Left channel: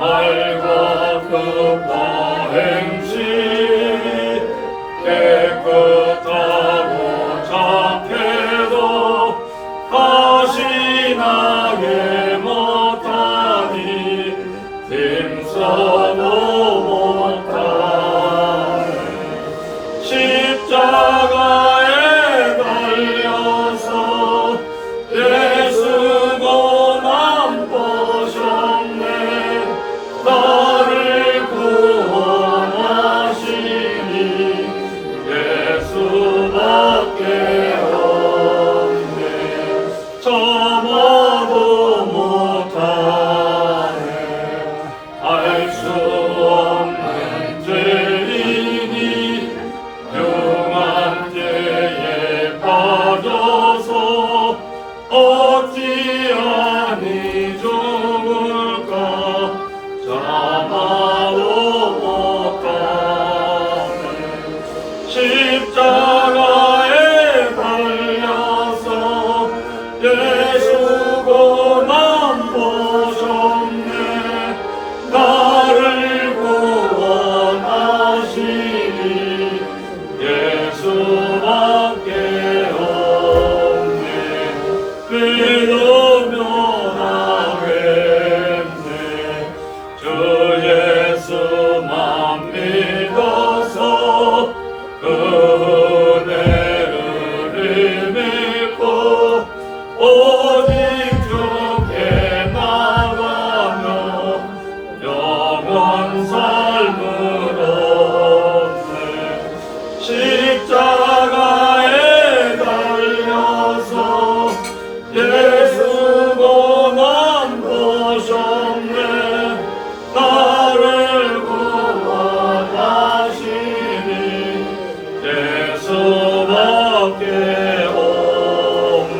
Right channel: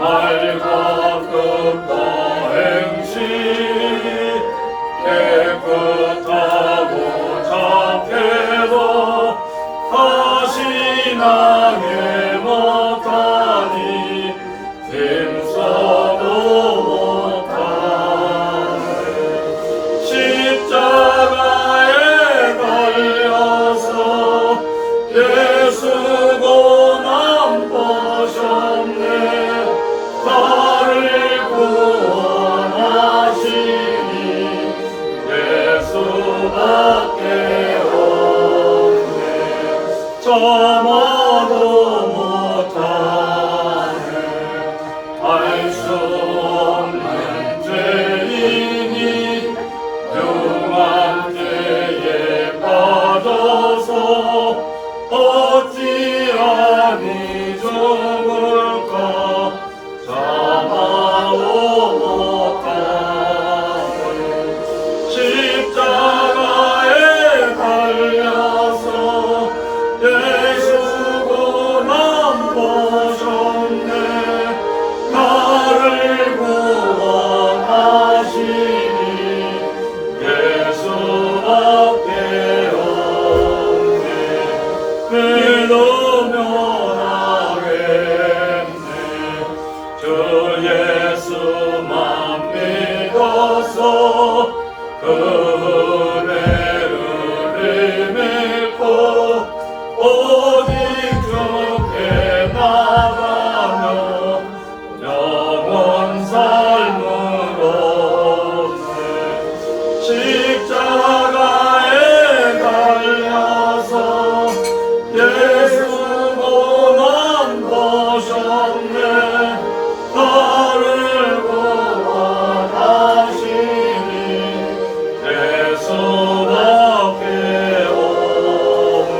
말과 뜻과 행실 깨끗하고 착해도 다시 나게 못하니 힘써도 못하네. 십자가에 달려서 예수 고난 보셨네. 나를 구원하시니 예수밖에 없네. 참아도 못하네. 알 수 없는 죄인이 흉한 죄에 빠져서 어찌하니 죽을까. 참아도 못하네. 십자가에 달려서 예수 고난 보셨네. 나를 구원하시니 예수밖에 없네. 믿으면 하겠네. 저 예수만 믿어서 그 은혜를 믿고 오직 주께 나가며 영원 삶을 얻네. 십자가에 달려서 예수 고난 보셨네. 나를 구원하시니 예수밖에 없네.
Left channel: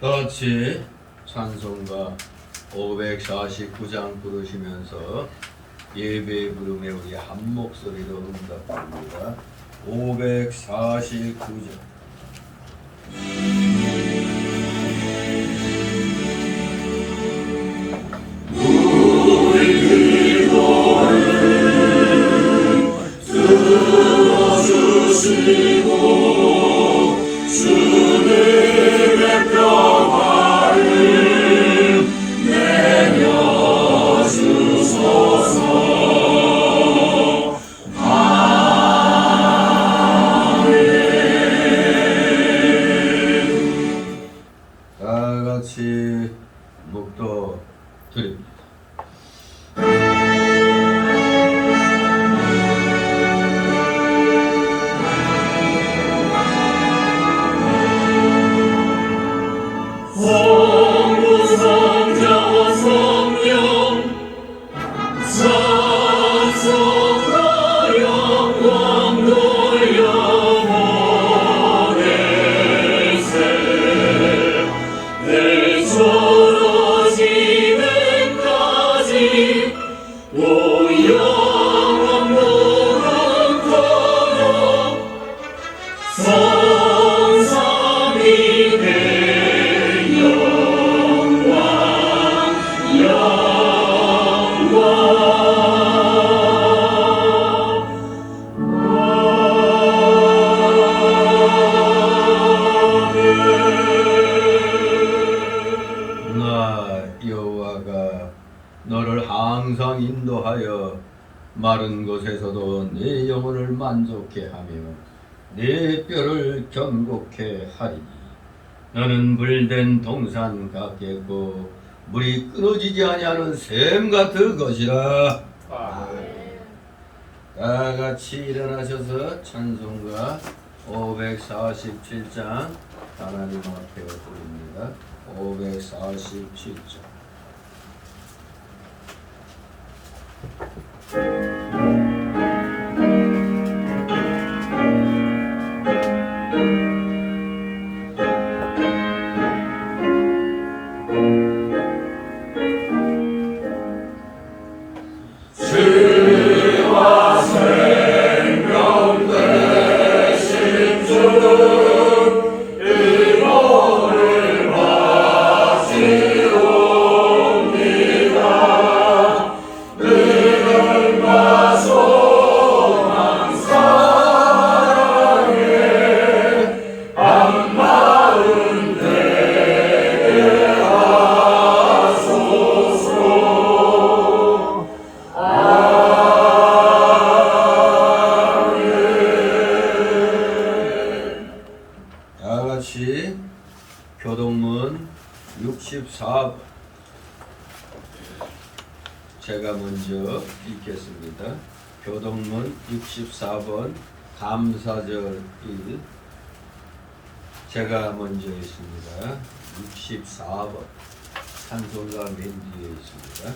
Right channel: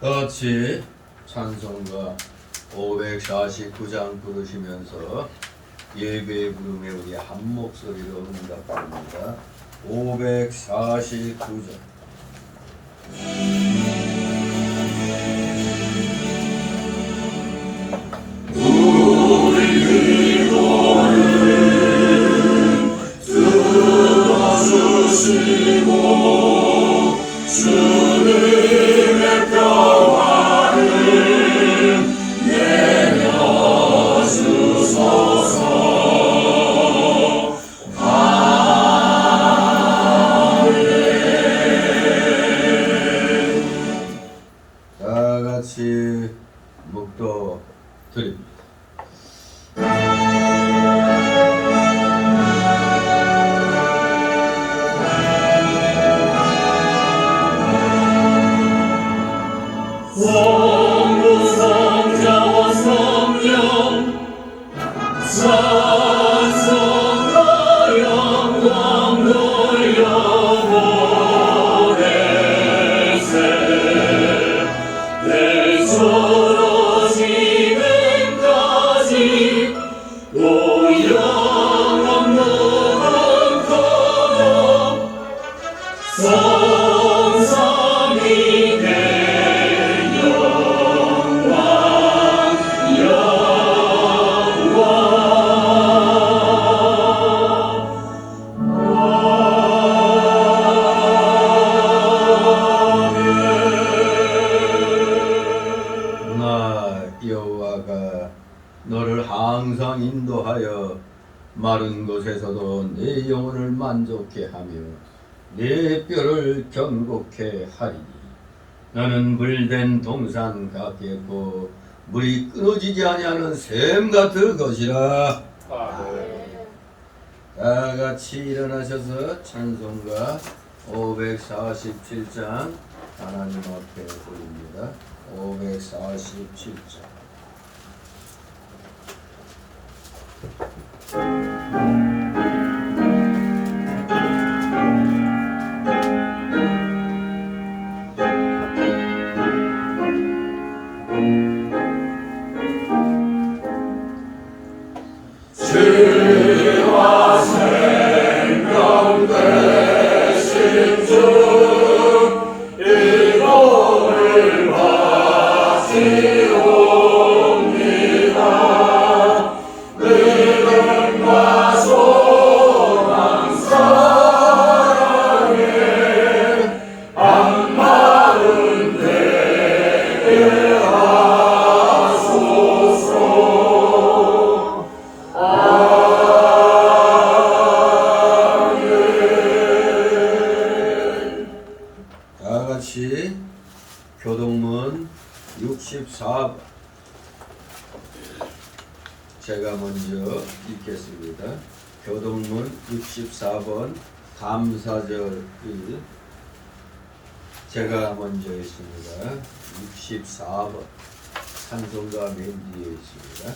같이 찬송가 549장 부르시면서 예배 부름에 우리 한 목소리로 응답합니다. 549장. 다 같이 묵도 드립니다. 성부성자와 성령 찬송과 영광 돌려보내세. 내 쓰러지는까지 영원 무릇토록 성삼이 내 영광 나 여호와가 너를 항상 인도하여 마른 곳에서도 내 영혼을 만족케 하며 내 뼈를 견고케 하리니. 나는 물된 동산 같겠고 물이 끊어지지 아니하는 샘 같을 것이라. 다 같이 일어나셔서 찬송가 547장 하나님 앞에 드립니다. 547장. 주와 64번 제가 먼저 읽겠습니다. 교동문 64번 감사절 1 제가 먼저 있습니다. 64번 찬송가 맨 뒤에 있습니다.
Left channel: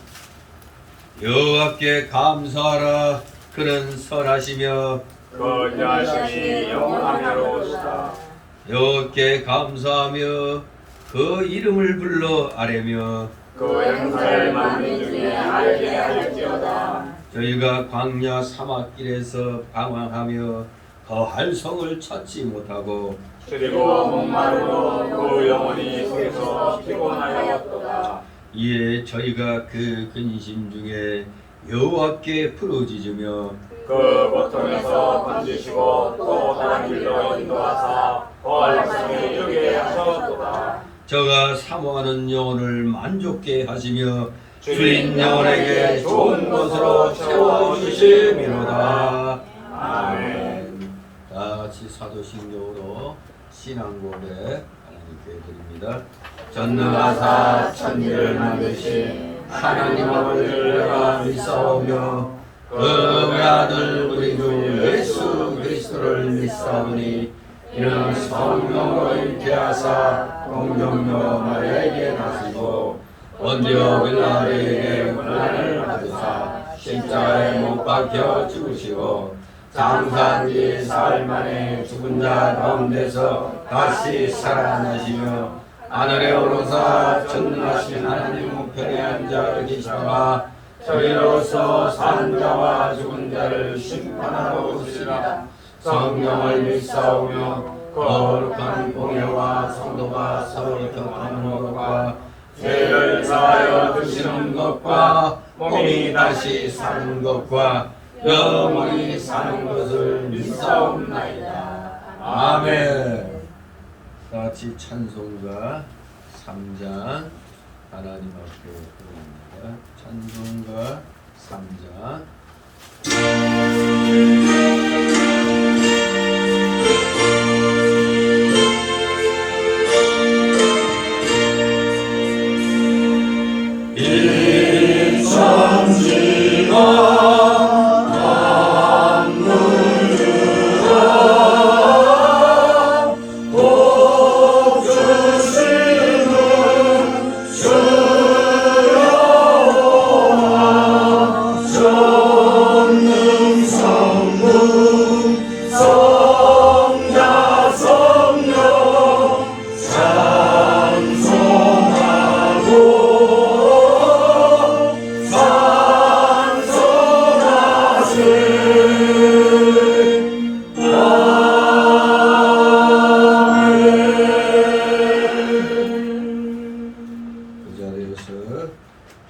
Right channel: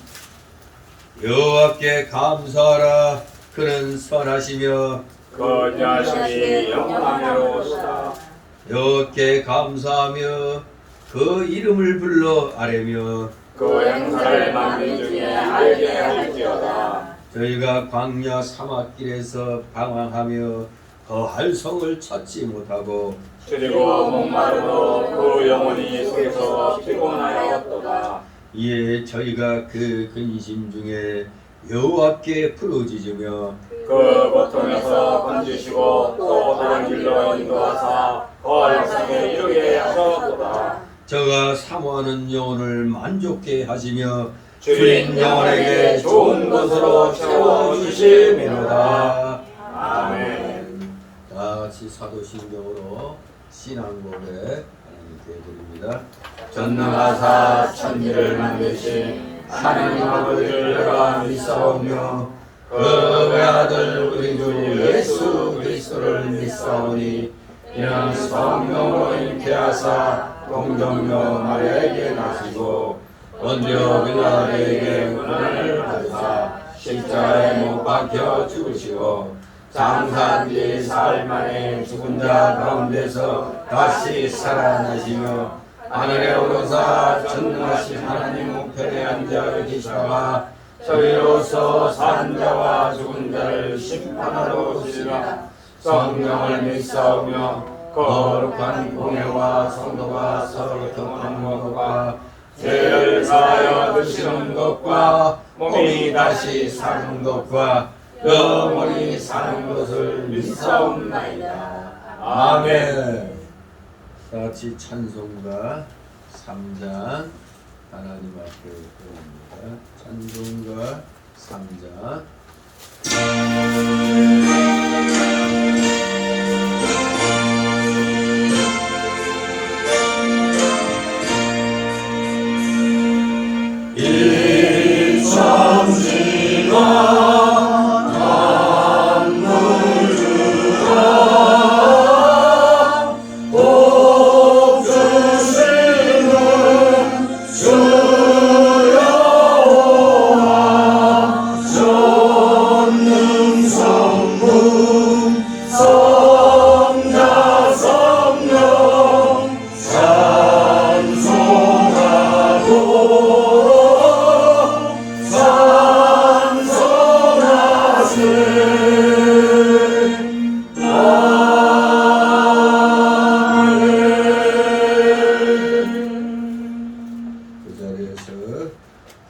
여호와께 감사하라. 그는 선하시며 그 인자하심이 영원하로다. 여호와께 감사하며 그 이름을 불러 아뢰며 그 행사를 만민 중에 알게 할지어다. 저희가 광야 사막길에서 방황하며 거할 성을 찾지 못하고 그리고 목마르고 그 영혼이 속에서 피곤하였도다. 이에 저희가 그 근심 중에 여호와께 부르짖으며 그 고통에서 건지시고 또 다른 길로 인도하사 거할 성에 이르게 하셨도다. 저가 사모하는 영혼을 만족케 하시며 주인 영혼에게 좋은 것으로 채워주심이로다. 아멘. 다 같이 사도신경으로 신앙고백 하나님께 드립니다. 전능하사 천지를 만드신 하나님 아버지를 내가 믿사오며 그 외아들 우리 주 예수 그리스도를 믿사오니 이는 성령으로 잉태하사 동정녀 마리아에게 나시고 본디오 빌라도에게 고난을 받으사 십자가에 못 박혀 죽으시고 장사한 지 사흘 만에 죽은 자 가운데서 다시 살아나시며 하늘에 오르사 전능하신 하나님 우편에 앉아 계시다가 저희로서 산 자와 죽은 자를 심판하러 오시리라. 성령을 믿사오며 거룩한 공예와 성도가 서로 격하는 것과 죄를 사하여 드시는 것과 몸이 다시 사는 것과 영원히 사는 것을 믿사옵나이다. 아멘. 다같이 찬송가 3장 하나님 앞에 드립니다. 찬송가 3장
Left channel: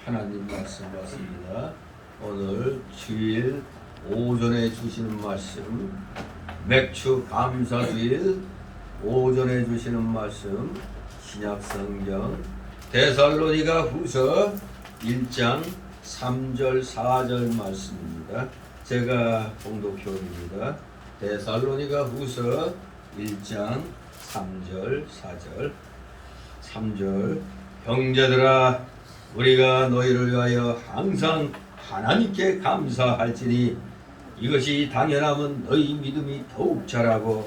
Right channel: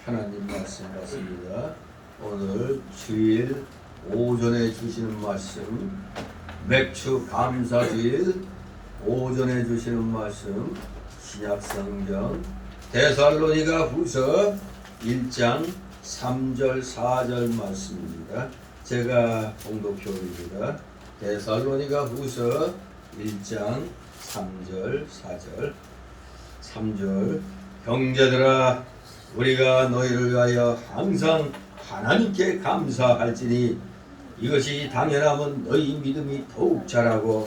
하나님 말씀 받습니다. 오늘 주일 오전에 주시는 말씀 맥주 감사주일 오전에 주시는 말씀 신약성경 데살로니가 후서 1장 3절 4절 말씀입니다. 제가 봉독표입니다. 데살로니가 후서 1장 3절 4절 3절 형제들아 우리가 너희를 위하여 항상 하나님께 감사할지니 이것이 당연함은 너희 믿음이 더욱 자라고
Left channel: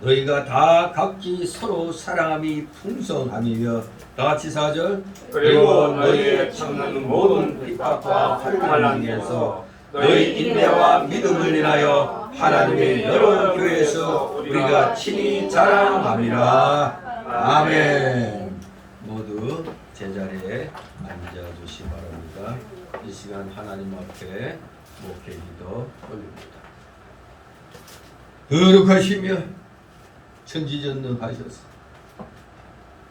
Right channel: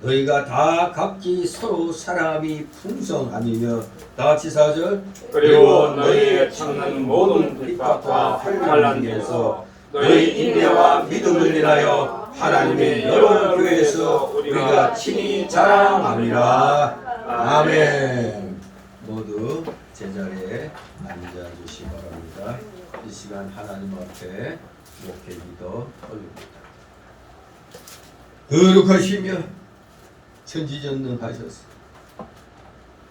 너희가 다 각기 서로 사랑함이 풍성함이며 다같이 4절 그리고 너희의 참는 모든 핍박과 환난 중에서 너희 인내와 믿음을 인하여 하나님의 여러 교회에서 우리가 친히 자랑함이라. 아멘. 모두 제자리에 앉아주시 바랍니다. 이 시간 하나님 앞에 목회기도 올립니다. 거룩하시며 천지전능하셔서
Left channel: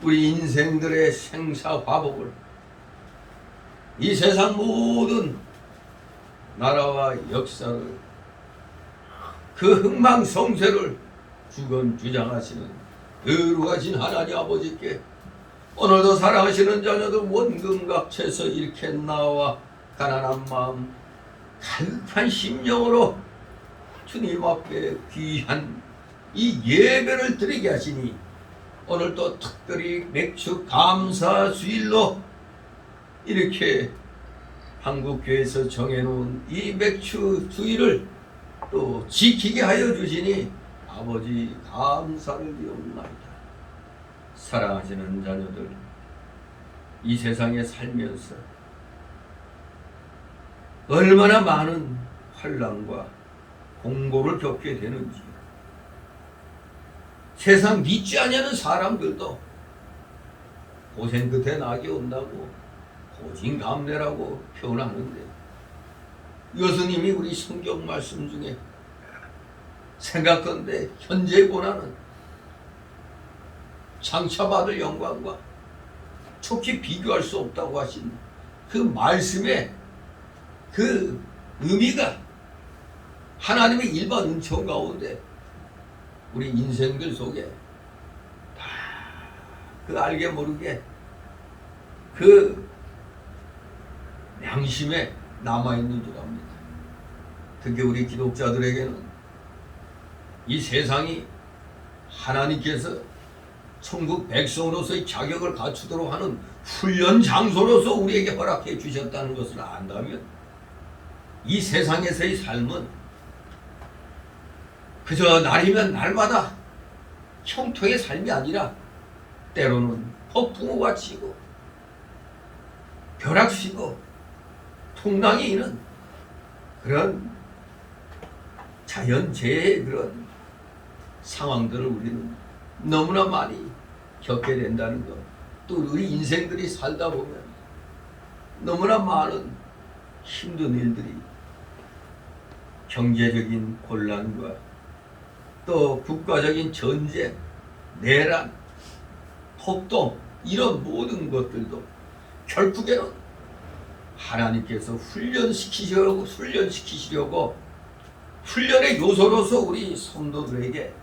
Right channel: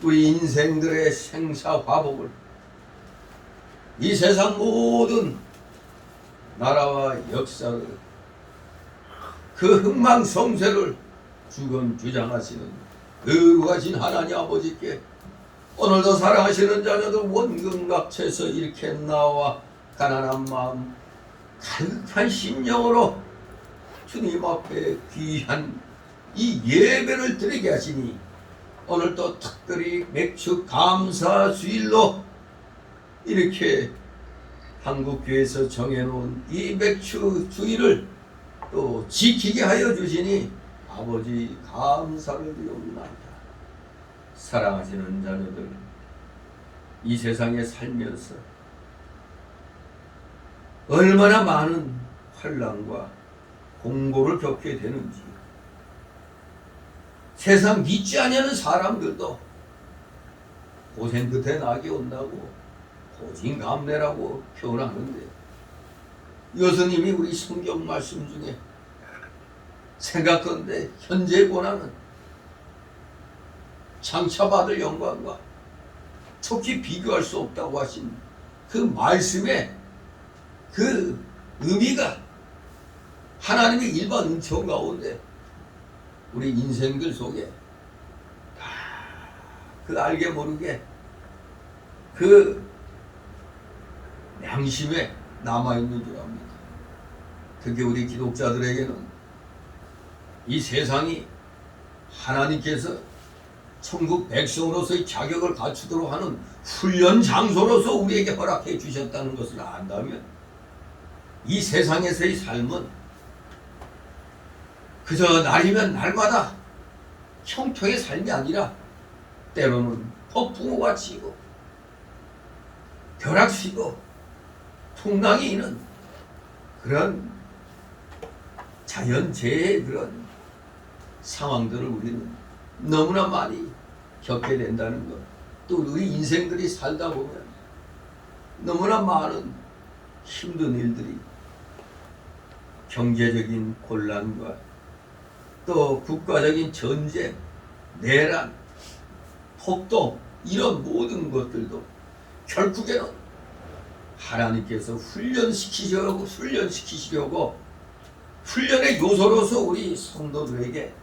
우리 인생들의 생사화복을 이 세상 모든 나라와 역사를 그 흥망성쇠를 주권주장하시는 거룩하신 하나님 아버지께 오늘도 사랑하시는 자녀도 원근각체에서 이렇게 나와 가난한 마음 가득한 심령으로 주님 앞에 귀한 이 예배를 드리게 하시니 오늘 또 특별히 맥주 감사 주일로 이렇게 한국교회에서 정해놓은 이 맥주 주일을 또 지키게 하여 주시니 아버지 감사를 드리옵나이다. 사랑하시는 자녀들, 이 세상에 살면서 얼마나 많은 환난과 공고를 겪게 되는지, 세상 믿지 아니하는 사람들도 고생 끝에 낙이 온다고 고진감래라고 표현하는데, 예수님이 우리 성경 말씀 중에 생각건대 현재 고난은 장차받을 영광과 촉히 비교할 수 없다고 하신 그 말씀의 그 의미가 하나님의 일반 은총 가운데 우리 인생들 속에 다 그 알게 모르게 그 양심에 남아있는 줄 압니다. 특히 우리 기독자들에게는 이 세상이 하나님께서 천국 백성으로서의 자격을 갖추도록 하는 훈련 장소로서 우리에게 허락해 주셨다는 것을 안다면, 이 세상에서의 삶은 그저 날이면 날마다 형통의 삶이 아니라 때로는 폭풍우가 치고 벼락치고 풍랑이 있는 그런 자연재해의 그런 상황들을 우리는 너무나 많이 겪게 된다는 것. 또 우리 인생들이 살다 보면 너무나 많은 힘든 일들이, 경제적인 곤란과 또 국가적인 전쟁, 내란, 폭동, 이런 모든 것들도 결국에는 하나님께서 훈련시키시려고 훈련의 요소로서 우리 성도들에게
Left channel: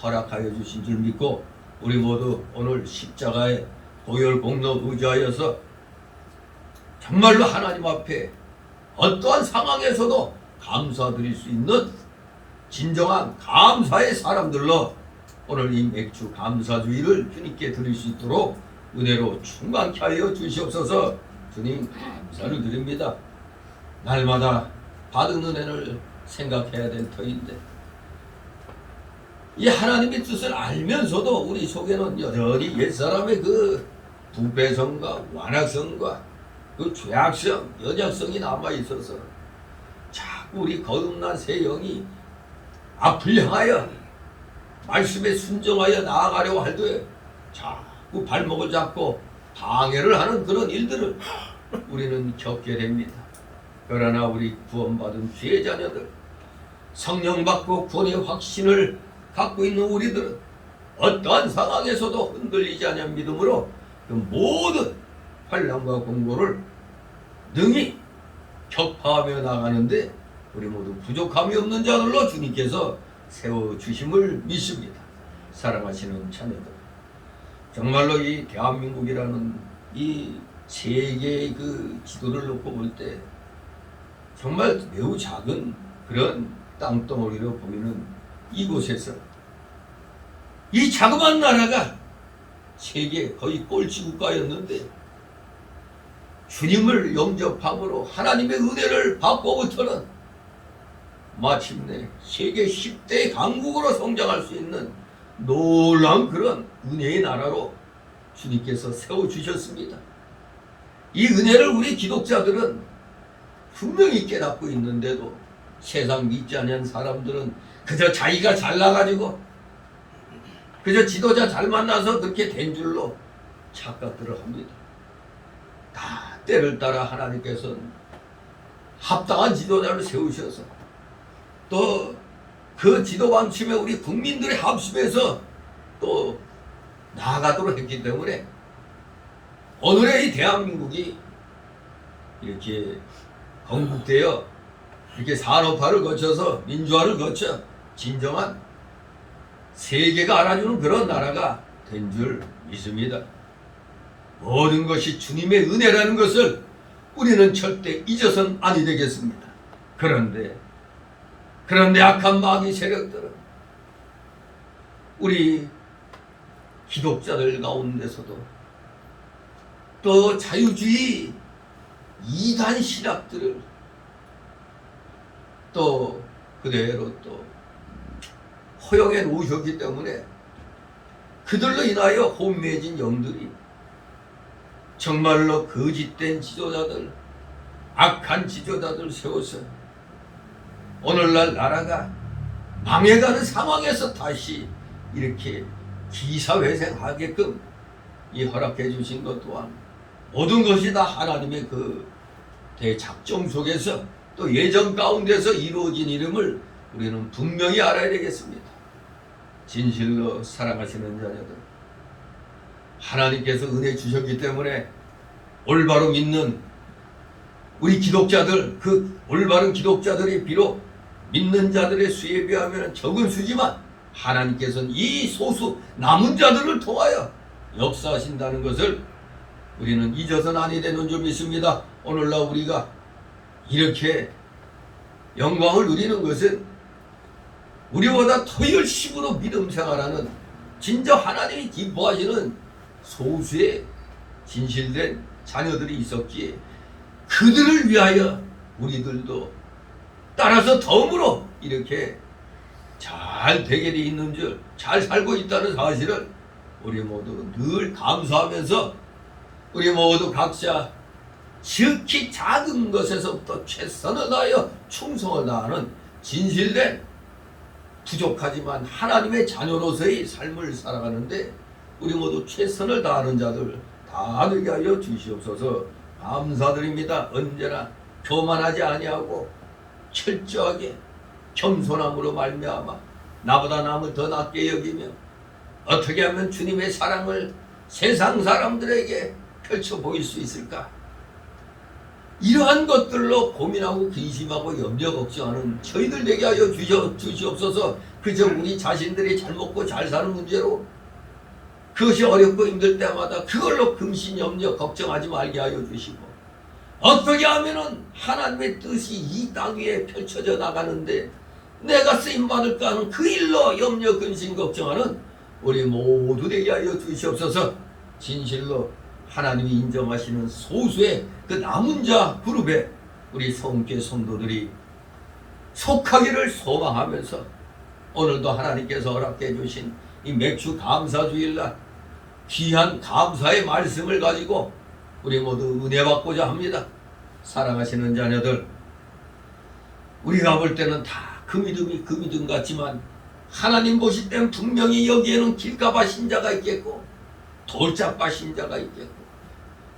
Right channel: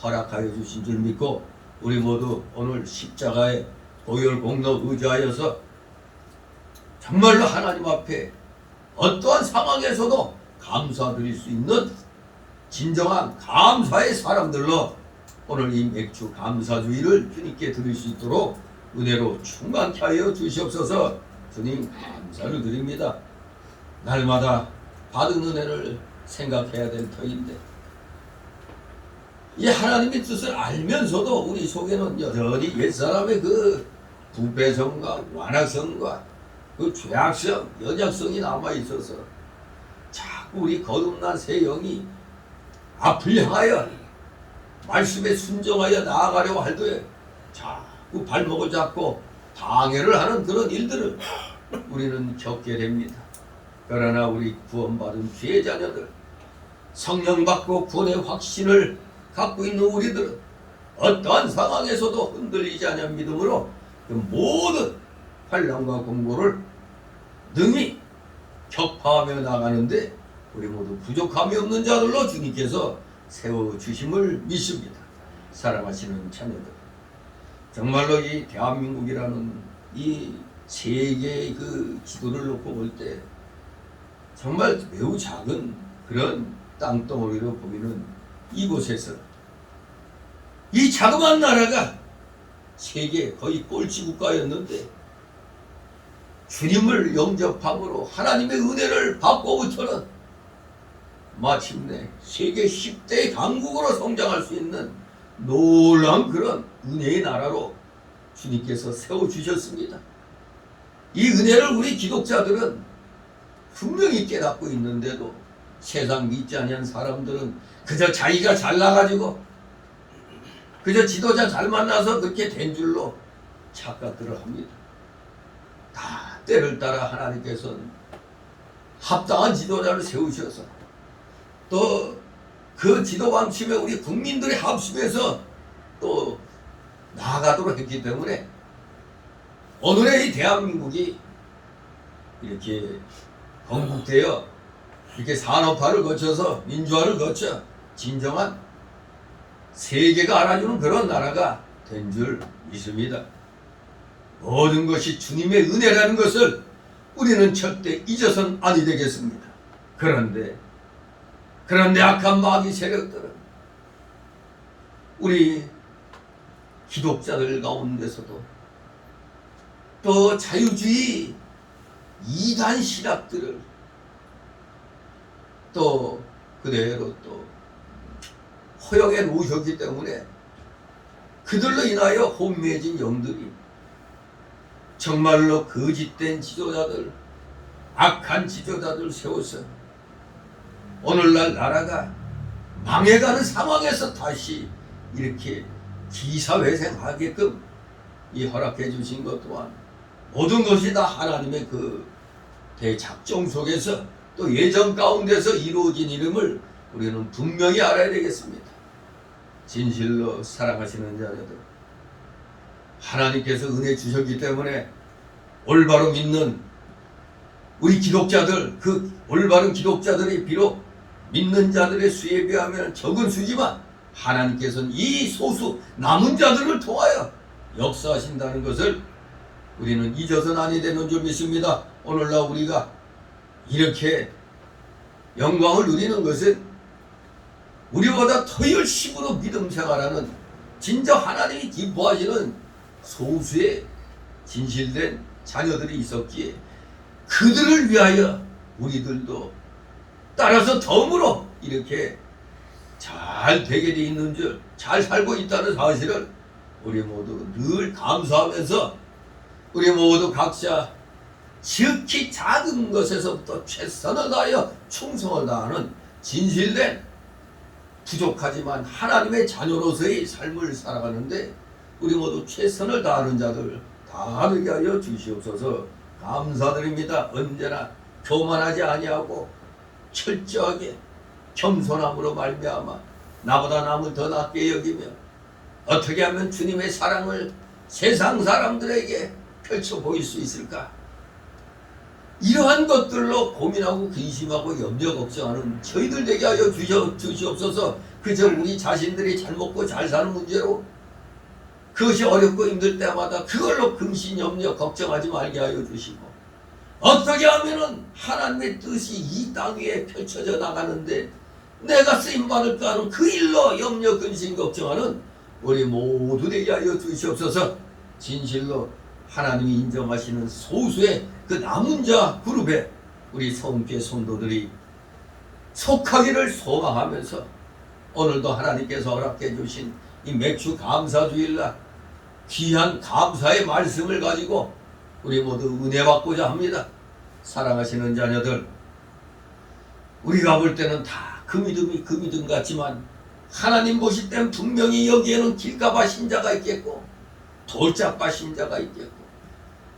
허락하여 주신 줄 믿고, 우리 모두 오늘 십자가의 보혈 공로 의지하여서 정말로 하나님 앞에 어떠한 상황에서도 감사드릴 수 있는 진정한 감사의 사람들로 오늘 이 맥주 감사주의를 주님께 드릴 수 있도록 은혜로 충만케 하여 주시옵소서. 주님 감사를 드립니다. 날마다 받은 은혜를 생각해야 될 터인데, 이 하나님의 뜻을 알면서도 우리 속에는 여전히 옛사람의 그 부패성과 완악성과 그 죄악성, 연약성이 남아있어서 자꾸 우리 거듭난 새 영이 앞을 향하여 말씀에 순종하여 나아가려고 할 때 자꾸 발목을 잡고 방해를 하는 그런 일들을 우리는 겪게 됩니다. 그러나 우리 구원받은 주의 자녀들, 성령 받고 구원의 확신을 갖고 있는 우리들은 어떠한 상황에서도 흔들리지 않는 믿음으로 그 모든 환난과 공고를 능히 격파하며 나가는데 우리 모두 부족함이 없는 자들로 주님께서 세워주심을 믿습니다. 사랑하시는 자녀들, 정말로 이 대한민국이라는 이 세계의 그 지도를 놓고 볼 때 정말 매우 작은 그런 땅덩어리로 보이는 이곳에서 이 자그마한 나라가 세계 거의 꼴찌 국가였는데 주님을 영접함으로 하나님의 은혜를 받고부터는 마침내 세계 10대 강국으로 성장할 수 있는 놀라운 그런 은혜의 나라로 주님께서 세워주셨습니다. 이 은혜를 우리 기독자들은 분명히 깨닫고 있는데도 세상 믿지 않는 사람들은 그저 자기가 잘나가지고 그저 지도자 잘 만나서 그렇게 된 줄로 착각들을 합니다. 다 때를 따라 하나님께서는 합당한 지도자를 세우셔서 또 그 지도 방침에 우리 국민들의 합심해서 또 나아가도록 했기 때문에 오늘의 이 대한민국이 이렇게 건국되어 이렇게 산업화를 거쳐서 민주화를 거쳐 진정한 세계가 알아주는 그런 나라가 된 줄 믿습니다. 모든 것이 주님의 은혜라는 것을 우리는 절대 잊어서는 아니 되겠습니다. 그런데 악한 마귀 세력들은 우리 기독자들 가운데서도 또 자유주의 이단 신학들을 또 그대로 또 허용해 놓으셨기 때문에 그들로 인하여 혼미해진 영들이 정말로 거짓된 지도자들, 악한 지도자들 세워서 오늘날 나라가 망해가는 상황에서 다시 이렇게 기사회생하게끔 이 허락해 주신 것 또한 모든 것이 다 하나님의 그 대작정 속에서 또 예정 가운데서 이루어진 이름을 우리는 분명히 알아야 되겠습니다. 진실로 사랑하시는 자녀들, 하나님께서 은혜 주셨기 때문에 올바로 믿는 우리 기독자들, 그 올바른 기독자들이 비록 믿는 자들의 수에 비하면 적은 수지만 하나님께서는 이 소수 남은 자들을 통하여 역사하신다는 것을 우리는 잊어서는 아니 되는 줄 믿습니다. 오늘날 우리가 이렇게 영광을 누리는 것은 우리보다 더 열심으로 믿음 생활하는 진짜 하나님이 기뻐하시는 소수의 진실된 자녀들이 있었기에 그들을 위하여 우리들도 따라서 덤으로 이렇게 잘 되게 돼 있는 줄, 잘 살고 있다는 사실을 우리 모두 늘 감사하면서 우리 모두 각자 지극히 작은 것에서부터 최선을 다하여 충성을 다하는 진실된 부족하지만 하나님의 자녀로서의 삶을 살아가는데 우리 모두 최선을 다하는 자들 다 되게 하여 주시옵소서. 감사드립니다. 언제나 교만하지 아니하고 철저하게 겸손함으로 말미암아 나보다 남을 더 낮게 여기며 어떻게 하면 주님의 사랑을 세상 사람들에게 펼쳐 보일 수 있을까? 이러한 것들로 고민하고 근심하고 염려 걱정하는 저희들 되게 하여 주시옵소서. 그저 우리 자신들이 잘 먹고 잘 사는 문제로 그것이 어렵고 힘들 때마다 그걸로 근심 염려 걱정하지 말게 하여 주시고 어떻게 하면은 하나님의 뜻이 이 땅 위에 펼쳐져 나가는데 내가 쓰임받을까 하는 그 일로 염려 근심 걱정하는 우리 모두 되게 하여 주시옵소서. 진실로 하나님이 인정하시는 소수의 그 남은 자 그룹에 우리 성교회 성도들이 속하기를 소망하면서 오늘도 하나님께서 허락해 주신 이 맥주 감사주일날 귀한 감사의 말씀을 가지고 우리 모두 은혜 받고자 합니다. 사랑하시는 자녀들, 우리가 볼 때는 다 그 믿음이 그 믿음 같지만 하나님 보실 땐 분명히 여기에는 길가바 신자가 있겠고 돌짝바 신자가 있겠고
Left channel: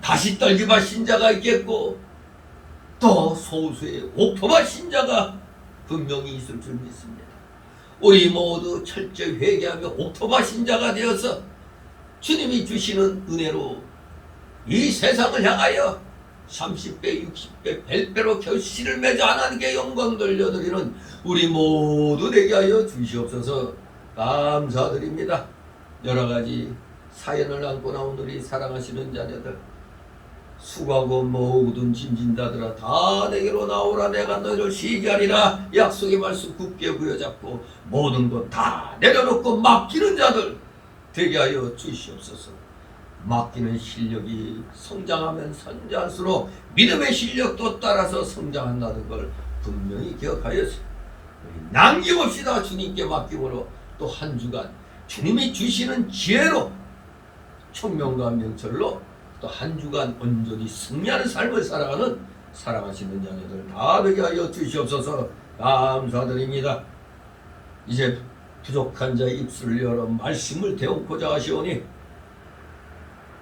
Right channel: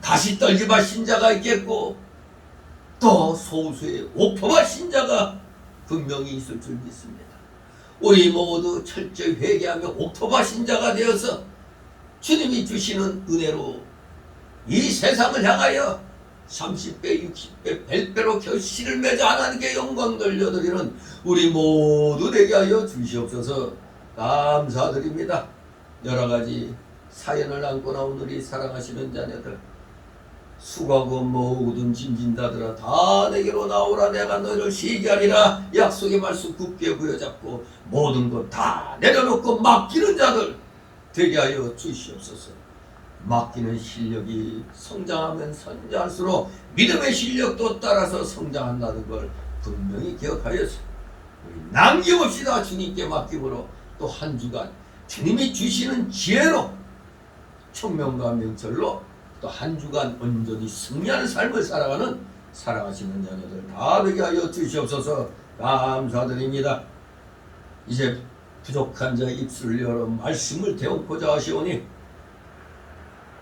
가시떨기바 신자가 있겠고 또 소수의 옥토바 신자가 분명히 있을 줄 믿습니다. 우리 모두 철저히 회개하며 옥토바 신자가 되어서 주님이 주시는 은혜로 이 세상을 향하여 30배, 60배, 100배로 결실을 맺어 하나님께 영광 돌려드리는 우리 모두 되게 하여 주시옵소서. 감사드립니다. 여러가지 사연을 안고 나온 우리 사랑하시는 자녀들, 수고하고 모든 짐진다들아 다 내게로 나오라. 내가 너희를 쉬게 하리라. 약속의 말씀 굳게 부여잡고 모든 것 다 내려놓고 맡기는 자들 되게 하여 주시옵소서. 맡기는 실력이 성장하면 성장할수록 믿음의 실력도 따라서 성장한다는 걸 분명히 기억하여서 우리 남김없이 다 주님께 맡김으로 또 한 주간 주님이 주시는 지혜로 총명과 명철로 또 한 주간 온전히 승리하는 삶을 살아가는 사랑하시는 자녀들 다 되게 하여 주시옵소서. 감사드립니다. 이제 부족한 자의 입술을 열어 말씀을 대언고자 하시오니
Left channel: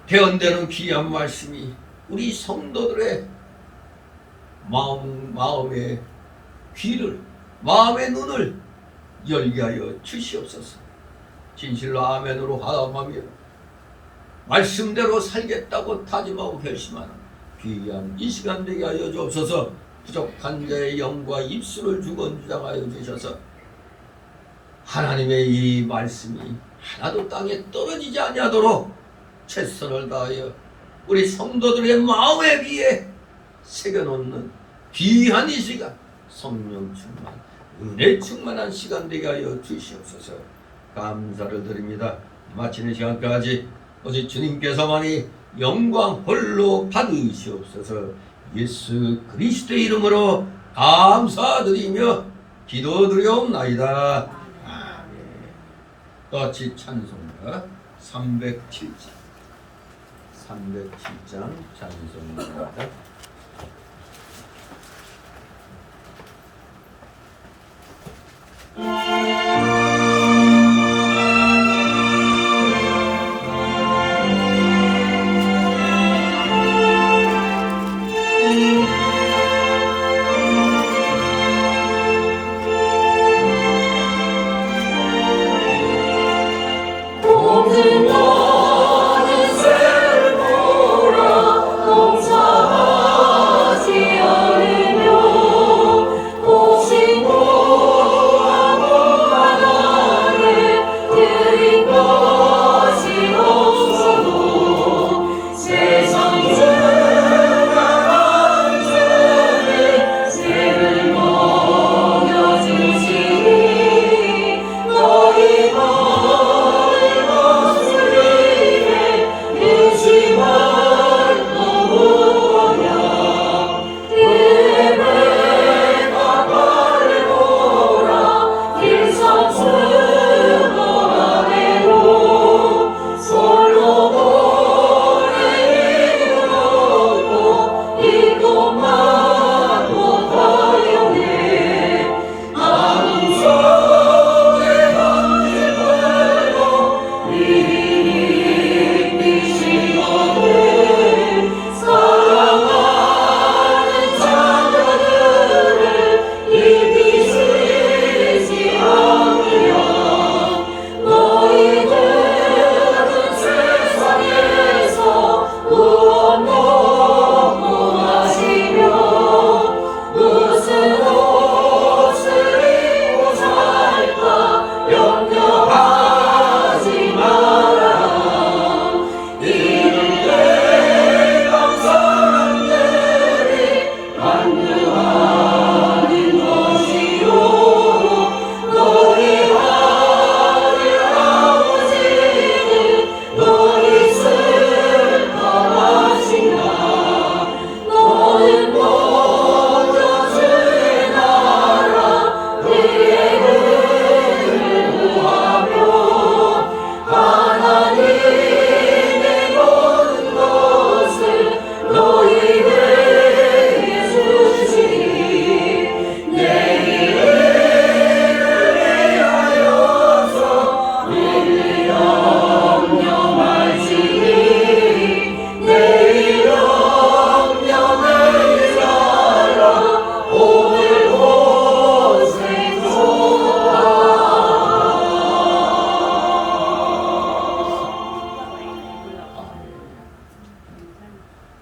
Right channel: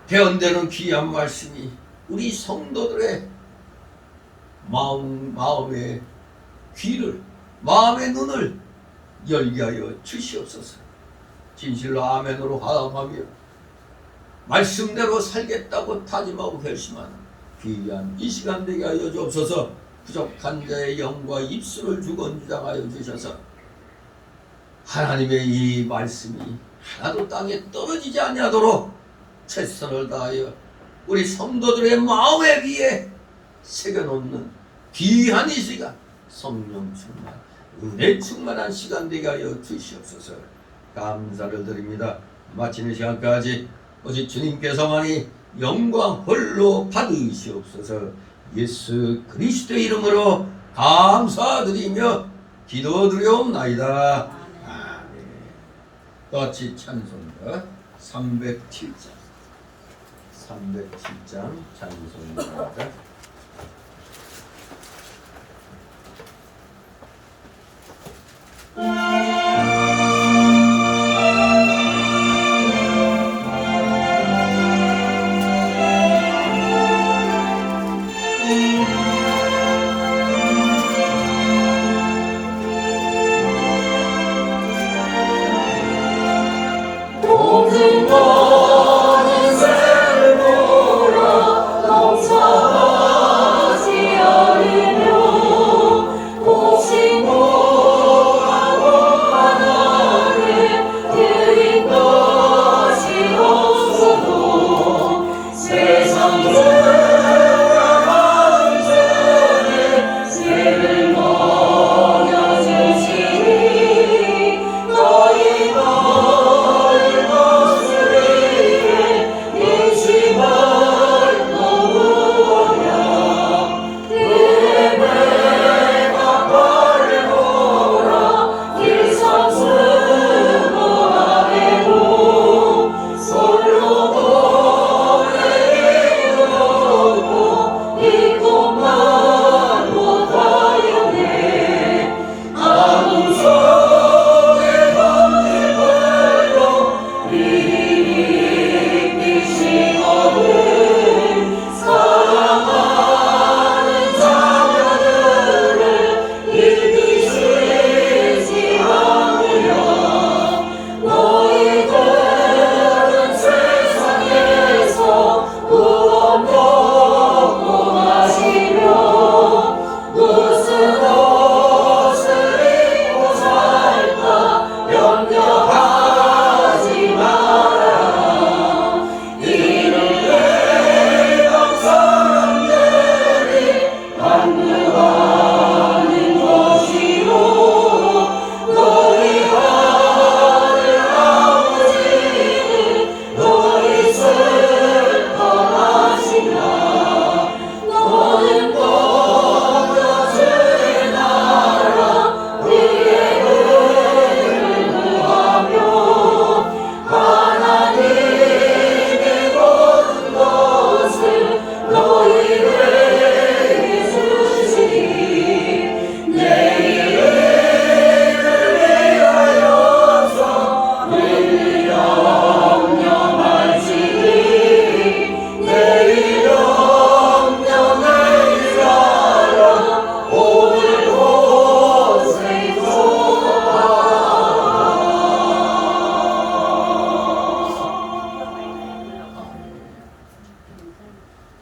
대언되는 귀한 말씀이 우리 성도들의 마음의 귀를, 마음의 눈을 열게 하여 주시옵소서. 진실로 아멘으로 화답하며 말씀대로 살겠다고 다짐하고 결심하는 귀한 이 시간 되게 하여 주옵소서. 부족한 자의 영과 입술을 주건주장하여 주셔서 하나님의 이 말씀이 하나도 땅에 떨어지지 아니하도록 최선을 다하여 우리 성도들의 마음에 비해 새겨놓는 귀한 이 시간, 성령 충만, 은혜 충만한 시간 되게 하여 주시옵소서. 감사를 드립니다. 마치는 시간까지 오직 주님께서만이 영광 홀로 받으시옵소서. 예수 그리스도의 이름으로 감사드리며 기도드리옵나이다. 아멘. 같이 찬송가 307장 찬송가입니다.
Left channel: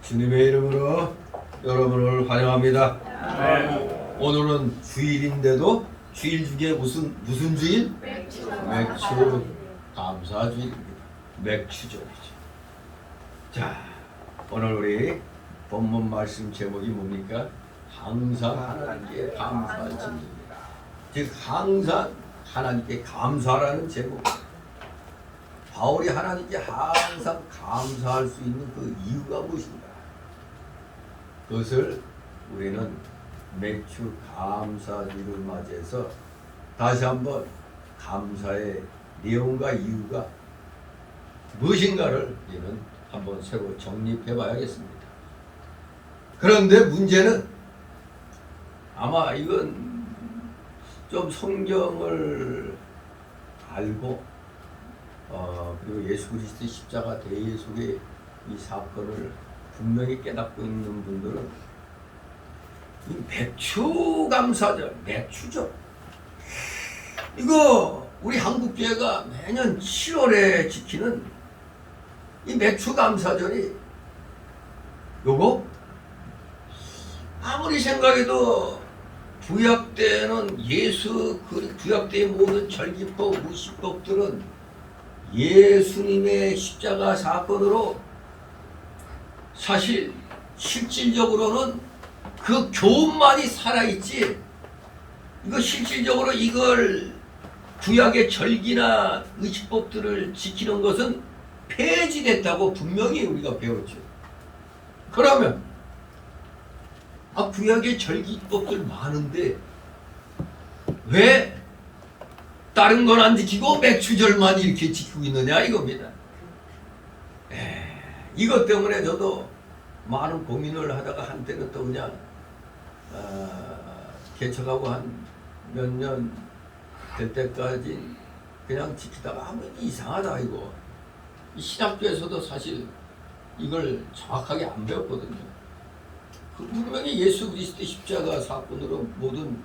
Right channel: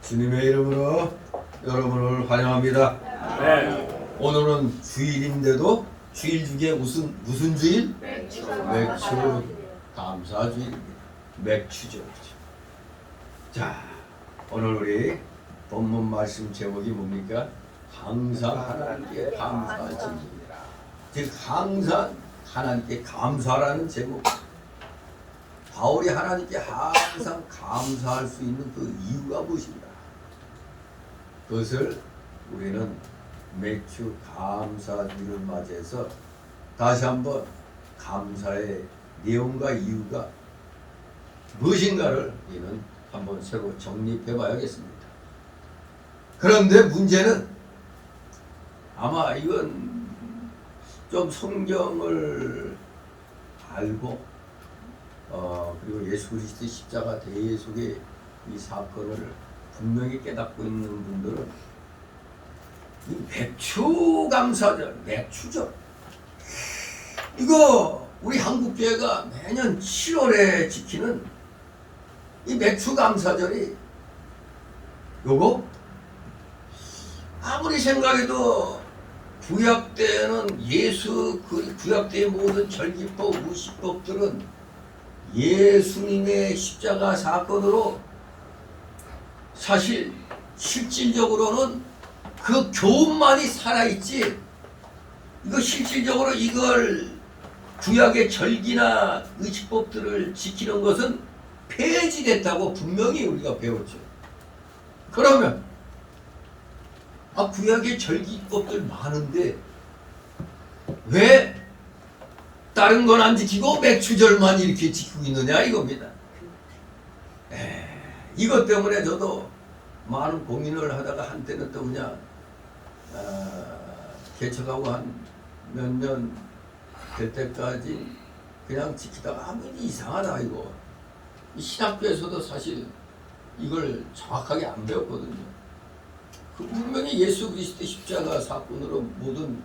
주님의 이름으로 여러분을 환영합니다. 오늘은 주일인데도 주일 중에 무슨 주일? 맥주 감사주일입니다. 맥주절이죠. 자, 오늘 우리 본문 말씀 제목이 뭡니까? 항상 하나님께 감사하지. 즉 항상 하나님께 감사라는 제목. 바울이 하나님께 항상 감사할 수 있는 그 이유가 무엇인가? 그것을 우리는 맥주 감사주를 맞이해서 다시 한번 감사의 내용과 이유가 무엇인가를 우리는 한번 새로 정립해 봐야겠습니다. 그런데 문제는 아마 이건 좀 성경을 알고 그리고 예수 그리스도의 십자가 대예 속에 이 사건을 분명히 깨닫고 있는 분들은 이 맥주 감사절, 맥주죠. 이거 우리 한국교회가 매년 7월에 지키는 이 맥주 감사절이 요거 아무리 생각해도 구약 때는 구약 때의 모든 절기법, 무시법들은 예수님의 십자가 사건으로 사실 실질적으로는 그 교훈만이 살아있지, 이거 실질적으로 이걸 구약의 절기나 의식법들을 지키는 것은 폐지됐다고 분명히 우리가 배웠죠. 그러면 구약의 절기법들 많은데 왜 다른 건 안 지키고 맥추절만 이렇게 지키고 있느냐 이겁니다. 이것 때문에 저도 많은 고민을 하다가 한때는 또 그냥 개척하고 한 몇 년 될 때까지 그냥 지키다가 이상하다 이거. 이 신학교에서도 사실 이걸 정확하게 안 배웠거든요. 그 분명히 예수 그리스도의 십자가 사건으로 모든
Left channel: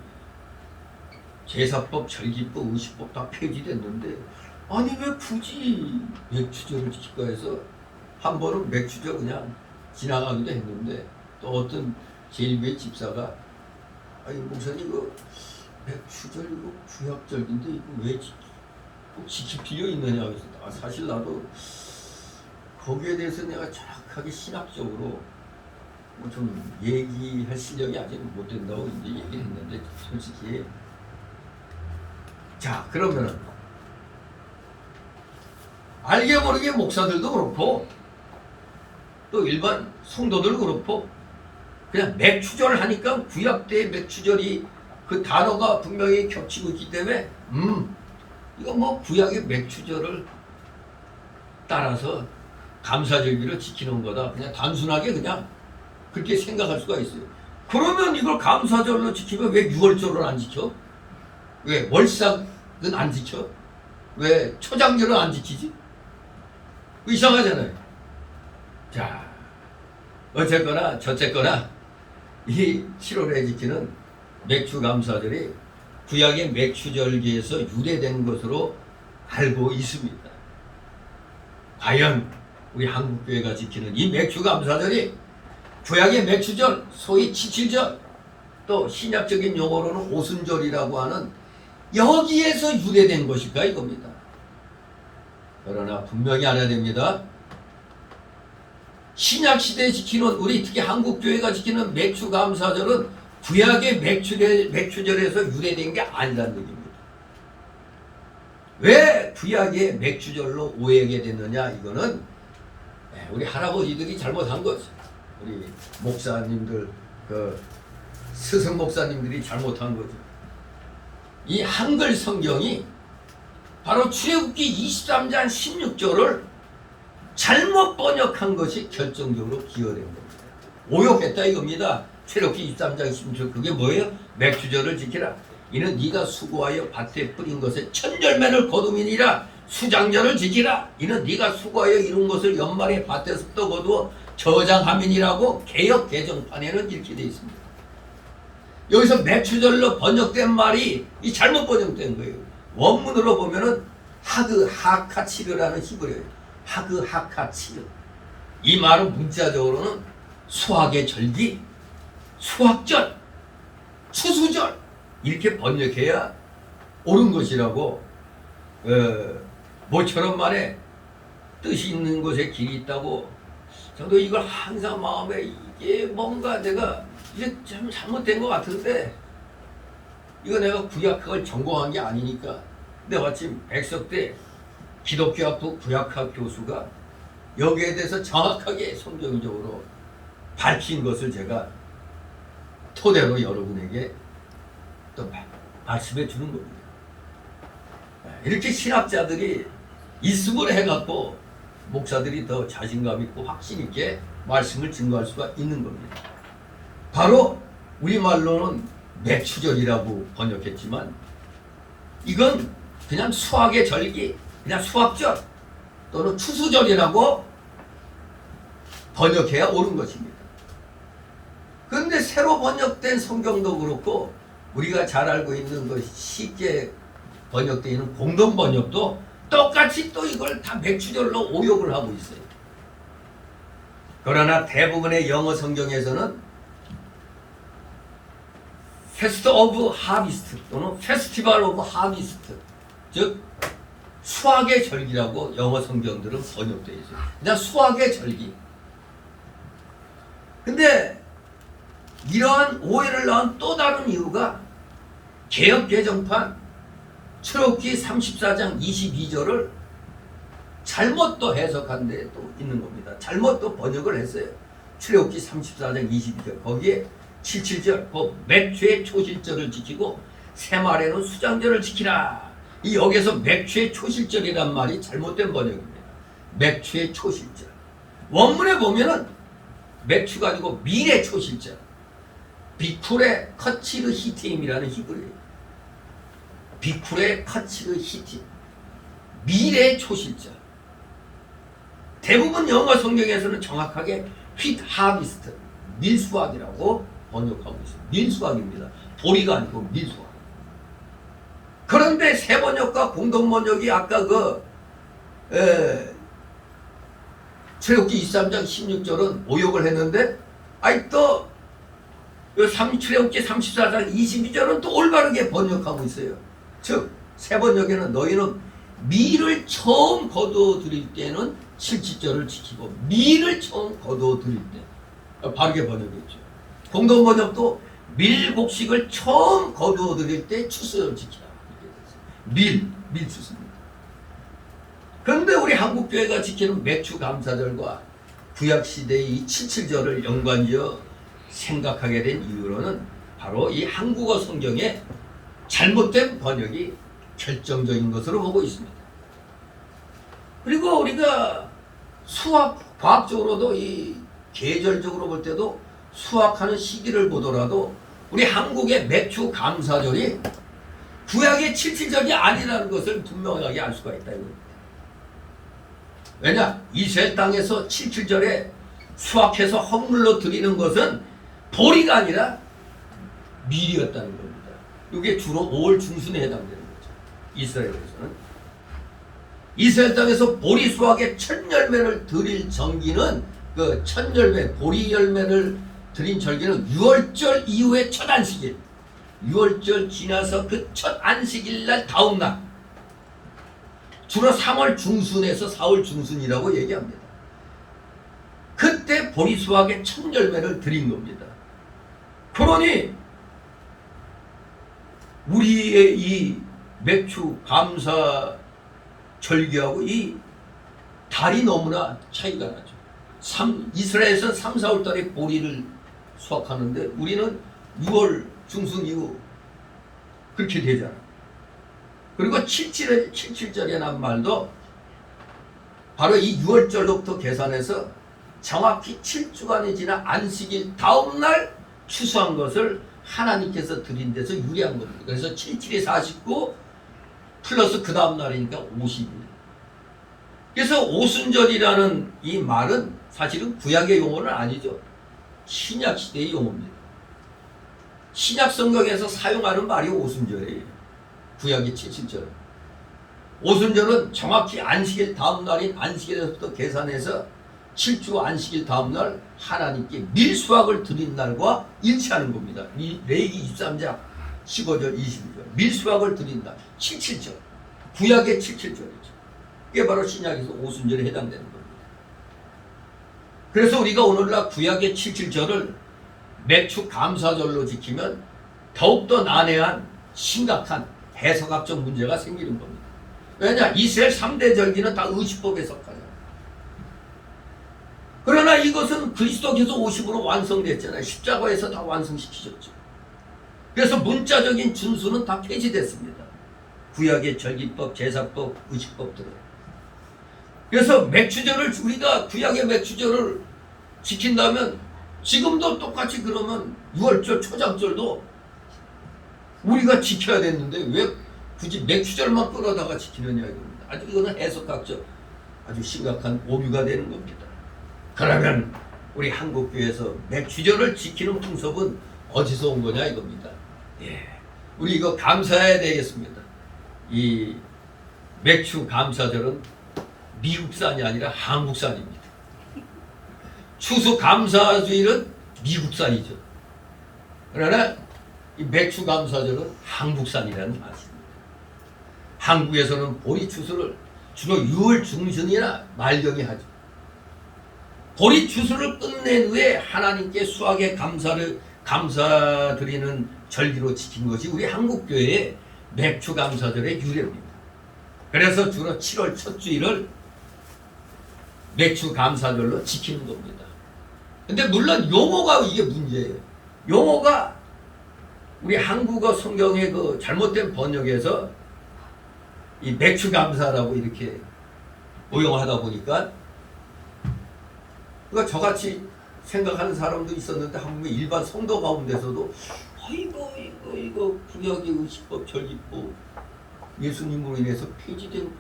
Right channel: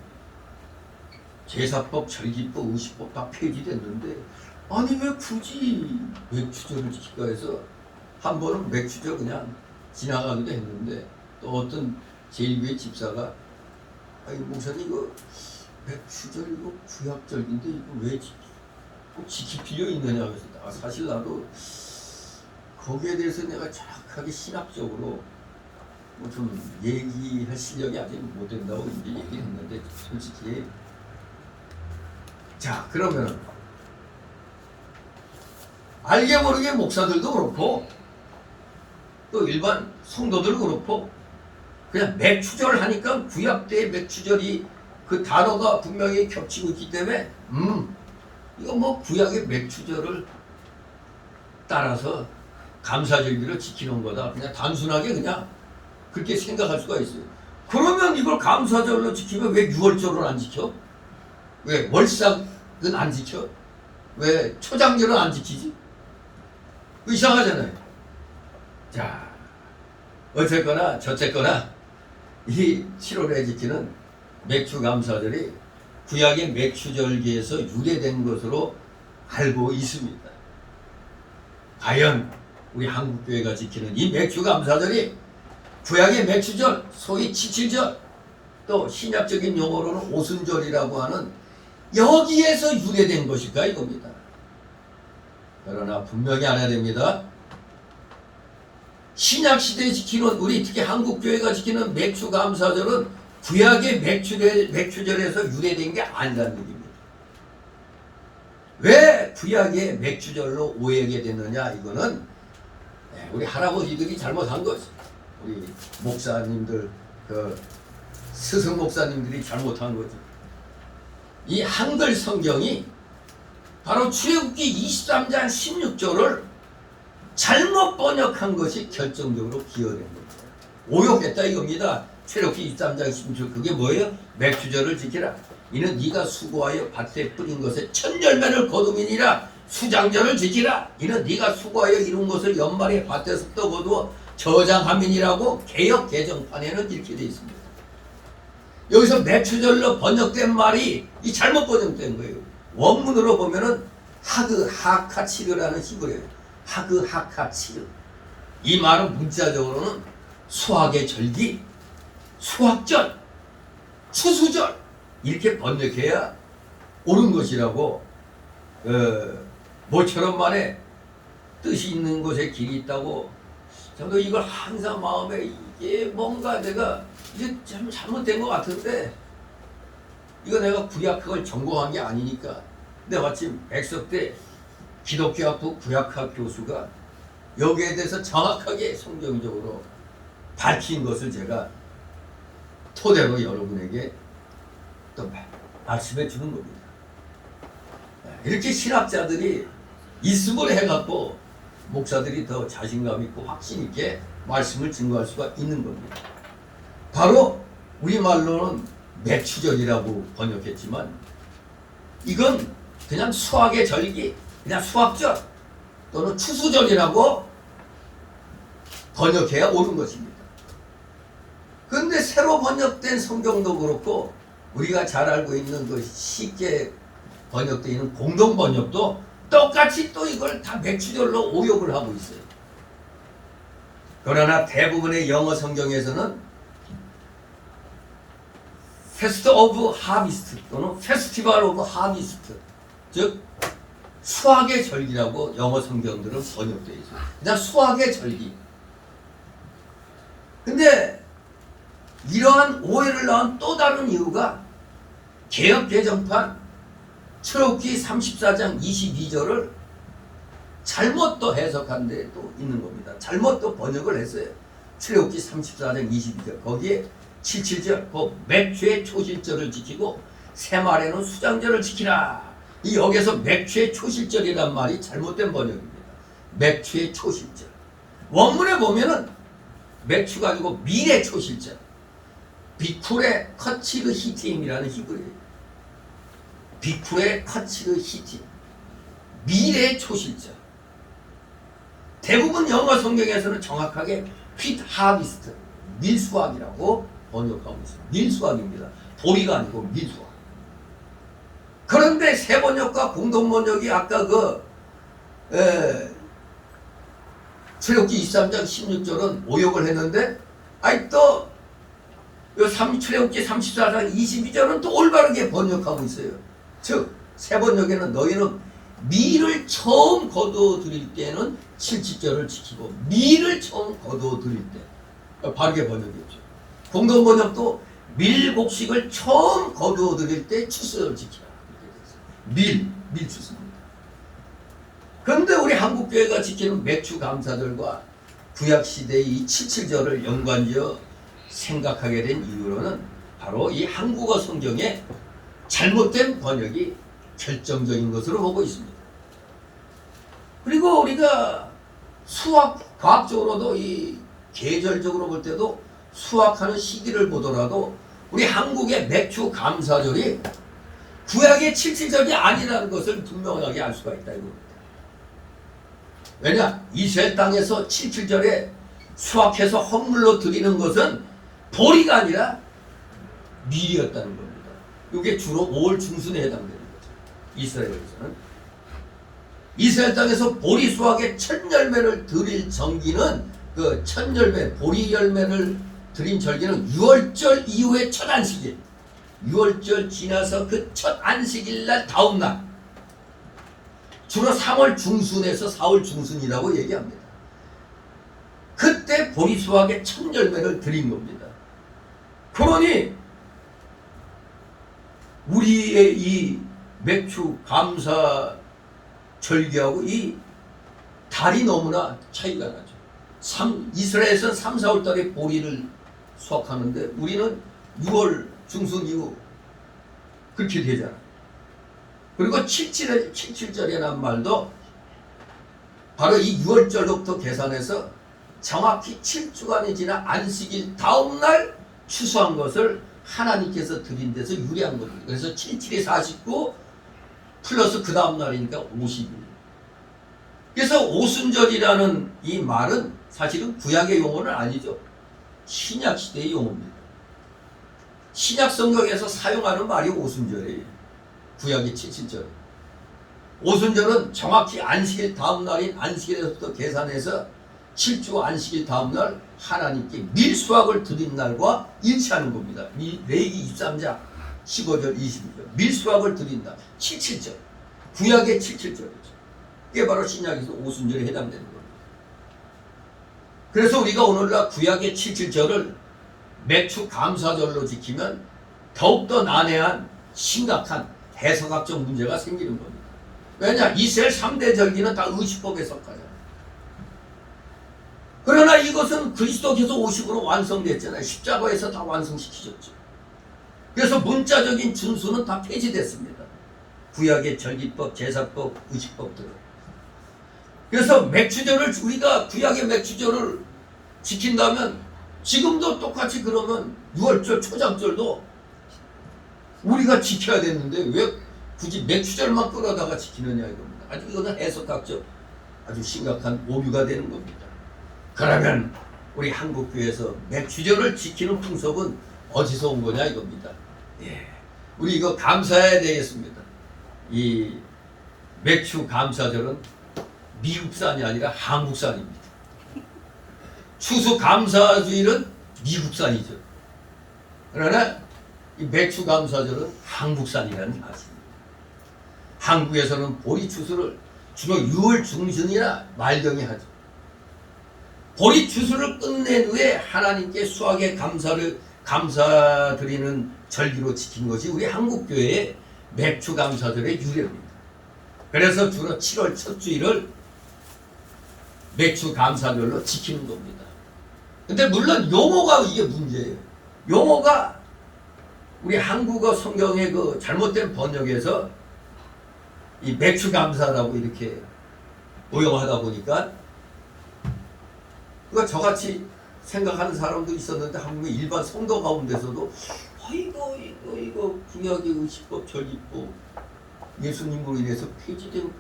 제사법, 절기법, 의식법 다 폐지됐는데 아니 왜 굳이 맥추절을 지킬까 해서 한 번은 맥추절 그냥 지나가기도 했는데 또 어떤 제1교회 집사가 아니 목사님 이거 맥추절 이거 구약절인데 이거 왜 꼭 지킬 필요 있느냐 그래서 사실 나도 거기에 대해서 내가 정확하게 신학적으로 뭐 좀 얘기할 실력이 아직 못 된다고 이제 얘기를 했는데 솔직히 자 그러면은 알게 모르게 목사들도 그렇고 또 일반 성도들 그렇고 그냥 맥추절 하니까 구약 때의 맥추절이 그 단어가 분명히 겹치고 있기 때문에 이거 뭐 구약의 맥추절을 따라서 감사절기를 지키는 거다. 그냥 단순하게 그냥 그렇게 생각할 수가 있어요. 그러면 이걸 감사절로 지키면 왜 6월절을 안 지켜? 왜 월삭은 안 지켜? 왜 초장절은 안 지키지? 이상하잖아요. 자, 어쨌거나 저쨌거나 이 7월에 지키는 맥추감사절이 구약의 맥추절기에서 유래된 것으로 알고 있습니다. 과연 우리 한국교회가 지키는 이 맥추감사절이 구약의 맥추절, 소위 칠칠절, 또 신약적인 용어로는 오순절이라고 하는 여기에서 유래된 것일까 이겁니다. 그러나 분명히 알아야 됩니다. 신약시대에 지키는 우리 특히 한국교회가 지키는 맥추감사절은 구약의 맥추절에서 유래된 게 아니라는 얘기입니다. 왜 구약의 맥추절로 오해하게 됐느냐 이거는 우리 할아버지들이 잘못한 거죠. 우리 목사님들 그 스승 목사님들이 잘못한 거죠. 이 한글 성경이 바로 출애굽기 23장 16절을 잘못 번역한 것이 결정적으로 기여된 겁니다. 오역했다 이겁니다. 출애굽기 23장 16절 그게 뭐예요? 맥추절을 지키라. 이는 네가 수고하여 밭에 뿌린 것에 첫 열매를 거두미니라. 수장절을 지키라. 이는 네가 수고하여 이룬 것을 연말에 밭에서부터 거두어 저장함이니라고 개역 개정판에는 이렇게 되어 있습니다. 여기서 맥추절로 번역된 말이 이 잘못 번역된 거예요. 원문으로 보면은 하그 하카치르라는 히브리어예요. 하그 하카치르. 이 말은 문자적으로는 수학의 절기, 수학절, 추수절 이렇게 번역해야 옳은 것이라고 모처럼 만에 뜻이 있는 곳에 길이 있다고 저도 이걸 항상 마음에 이게 뭔가 내가 이게 참 잘못된 것 같은데 이거 내가 구약학을 전공한 게 아니니까 근데 마침 백석대 기독교학부 구약학 교수가 여기에 대해서 정확하게 성경적으로 밝힌 것을 제가 토대로 여러분에게 또 말씀해 주는 겁니다. 이렇게 신학자들이 있음을 해갖고 목사들이 더 자신감 있고 확신 있게 말씀을 증거할 수가 있는 겁니다. 바로 우리말로는 맥추절이라고 번역했지만 이건 그냥 수학의 절기, 그냥 수학절 또는 추수절이라고 번역해야 옳은 것입니다. 그런데 새로 번역된 성경도 그렇고 우리가 잘 알고 있는 그 쉽게 번역되어 있는 공동 번역도 똑같이 또 이걸 다 맥추절로 오역을 하고 있어요. 그러나 대부분의 영어 성경에서는 Fest of Harvest 또는 Festival of Harvest 즉 수확의 절기라고 영어 성경들은 번역되어 있어요. 그냥 수확의 절기. 근데 이러한 오해를 낳은 또 다른 이유가 개역 개정판 출애굽기 34장 22절을 잘못 또 해석한 데 또 있는 겁니다. 잘못 또 번역을 했어요. 출애굽기 34장 22절 거기에 77절 그 맥주의 초실절을 지키고 새말에는 수장절을 지키라. 이 여기서 맥주의 초실절이란 말이 잘못된 번역입니다. 맥주의 초실절. 원문에 보면은 맥주가 아니고 밀의 초실절. 비쿨의 커치르 히팀이라는 히브리어예요. 비쿨의 커치르 히팀. 밀의 초실절. 대부분 영어 성경에서는 정확하게 휘트 하비스트, 밀수확이라고 번역하고 있어요. 밀수확입니다. 보리가 아니고 밀수확. 그런데 새 번역과 공동 번역이 아까 출애굽기 23장 16절은 오역을 했는데 아니 또 출애굽기 34장 22절은 또 올바르게 번역하고 있어요. 즉 새 번역에는 너희는 밀을 처음 거두어 드릴 때는 77절을 지키고 밀을 처음 거두어 드릴 때 바르게 번역했죠. 공동 번역도 밀곡식을 처음 거두어 드릴 때 추수를 지키라. 밀 추수입니다. 그런데 우리 한국교회가 지키는 맥주 감사절과 구약시대의 이 77절을 연관지어 생각하게 된 이유로는 바로 이 한국어 성경의 잘못된 번역이 결정적인 것으로 보고 있습니다. 그리고 우리가 수학, 과학적으로도 이 계절적으로 볼 때도 수학하는 시기를 보더라도 우리 한국의 맥주 감사절이 구약의 77절이 아니라는 것을 분명하게 알 수가 있다 이겁니다. 왜냐? 이스라엘 땅에서 77절에 수확해서 헌물로 드리는 것은 보리가 아니라 밀이었다는 겁니다. 이게 주로 5월 중순에 해당되는 거죠. 이스라엘에서는. 이스라엘 땅에서 보리 수확의 첫 열매를 드릴 정기는 그 첫 열매, 보리 열매를 드린 절기는 6월절 이후의 첫 안식일. 6월절 지나서 그 첫 안식일 날 다음 날. 주로 3월 중순에서 4월 중순이라고 얘기합니다. 그때 보리 수확의 첫 열매를 드린 겁니다. 그러니 우리의 이 맥주 감사 절기하고 이 달이 너무나 차이가 나죠. 이스라엘에서는 3, 4월 달에 보리를 수확하는데 우리는 6월 중순 이후 그렇게 되잖아. 그리고 77절이라는 말도 바로 이 6월절로부터 계산해서 정확히 7주간이 지나 안식일 다음날 추수한 것을 하나님께서 드린 데서 유리한 겁니다. 그래서 77이 49 플러스 그 다음날이니까 50일. 그래서 오순절이라는 이 말은 사실은 구약의 용어는 아니죠. 신약시대의 용어입니다. 신약 성경에서 사용하는 말이 오순절이에요. 구약의 77절. 오순절은 정확히 안식일 다음 날인 안식일에서부터 계산해서 7주 안식일 다음 날 하나님께 밀수확을 드린 날과 일치하는 겁니다. 레위기 23장 15절 22절 밀수확을 드린다. 77절. 구약의 77절이죠. 이게 바로 신약에서 오순절에 해당되는 겁니다. 그래서 우리가 오늘날 구약의 77절을 맥주 감사절로 지키면 더욱더 난해한 심각한 해석학적 문제가 생기는 겁니다. 왜냐? 이스라엘 3대 절기는 다 의식법에 속하잖아요. 그러나 이것은 그리스도께서 오심으로 완성됐잖아요. 십자가에서 다 완성시키셨죠. 그래서 문자적인 준수는 다 폐지됐습니다. 구약의 절기법, 제사법, 의식법들은. 그래서 맥주절을 우리가 구약의 맥주절을 지킨다면 지금도 똑같이 그러면 6월절 초장절도 우리가 지켜야 됐는데 왜 굳이 맥주절만 끌어다가 지키느냐 이겁니다. 아주 이거는 해석학적 아주 심각한 오류가 되는 겁니다. 그러면 우리 한국교회에서 맥주절을 지키는 풍습은 어디서 온 거냐 이겁니다. 우리 이거 감사해야 되겠습니다. 이 맥주 감사절은 미국산이 아니라 한국산입니다. 추수 감사주일은 미국산이죠. 그러나 이 맥주 감사절은 한국산이라는 사실입니다. 한국에서는 보리 추수를 주로 6월 중순이나 말경에 하죠. 보리 추수를 끝낸 후에 하나님께 수확의 감사드리는 절기로 지킨 것이 우리 한국교회의 맥주 감사절의 유래입니다. 그래서 주로 7월 첫 주일을 맥주 감사절로 지키는 겁니다. 근데 물론 용어가 이게 문제예요. 용어가 우리 한국어 성경의 그 잘못된 번역에서 이 맥주 감사라고 이렇게 오용하다 보니까 그거 저같이 생각하는 사람도 있었는데 한국의 일반 성도 가운데서도 이거 구약의 의식법 절기법 예수님으로 인해서 폐지된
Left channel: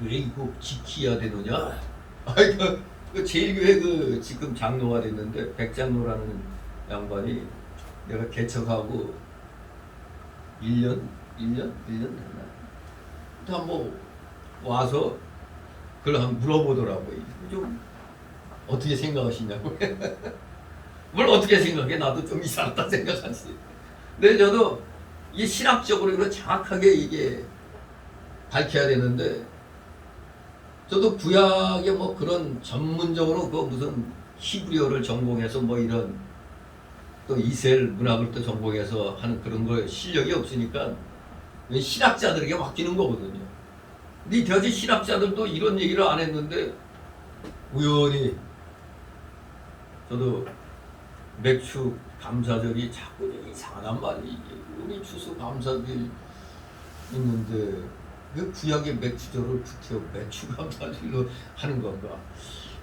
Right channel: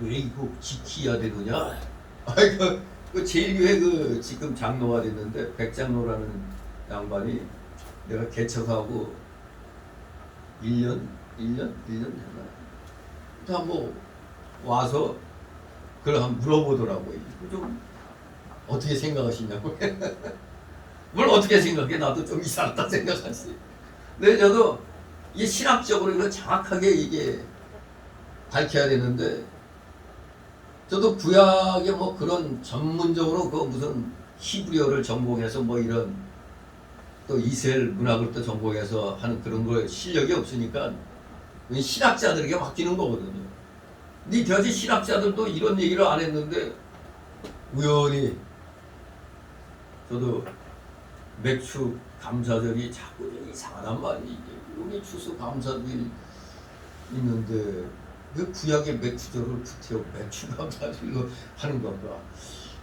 왜 이거 지켜야 되느냐? 그 제일교회 그 지금 장로가 됐는데 백장로라는 양반이 내가 개척하고 1년 됐나? 다 뭐 와서 그걸 한번 물어보더라고요. 좀 어떻게 생각하시냐고. 뭘 어떻게 생각해? 나도 좀 이상하다 생각하지. 근데 저도 이 신학적으로 이거 정확하게 이게 밝혀야 되는데 저도 구약의 뭐 그런 전문적으로 그 무슨 히브리어를 전공해서 뭐 이런 또 이스라엘 문학을 또 전공해서 하는 그런 거 실력이 없으니까 신학자들에게 맡기는 거거든요. 근데 저지 신학자들도 이런 얘기를 안 했는데 우연히 저도 맥주 감사절이 자꾸 이상하단 말이에요. 우리 추수 감사절 있는데 왜 구약의 맥주절을 붙여 맥주 감사절로 하는 건가?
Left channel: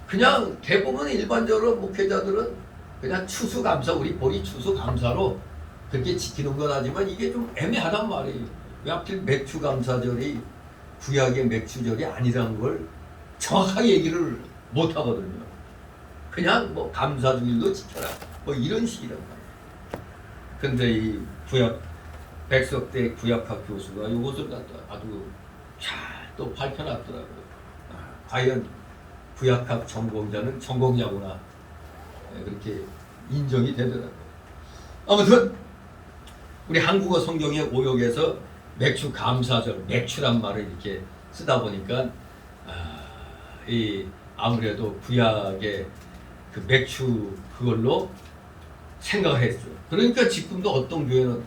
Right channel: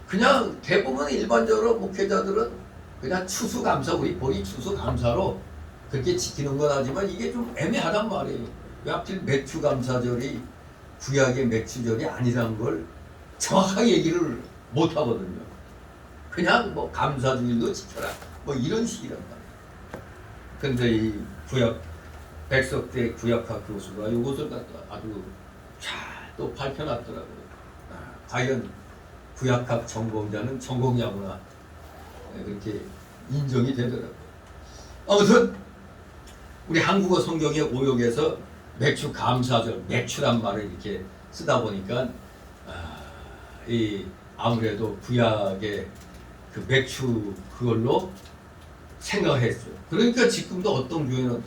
그냥 대부분 일반적으로 목회자들은 그냥 추수 감사 우리 보리 추수 감사로 그렇게 지키는 건 하지만 이게 좀 애매하단 말이에요. 왜 하필 맥주 감사절이 구약의 맥주절이 아니라는 걸 정확하게 얘기를 못 하거든요. 그냥 뭐 감사주일도 지켜라 뭐 이런 식이란 말이에요. 근데 이 구약 백석대 구약학 교수가 이것을 갖다 아주 잘 또 밝혀놨더라고요. 과연 구약학 전공자는 전공자구나 그렇게 인정이 되더라고요. 아무튼 우리 한국어 성경의 오역에서 맥주 감사절, 맥주란 말을 이렇게 쓰다 보니까 이 아무래도 구약의 그 맥주 그걸로 생각을 했죠. 그러니까 지금도 어떤 교회는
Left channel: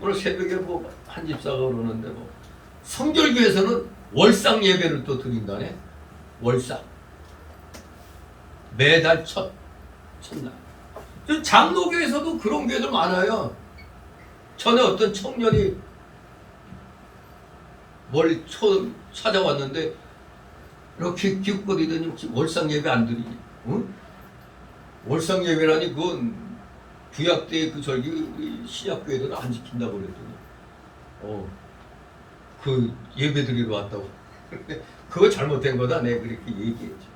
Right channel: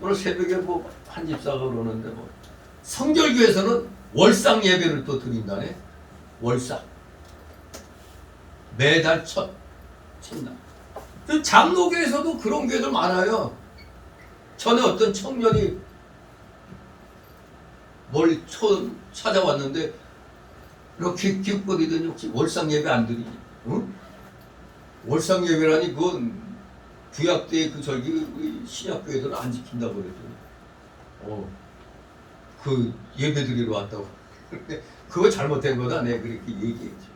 오늘 새벽에 뭐 한 집사가 그러는데 뭐 성결교에서는 월상 예배를 또 드린다네. 월상 매달 첫날. 장로교에서도 그런 교회들 많아요. 전에 어떤 청년이 뭘 찾아왔는데 이렇게 기웃거리더니 혹시 월상 예배 안 드리니? 응? 월상 예배라니 그건 구약 때 그 절기 신약 교회들은 안 지킨다고 그랬더니 그 예배 드리러 왔다고. 그거 잘못된 거다. 내가 그렇게 얘기했죠.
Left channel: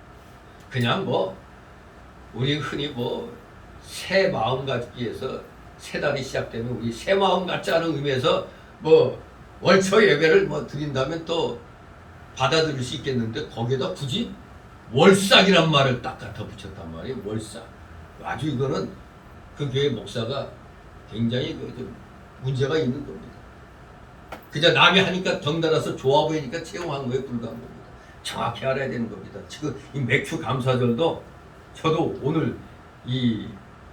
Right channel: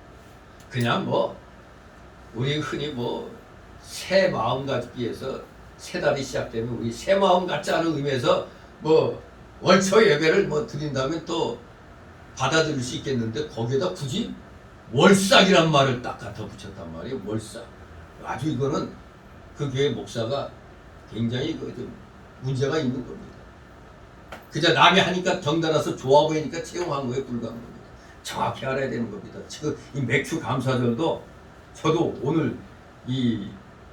그냥 뭐 우리 흔히 뭐 새 마음 갖기 위해서 새 달이 시작되면 우리 새 마음 갖자는 의미에서 뭐 월초 예배를 뭐 드린다면 또 받아들일 수 있겠는데 거기에다 굳이 월삭이란 말을 딱 갖다 붙였단 말이에요. 월삭. 아주 이거는 그 교회 목사가 굉장히 좀 문제가 있는 겁니다. 그저 남이 하니까 덩달아서 좋아 보이니까 채용한 거에 불과한 겁니다. 정확히 알아야 되는 겁니다. 지금 이 맥주 감사절도 저도 오늘 이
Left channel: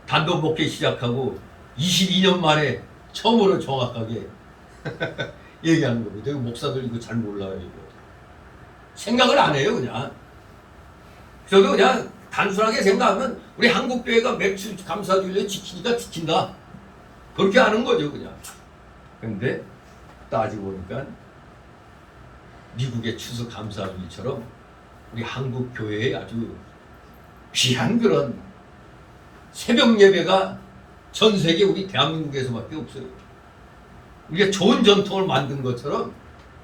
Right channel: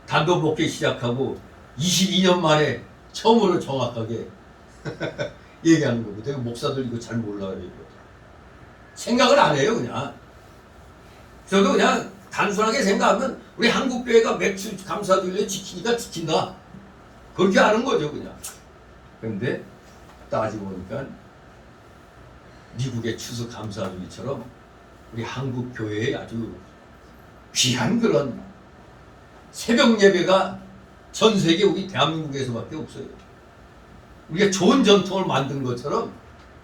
단독 목회 시작하고 22년 만에 처음으로 정확하게 얘기하는 겁니다. 목사들 이거 잘 몰라요. 이거. 생각을 안 해요. 그냥 저도 그냥 단순하게 생각하면 우리 한국교회가 맥주 감사주일을 지키니까 지킨다 그렇게 하는 거죠. 그냥. 근데 따지고 보니까 미국의 추수 감사주일처럼 우리 한국교회에 아주 귀한 그런 새벽 예배가 전 세계 우리 대한민국에서밖에 없어요. 우리가 좋은 전통을 만든 것처럼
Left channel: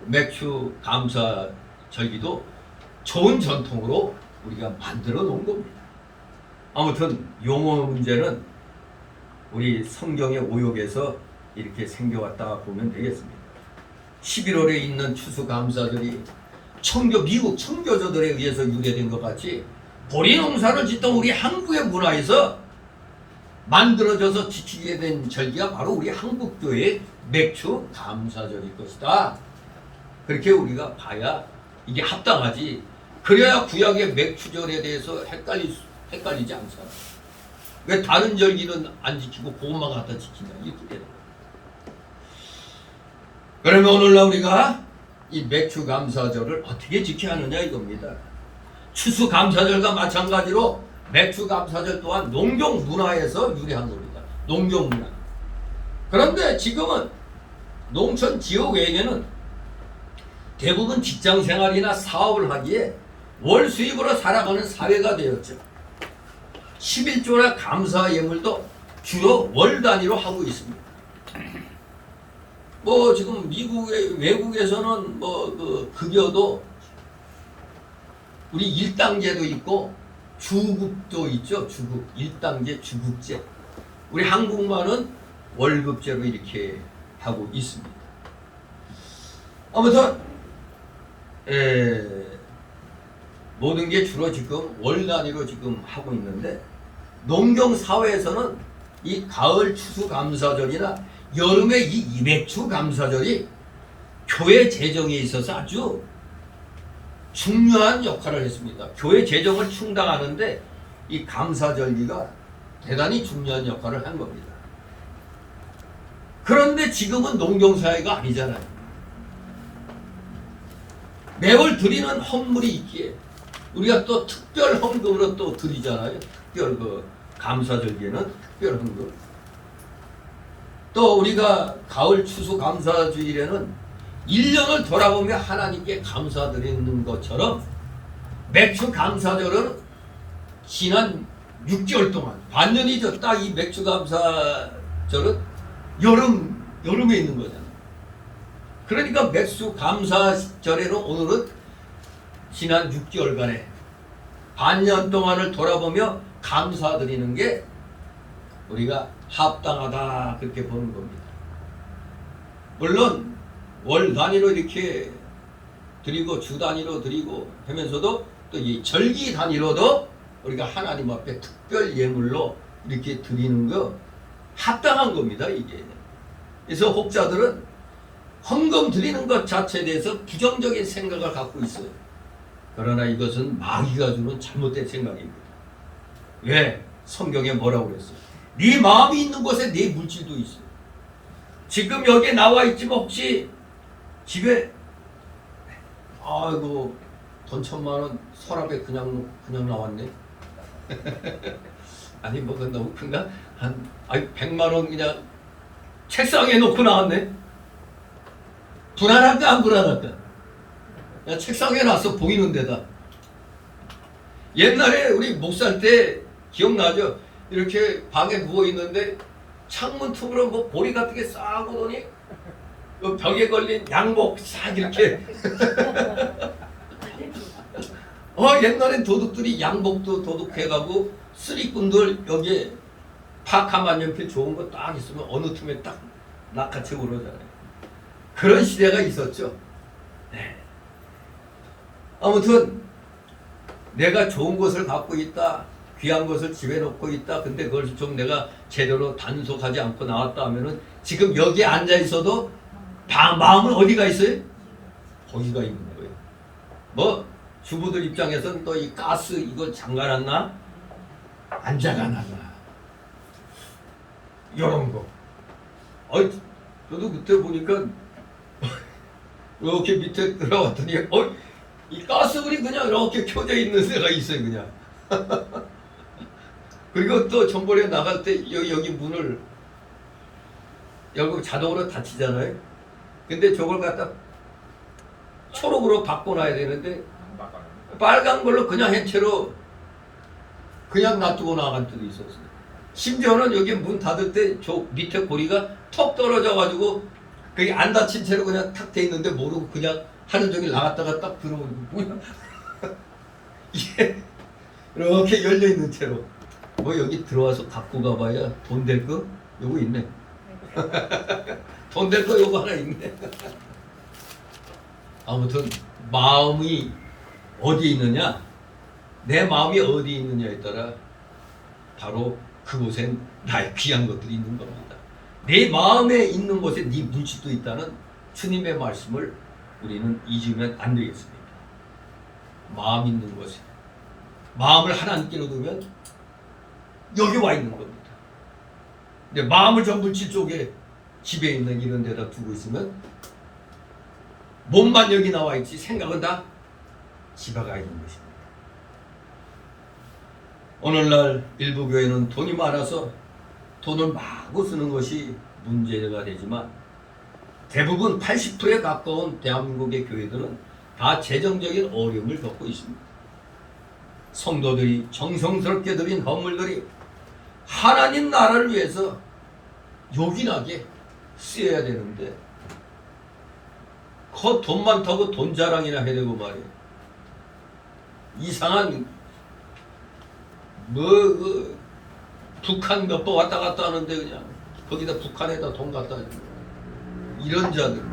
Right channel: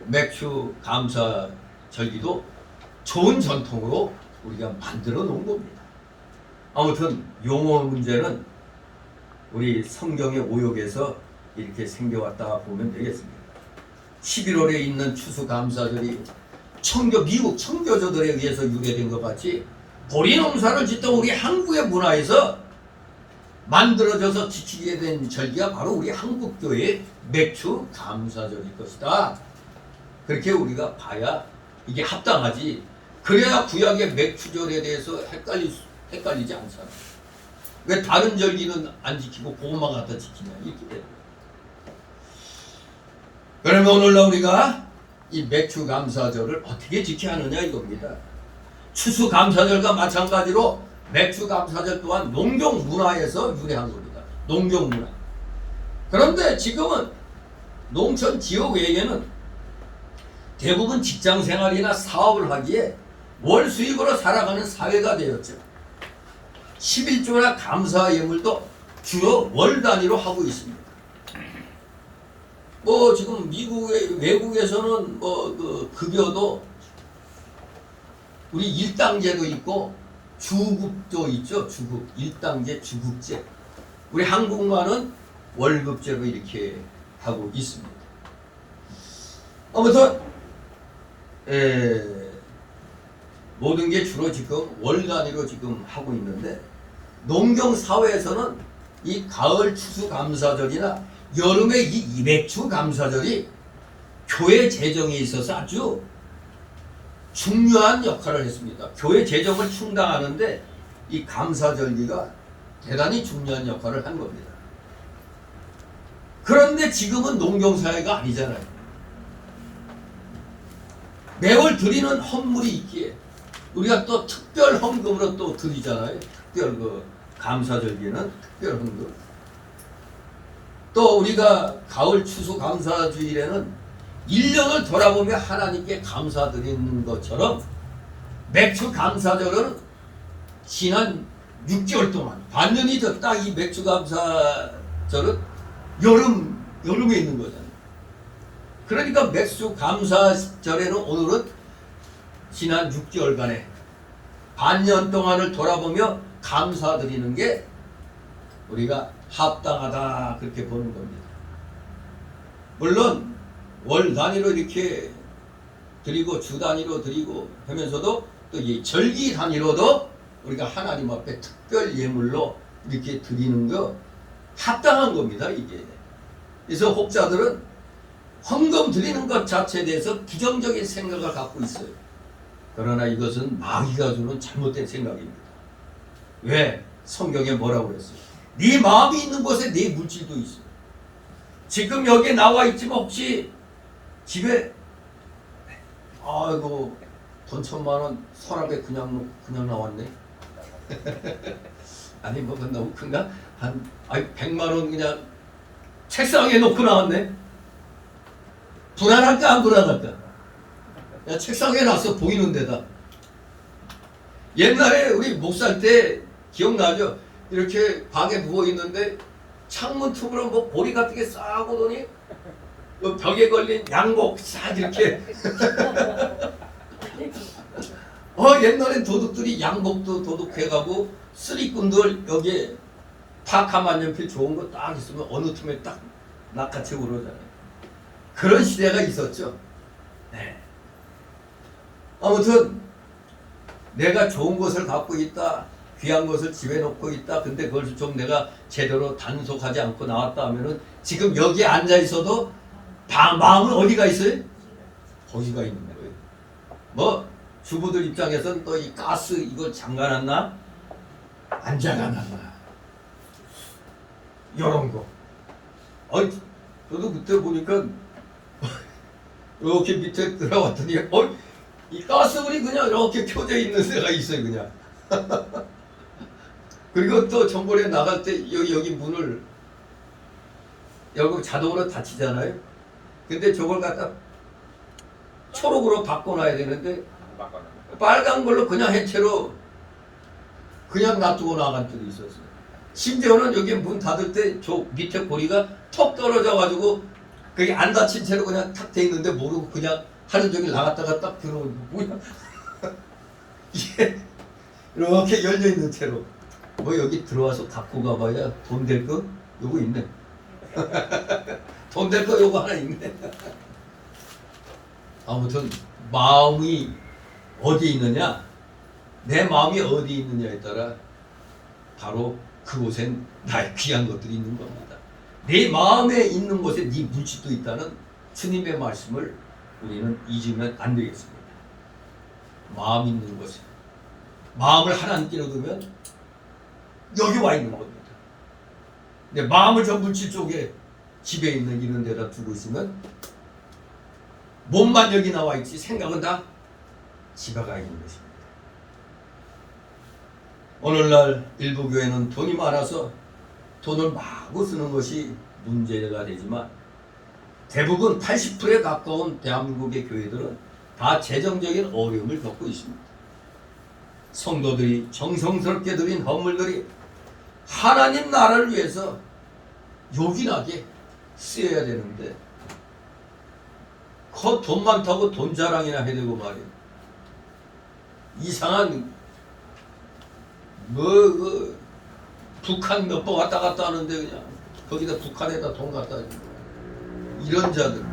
맥주 감사 절기도 좋은 전통으로 우리가 만들어 놓은 겁니다. 아무튼 용어 문제는 우리 성경의 오역에서 이렇게 생겨왔다 보면 되겠습니다. 11월에 있는 추수감사절이 미국 청교조들에 의해서 유래된 것 같이 보리 농사를 짓던 우리 한국의 문화에서 만들어져서 지키게 된 절기가 바로 우리 한국교회의 맥주 감사절일 것이다. 그렇게 우리가 봐야 이게 합당하지. 그래야 구약의 맥주절에 대해서 헷갈리지 않잖아. 왜 다른 절기는 안 지키고 그것만 갖다 지키냐 이렇게 되는 거야. 그러면 오늘날 우리가 이 맥추감사절을 어떻게 지켜야 하느냐 이겁니다. 추수감사절과 마찬가지로 맥추감사절 또한 농경문화에서 유래한 겁니다. 농경문화. 그런데 지금은 농촌 지역에게는 대부분 직장생활이나 사업을 하기에 월 수입으로 살아가는 사회가 되었죠. 11조나 감사 예물도 주로 월 단위로 하고 있습니다. 뭐 지금 외국에서는 뭐 그 급여도 우리 일당제도 있고 주급도 있죠. 주급, 일당제, 주급제. 우리 한국만은 월급제로 이렇게 하고 있습니다. 아무튼 모든 게 주로 지금 월 단위로 지금 하고 있는데 농경 사회에서는 이 가을 추수감사절이나 여름의 이 이맥추감사절이 교회 재정에 있어서 아주 중요한 역할을 했습니다. 교회 재정을 충당하는데 이 감사절기가 대단히 중요한 역할을 한 겁니다. 그런데 지금은 농경사회가 아니잖아요. 매월 드리는 헌물이 있기에 우리가 또 특별 헌금으로 또 드리잖아요. 특별 그 감사절기에는 특별 헌금. 또 우리가 가을 추수 감사주일에는 1년을 돌아보며 하나님께 감사드리는 것처럼 맥추 감사절은 지난 6개월 동안 반년이죠. 딱 이 맥추 감사절은 여름에 있는 거잖아요. 그러니까 맥추 감사절에는 오늘은 지난 6개월간의 반년 동안을 돌아보며 감사드리는 게 우리가 합당하다 그렇게 보는 겁니다. 물론 월 단위로 이렇게 드리고 주 단위로 드리고 하면서도 또 이 절기 단위로도 우리가 하나님 앞에 특별 예물로 이렇게 드리는 거 합당한 겁니다. 이게. 그래서 혹자들은 헌금 드리는 것 자체에 대해서 부정적인 생각을 갖고 있어요. 그러나 이것은 마귀가 주는 잘못된 생각입니다. 왜? 성경에 뭐라고 그랬어요? 네 마음이 있는 곳에 네 물질도 있어. 지금 여기에 나와 있지만 혹시 집에 아이고 돈 1,000만 원 서랍에 그냥 나왔네. 아니 뭐가 너무 큰가? 한 100만 원 그냥 책상에 놓고 나왔네. 불안할까 안 불안할까? 야, 책상에 놨어 보이는 데다. 옛날에 우리 목살 때 기억나죠? 이렇게 방에 누워 있는데 창문 틈으로 뭐 보리 같은 게 싹 오더니 벽에 걸린 양복 싹 이렇게. 옛날엔 도둑들이 양복도 도둑해가고 쓰리꾼들 여기에 파카 만년필 좋은 거 딱 있으면 어느 틈에 딱 낚아채고 그러잖아요. 그런 시대가 있었죠. 네. 아무튼 내가 좋은 것을 갖고 있다, 귀한 것을 집에 놓고 있다. 근데 그걸 좀 내가 제대로 단속하지 않고 나왔다 하면은 지금 여기에 앉아 있어도 마음은 어디가 있어요? 거기가 있는 거예요. 뭐 주부들 입장에서는 또 이 가스 이거 잠가놨나? 안 잠가놨나? 이런 거. 저도 그때 보니까 이렇게 밑에 들어왔더니 이 가스불이 그냥 이렇게 켜져 있는 데가 있어요 그냥. 그리고 또 전번에 나갈 때 여기 문을 열고 자동으로 닫히잖아요. 근데 저걸 갖다 초록으로 바꿔놔야 되는데 빨간 걸로 그냥 해체로 그냥 놔두고 나간 적이 있었어요. 심지어는 여기 문 닫을 때 저 밑에 고리가 턱 떨어져가지고 그게 안 닫힌 채로 그냥 탁 돼 있는데 모르고 그냥 하루 종일 나갔다가 딱 들어오는 거 뭐야? 이게 이렇게 열려 있는 채로 뭐 여기 들어와서 갖고 가봐야 돈 될 거 요거 있네. 돈 될 거 요거 하나 있네. 아무튼 마음이 어디 있느냐, 내 마음이 어디 있느냐에 따라 바로 그곳엔 나의 귀한 것들이 있는 겁니다. 내 마음에 있는 곳에 네 물질도 있다는 주님의 말씀을 우리는 잊으면 안 되겠습니다. 마음 있는 곳에 마음을 하나님께로 두면 여기 와 있는 겁니다. 근데 마음을 저 물질 쪽에 집에 있는 이런 데다 두고 있으면 몸만 여기 나와 있지 생각은 다 지바가 있는 것입니다. 오늘날 일부 교회는 돈이 많아서 돈을 마구 쓰는 것이 문제가 되지만 대부분 80%에 가까운 대한민국의 교회들은 다 재정적인 어려움을 겪고 있습니다. 성도들이 정성스럽게 드린 헌물들이 하나님 나라를 위해서 요긴하게 쓰여야 되는데 돈 많다고 돈 자랑이나 해야 되고 말이에요. 이상한 북한 몇 번 왔다 갔다 하는데 그냥 거기다 북한에다 돈 갖다 주고 이런 자들.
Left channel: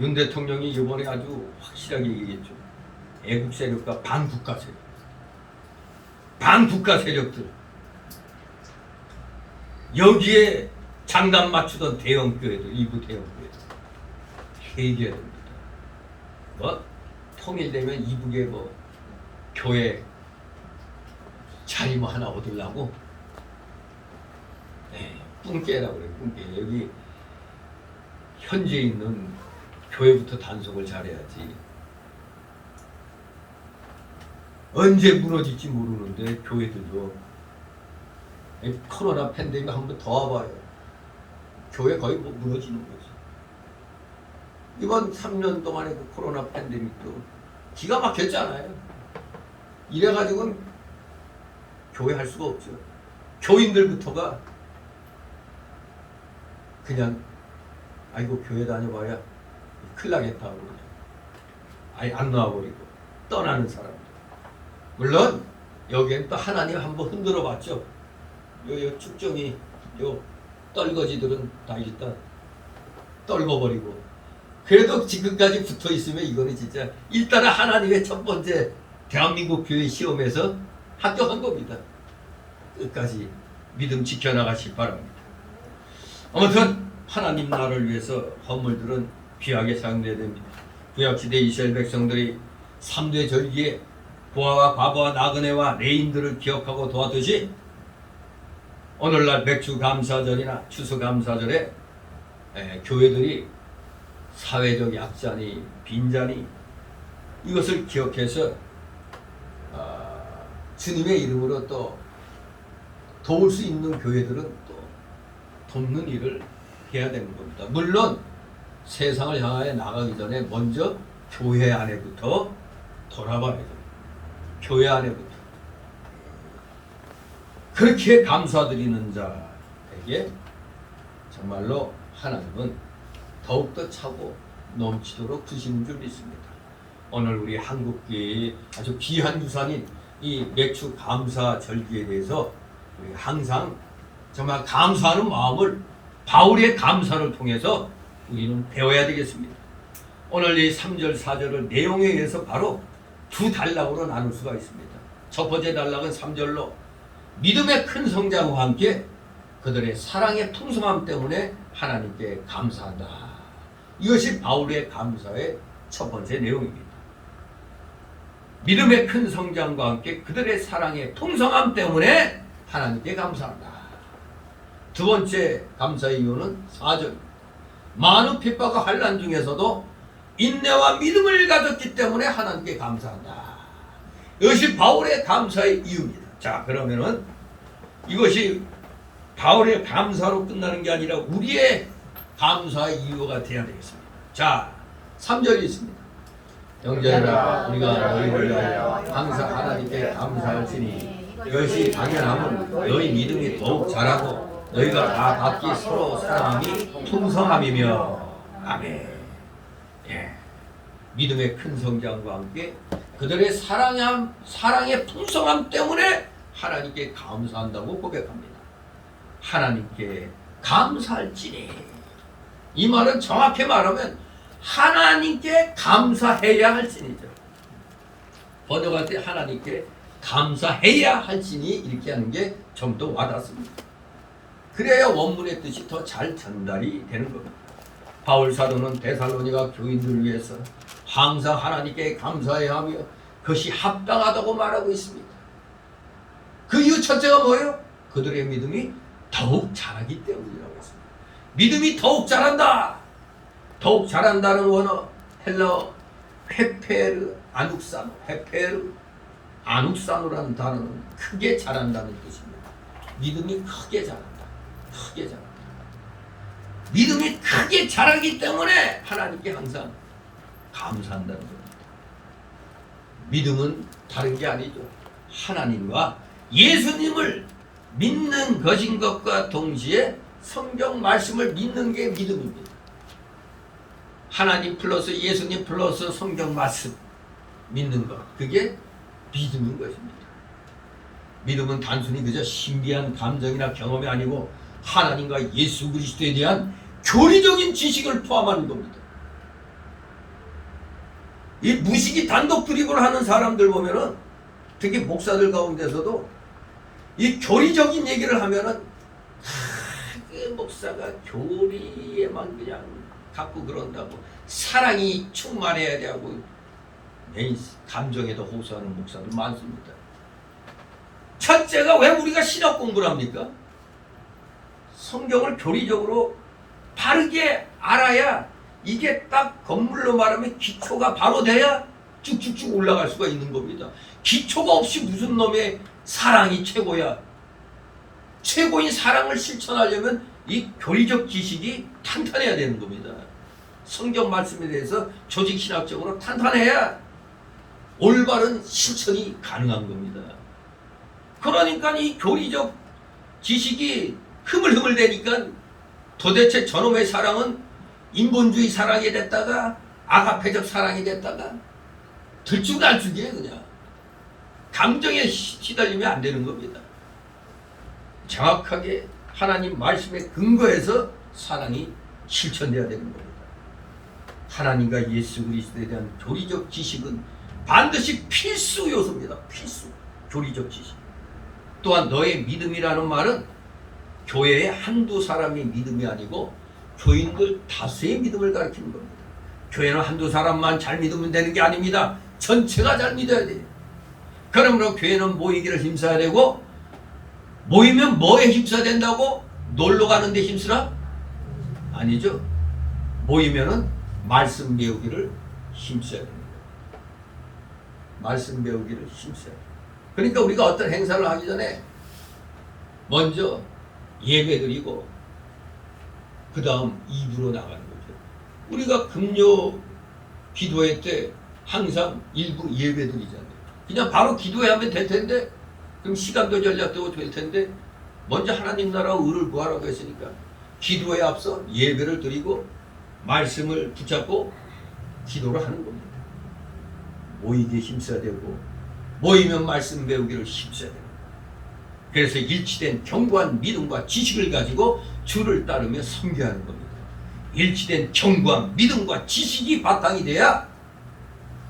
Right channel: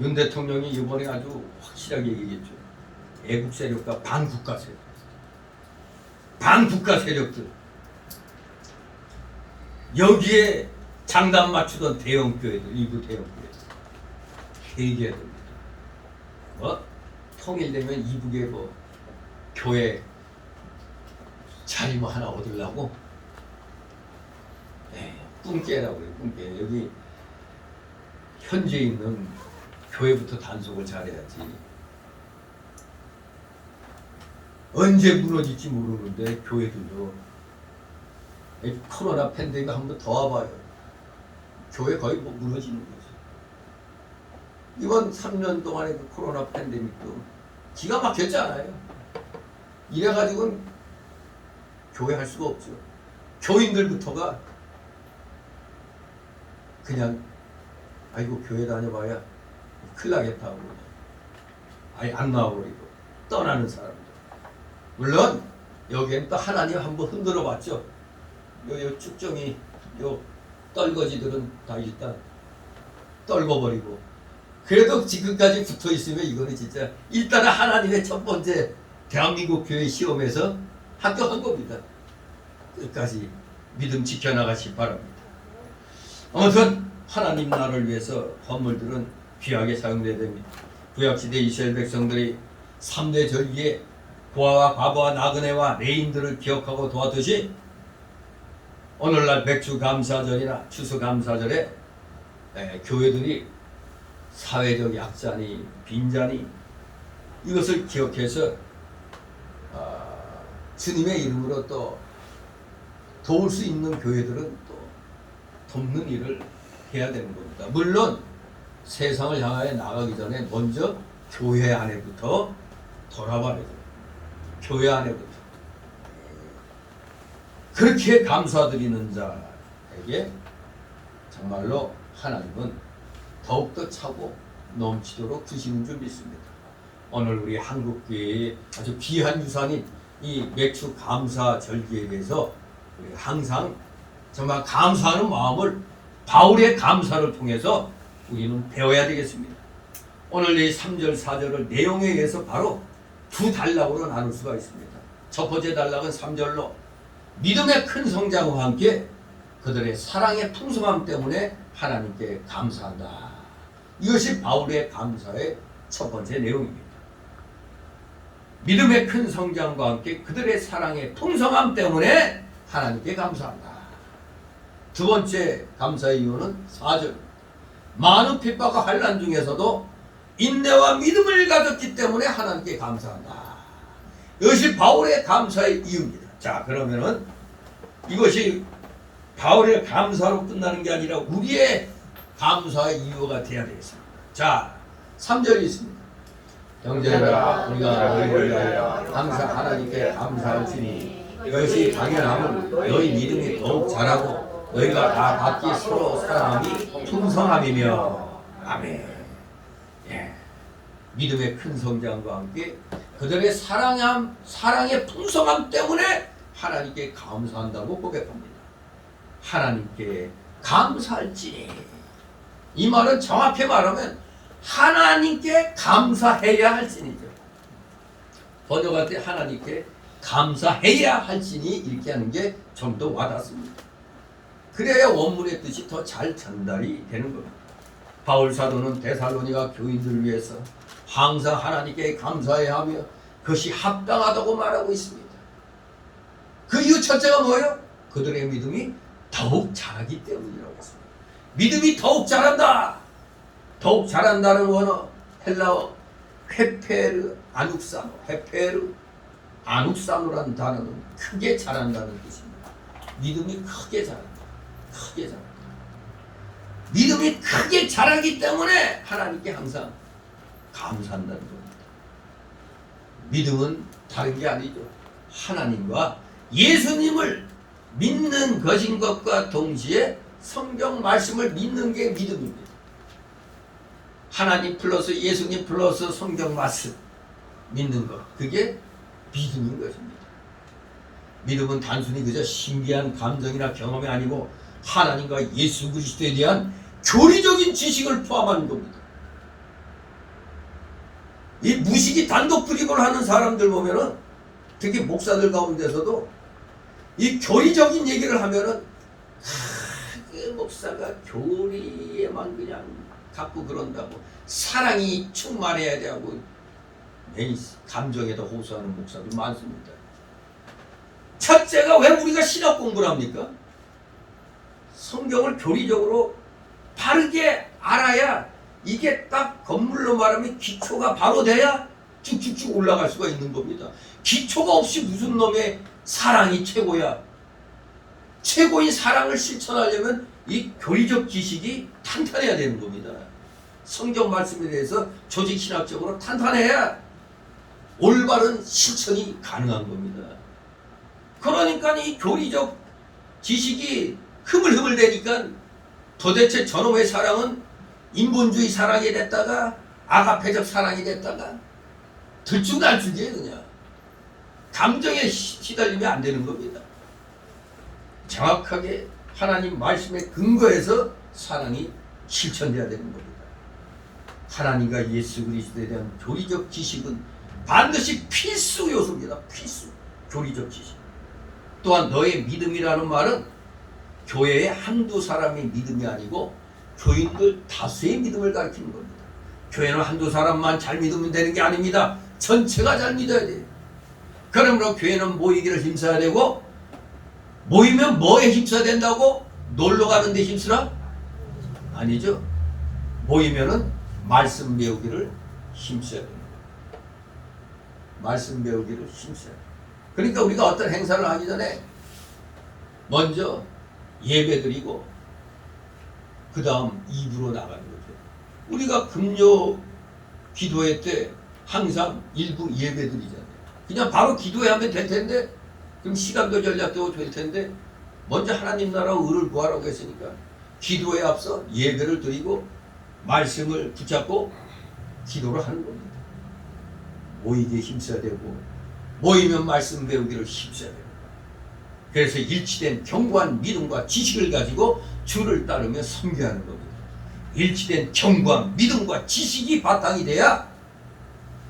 윤 대통령이 이번에 아주 확실하게 얘기했죠. 애국 세력과 반국가 세력, 반국가 세력들 여기에 장단 맞추던 대형 교회들, 일부 대형 교회들 회개해야 됩니다. 통일되면 이북에 교회 자리 하나 얻으려고 뿜깨라고 그래요. 뿜깨. 여기 현재 있는 교회부터 단속을 잘해야지. 언제 무너질지 모르는데 교회들도 코로나 팬데믹 한번 더 와봐요. 교회 거의 무너지는 거지. 이번 3년 동안의 그 코로나 팬데믹도 기가 막혔잖아요. 이래가지고는 교회 할 수가 없죠. 교인들부터가 그냥 아이고 교회 다녀봐야 큰일 나겠다고 그냥 아예 안 나와버리고 떠나는 사람들. 물론 여기엔 또 하나님 한번 흔들어 봤죠. 요 축정이 요 떨거지들은 다 일단 떨궈버리고 그래도 지금까지 붙어 있으면 이거는 진짜 일단은 하나님의 첫 번째 대한민국 교회 시험에서 합격한 겁니다. 끝까지 믿음 지켜나가시 바랍니다. 아무튼 하나님 나라를 위해서 헌물들은 귀하게 사용돼야 됩니다. 구약시대 이스라엘 백성들이 3대 절기에 부하와 과부와 나그네와 레인들을 기억하고 도왔듯이 오늘날 맥주감사절이나 추수감사절에 교회들이 사회적 약자니 빈자니 이것을 기억해서 주님의 이름으로 또 도울 수 있는 교회들은 또 돕는 일을 해야 되는 겁니다. 물론 세상을 향하여 나가기 전에 먼저 교회 안에부터 돌아봐야죠. 교회 안에부터. 그렇게 감사드리는 자에게 정말로 하나님은 더욱더 차고 넘치도록 주시는 줄 믿습니다. 오늘 우리 한국교회의 아주 귀한 유산인 이 맥주 감사 절기에 대해서 우리 항상 정말 감사하는 마음을 바울의 감사를 통해서 우리는 배워야 되겠습니다. 오늘 이 3절 4절을 내용에 의해서 바로 두 단락으로 나눌 수가 있습니다. 첫 번째 단락은 3절로 믿음의 큰 성장과 함께 그들의 사랑의 풍성함 때문에 하나님께 감사한다. 이것이 바울의 감사의 첫 번째 내용입니다. 믿음의 큰 성장과 함께 그들의 사랑의 풍성함 때문에 하나님께 감사한다. 두 번째 감사의 이유는 4절. 많은 핍박과 환난 중에서도 인내와 믿음을 가졌기 때문에 하나님께 감사한다. 이것이 바울의 감사의 이유입니다. 자, 그러면은 이것이 바울의 감사로 끝나는 게 아니라 우리의 감사의 이유가 되어야 되겠습니다. 자, 3절이 있습니다. 형제들아 우리가 너희를 위하여 항상 하나님께 감사할지니 이것이 당연함은 너희 믿음이 더욱 자라고 너희가 다 각기 서로 사랑함이 풍성함이며. 아멘. 예. 믿음의 큰 성장과 함께 그들의 사랑의 풍성함 때문에 하나님께 감사한다고 고백합니다. 하나님께 감사할지니, 이 말은 정확히 말하면 하나님께 감사해야 할지니죠. 번역할 때 하나님께 감사해야 할지니 이렇게 하는 게 좀 더 와닿습니다. 그래야 원문의 뜻이 더 잘 전달이 되는 겁니다. 바울 사도는 데살로니가 교인들을 위해서 항상 하나님께 감사해야 하며 그것이 합당하다고 말하고 있습니다. 그 이유 첫째가 뭐예요? 그들의 믿음이 더욱 자라기 때문이라고 했습니다. 믿음이 더욱 자란다. 더욱 잘한다는 원어 헬라어 헤페르 아눅사노라는 단어는 크게 잘한다는 뜻입니다. 믿음이 크게 자란다. 크게 자란다. 믿음이 크게 자라기 때문에 하나님께 항상 감사한다는 겁니다. 믿음은 다른 게 아니죠. 하나님과 예수님을 믿는 것인 것과 동시에 성경 말씀을 믿는 게 믿음입니다. 하나님 플러스 예수님 플러스 성경 말씀 믿는 것, 그게 믿음인 것입니다. 믿음은 단순히 그저 신비한 감정이나 경험이 아니고 하나님과 예수 그리스도에 대한 교리적인 지식을 포함하는 겁니다. 이 무식이 단독 드립을 하는 사람들 보면은 특히 목사들 가운데서도 이 교리적인 얘기를 하면은 그 목사가 교리에만 그냥 갖고 그런다고 사랑이 충만해야 되고 내 감정에도 호소하는 목사들 많습니다. 첫째가 왜 우리가 신학 공부를 합니까? 성경을 교리적으로 바르게 알아야 이게 딱 건물로 말하면 기초가 바로 돼야 쭉쭉쭉 올라갈 수가 있는 겁니다. 기초가 없이 무슨 놈의 사랑이 최고야. 최고인 사랑을 실천하려면 이 교리적 지식이 탄탄해야 되는 겁니다. 성경 말씀에 대해서 조직신학적으로 탄탄해야 올바른 실천이 가능한 겁니다. 그러니까 이 교리적 지식이 흐물흐물되니까 도대체 저놈의 사랑은 인본주의 사랑이 됐다가 아가페적 사랑이 됐다가 들쭉날쭉이에요. 그냥 감정에 휘달리면 안 되는 겁니다. 정확하게 하나님 말씀에 근거해서 사랑이 실천돼야 되는 겁니다. 하나님과 예수 그리스도에 대한 교리적 지식은 반드시 필수 요소입니다. 필수 교리적 지식. 또한 너의 믿음이라는 말은 교회의 한두 사람의 믿음이 아니고 교인들 다수의 믿음을 가리키는 겁니다. 교회는 한두 사람만 잘 믿으면 되는 게 아닙니다. 전체가 잘 믿어야 돼요. 그러므로 교회는 모이기를 힘써야 되고, 모이면 뭐에 힘써야 된다고? 놀러 가는데 힘쓰라? 아니죠. 모이면은 말씀 배우기를 힘써야 됩니다. 말씀 배우기를 힘써야 돼요. 그러니까 우리가 어떤 행사를 하기 전에 먼저 예배드리고 그 다음 입으로 나가는 거죠. 우리가 금요 기도회 때 항상 일부 예배드리잖아요. 그냥 바로 기도회 하면 될 텐데, 그럼 시간도 전략도 될 텐데, 먼저 하나님 나라 의를 구하라고 했으니까 기도에 앞서 예배를 드리고 말씀을 붙잡고 기도를 하는 겁니다. 모이기에 힘써야 되고, 모이면 말씀 배우기를 힘써야 되고, 그래서 일치된 견고한 믿음과 지식을 가지고 주를 따르며 섬겨하는 겁니다. 일치된 견고한 믿음과 지식이 바탕이 돼야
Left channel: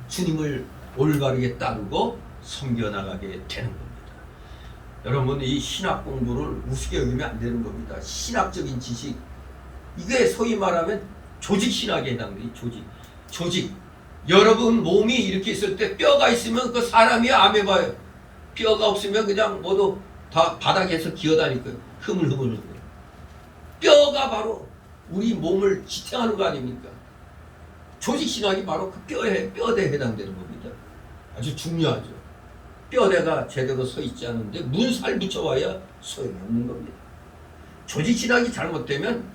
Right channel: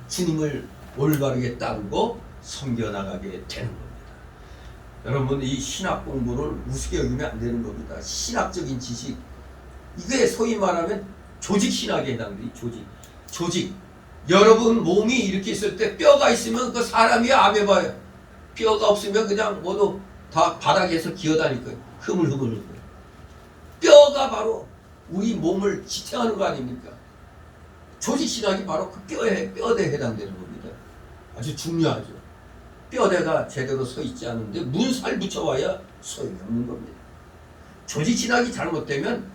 주님을 올바르게 따르고 섬겨나가게 되는 겁니다. 여러분, 이 신학 공부를 우습게 여기면 안 되는 겁니다. 신학적인 지식, 이게 소위 말하면 조직신학에 해당돼요. 조직. 여러분 몸이 이렇게 있을 때 뼈가 있으면 그 사람이 아메바예요. 뼈가 없으면 그냥 모두 다 바닥에서 기어다닐 거예요. 흐물흐물. 뼈가 바로 우리 몸을 지탱하는 거 아닙니까? 조직신학이 바로 그 뼈대에 해당되는 겁니다. 아주 중요하죠. 뼈대가 제대로 서 있지 않은데 문살 붙여봐야 소용이 없는 겁니다. 조직신학이 잘못되면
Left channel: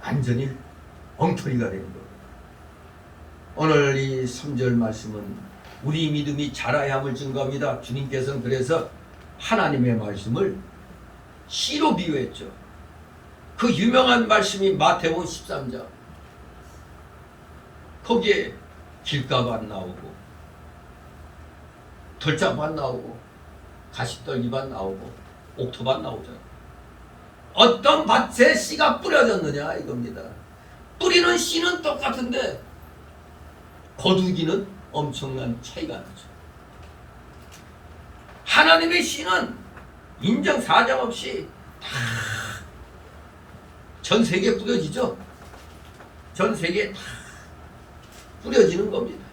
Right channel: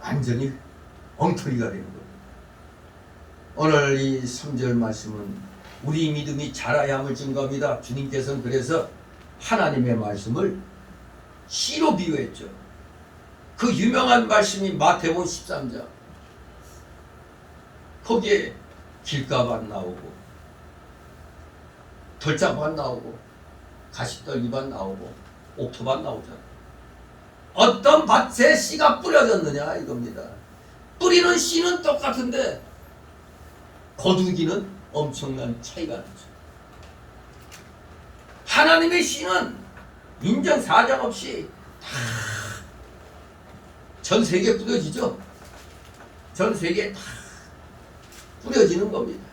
완전히 엉터리가 되는 겁니다. 오늘 이 3절 말씀은 우리 믿음이 자라야 함을 증거합니다. 주님께서는 그래서 하나님의 말씀을 씨로 비유했죠. 그 유명한 말씀이 마태복음 13장. 거기에 길가밭 나오고 덜짜밭 나오고 가시떨기밭 나오고 옥토밭 나오잖아. 어떤 밭에 씨가 뿌려졌느냐 이겁니다. 뿌리는 씨는 똑같은데 거두기는 엄청난 차이가 나죠. 하나님의 씨는 인정 사정 없이 다 전 세계에 뿌려지죠. 전 세계에 다 뿌려지는 겁니다.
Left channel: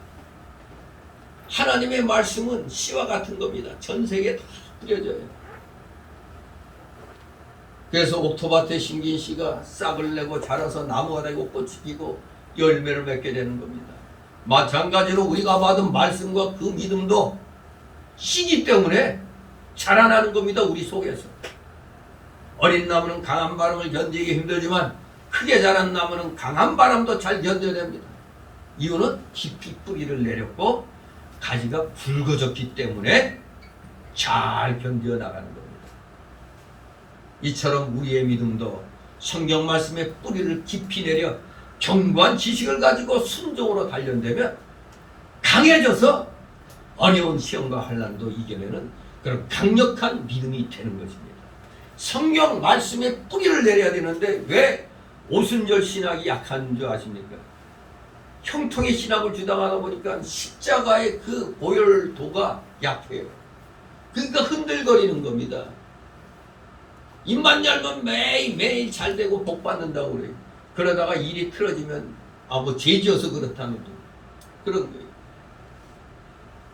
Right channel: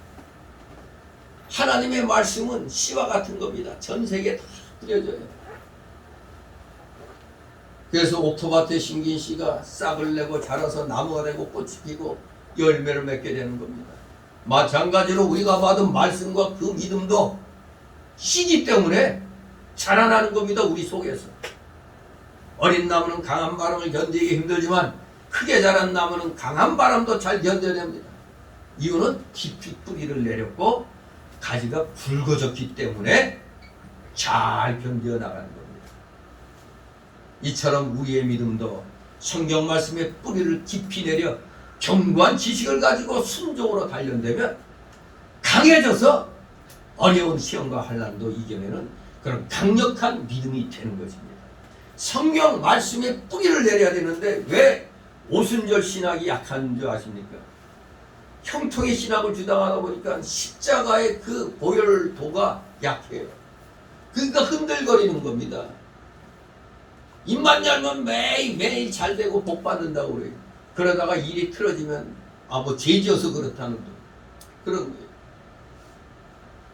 하나님의 말씀은 씨와 같은 겁니다. 전 세계에 다 뿌려져요. 그래서 옥토밭에 심긴 씨가 싹을 내고 자라서 나무가 되고 꽃이 피고 열매를 맺게 되는 겁니다. 마찬가지로 우리가 받은 말씀과 그 믿음도 씨기 때문에 자라나는 겁니다. 우리 속에서. 어린 나무는 강한 바람을 견디기 힘들지만 크게 자란 나무는 강한 바람도 잘 견뎌냅니다. 이유는 깊이 뿌리를 내렸고 가지가 굵어졌기 때문에 잘 견뎌 나가는 겁니다. 이처럼 우리의 믿음도 성경 말씀에 뿌리를 깊이 내려 견고한 지식을 가지고 순종으로 단련되면 강해져서 어려운 시험과 환난도 이겨내는 그런 강력한 믿음이 되는 것입니다. 성경 말씀에 뿌리를 내려야 되는데 왜 오순절 신학이 약한 줄 아십니까? 형통의 신학을 주장하다 보니까 십자가의 그 고열도가 약해요. 그러니까 흔들거리는 겁니다. 입만 열면 매일 잘 되고 복 받는다고 그래요. 그러다가 일이 틀어지면 뭐 죄지어서 그렇다는 그런 거예요.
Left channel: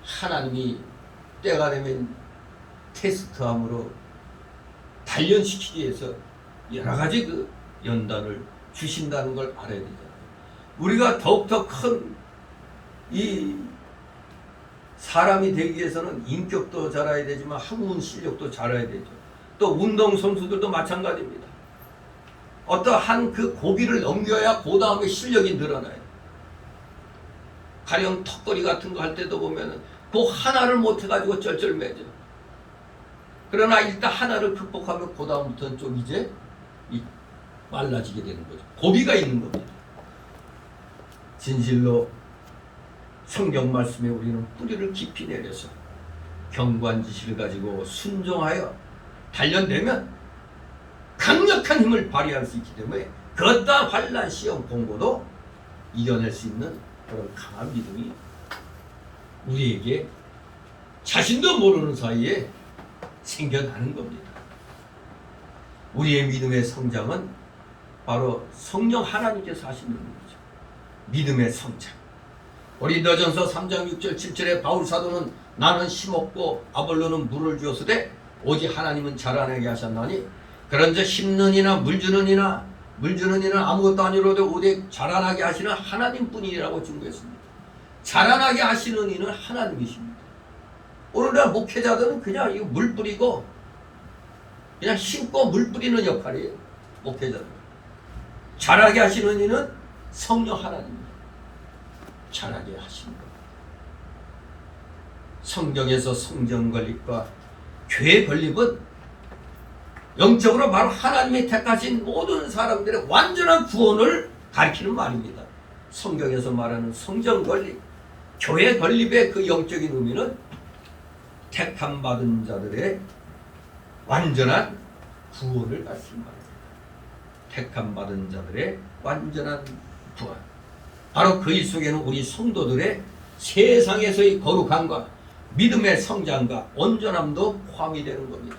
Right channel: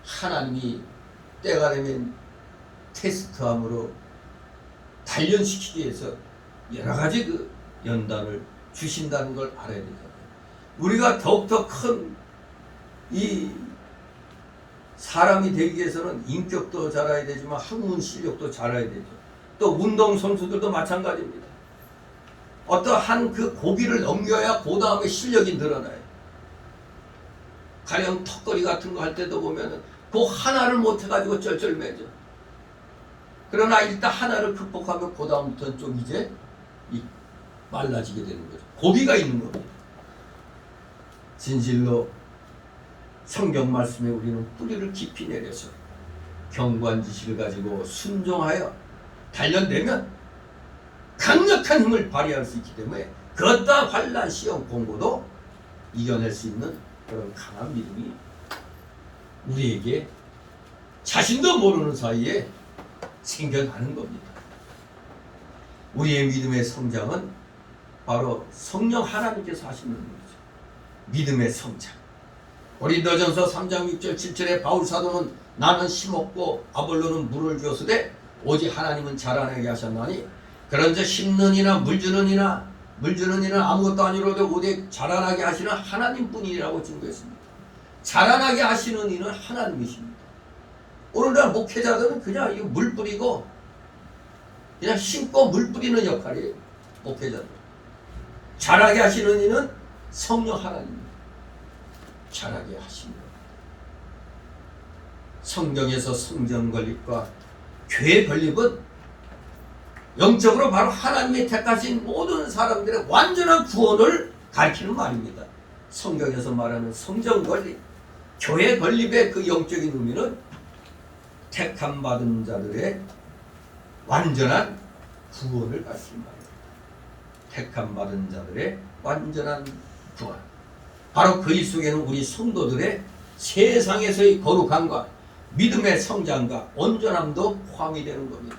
하나님이 때가 되면 테스트함으로 단련시키기 위해서 여러 가지 그 연단을 주신다는 걸 알아야 되잖아요. 우리가 더욱더 큰 이 사람이 되기 위해서는 인격도 자라야 되지만 학문 실력도 자라야 되죠. 또 운동선수들도 마찬가지입니다. 어떠한 그 고비를 넘겨야 그 다음에 실력이 늘어나요. 가령 턱걸이 같은 거 할 때도 보면은 그 하나를 못해가지고 쩔쩔매죠. 그러나 일단 하나를 극복하면 그 다음부터는 좀 이제 말라지게 되는 거죠. 고비가 있는 겁니다. 진실로 성경 말씀에 우리는 뿌리를 깊이 내려서 견고한 지식을 가지고 순종하여 단련되면 강력한 힘을 발휘할 수 있기 때문에 그 어떠한 환난, 시험, 공고도 이겨낼 수 있는 그런 강한 믿음이 우리에게 자신도 모르는 사이에 생겨나는 겁니다. 우리의 믿음의 성장은 바로 성령 하나님께서 하시는 거죠. 믿음의 성장. 고린도전서 3장 6절 7절에 바울 사도는 나는 심었고 아볼로는 물을 주었으되 오직 하나님은 자라나게 하셨나니 그런즉 심는 이나 물 주는 이는 아무것도 아니로되 오직 자라나게 하시는 하나님뿐이라고 증거했습니다. 자라나게 하시는 이는 하나님이십니다. 오늘날 목회자들은 그냥 이거 물 뿌리고 그냥 심고 물 뿌리는 역할이에요. 목회자들. 자라게 하시는 이는 성령 하나님입니다. 자라게 하시는 겁니다. 성경에서 성전 건립과 교회 건립은 영적으로 바로 하나님이 택하신 모든 사람들의 완전한 구원을 가리키는 말입니다. 성경에서 말하는 성전 건립, 교회 건립의 그 영적인 의미는 택함 받은 자들의 완전한 구원을 가리키는 말입니다. 택함 받은 자들의 완전한 구원. 바로 그 일 속에는 우리 성도들의 세상에서의 거룩함과 믿음의 성장과 온전함도 포함이 되는 겁니다.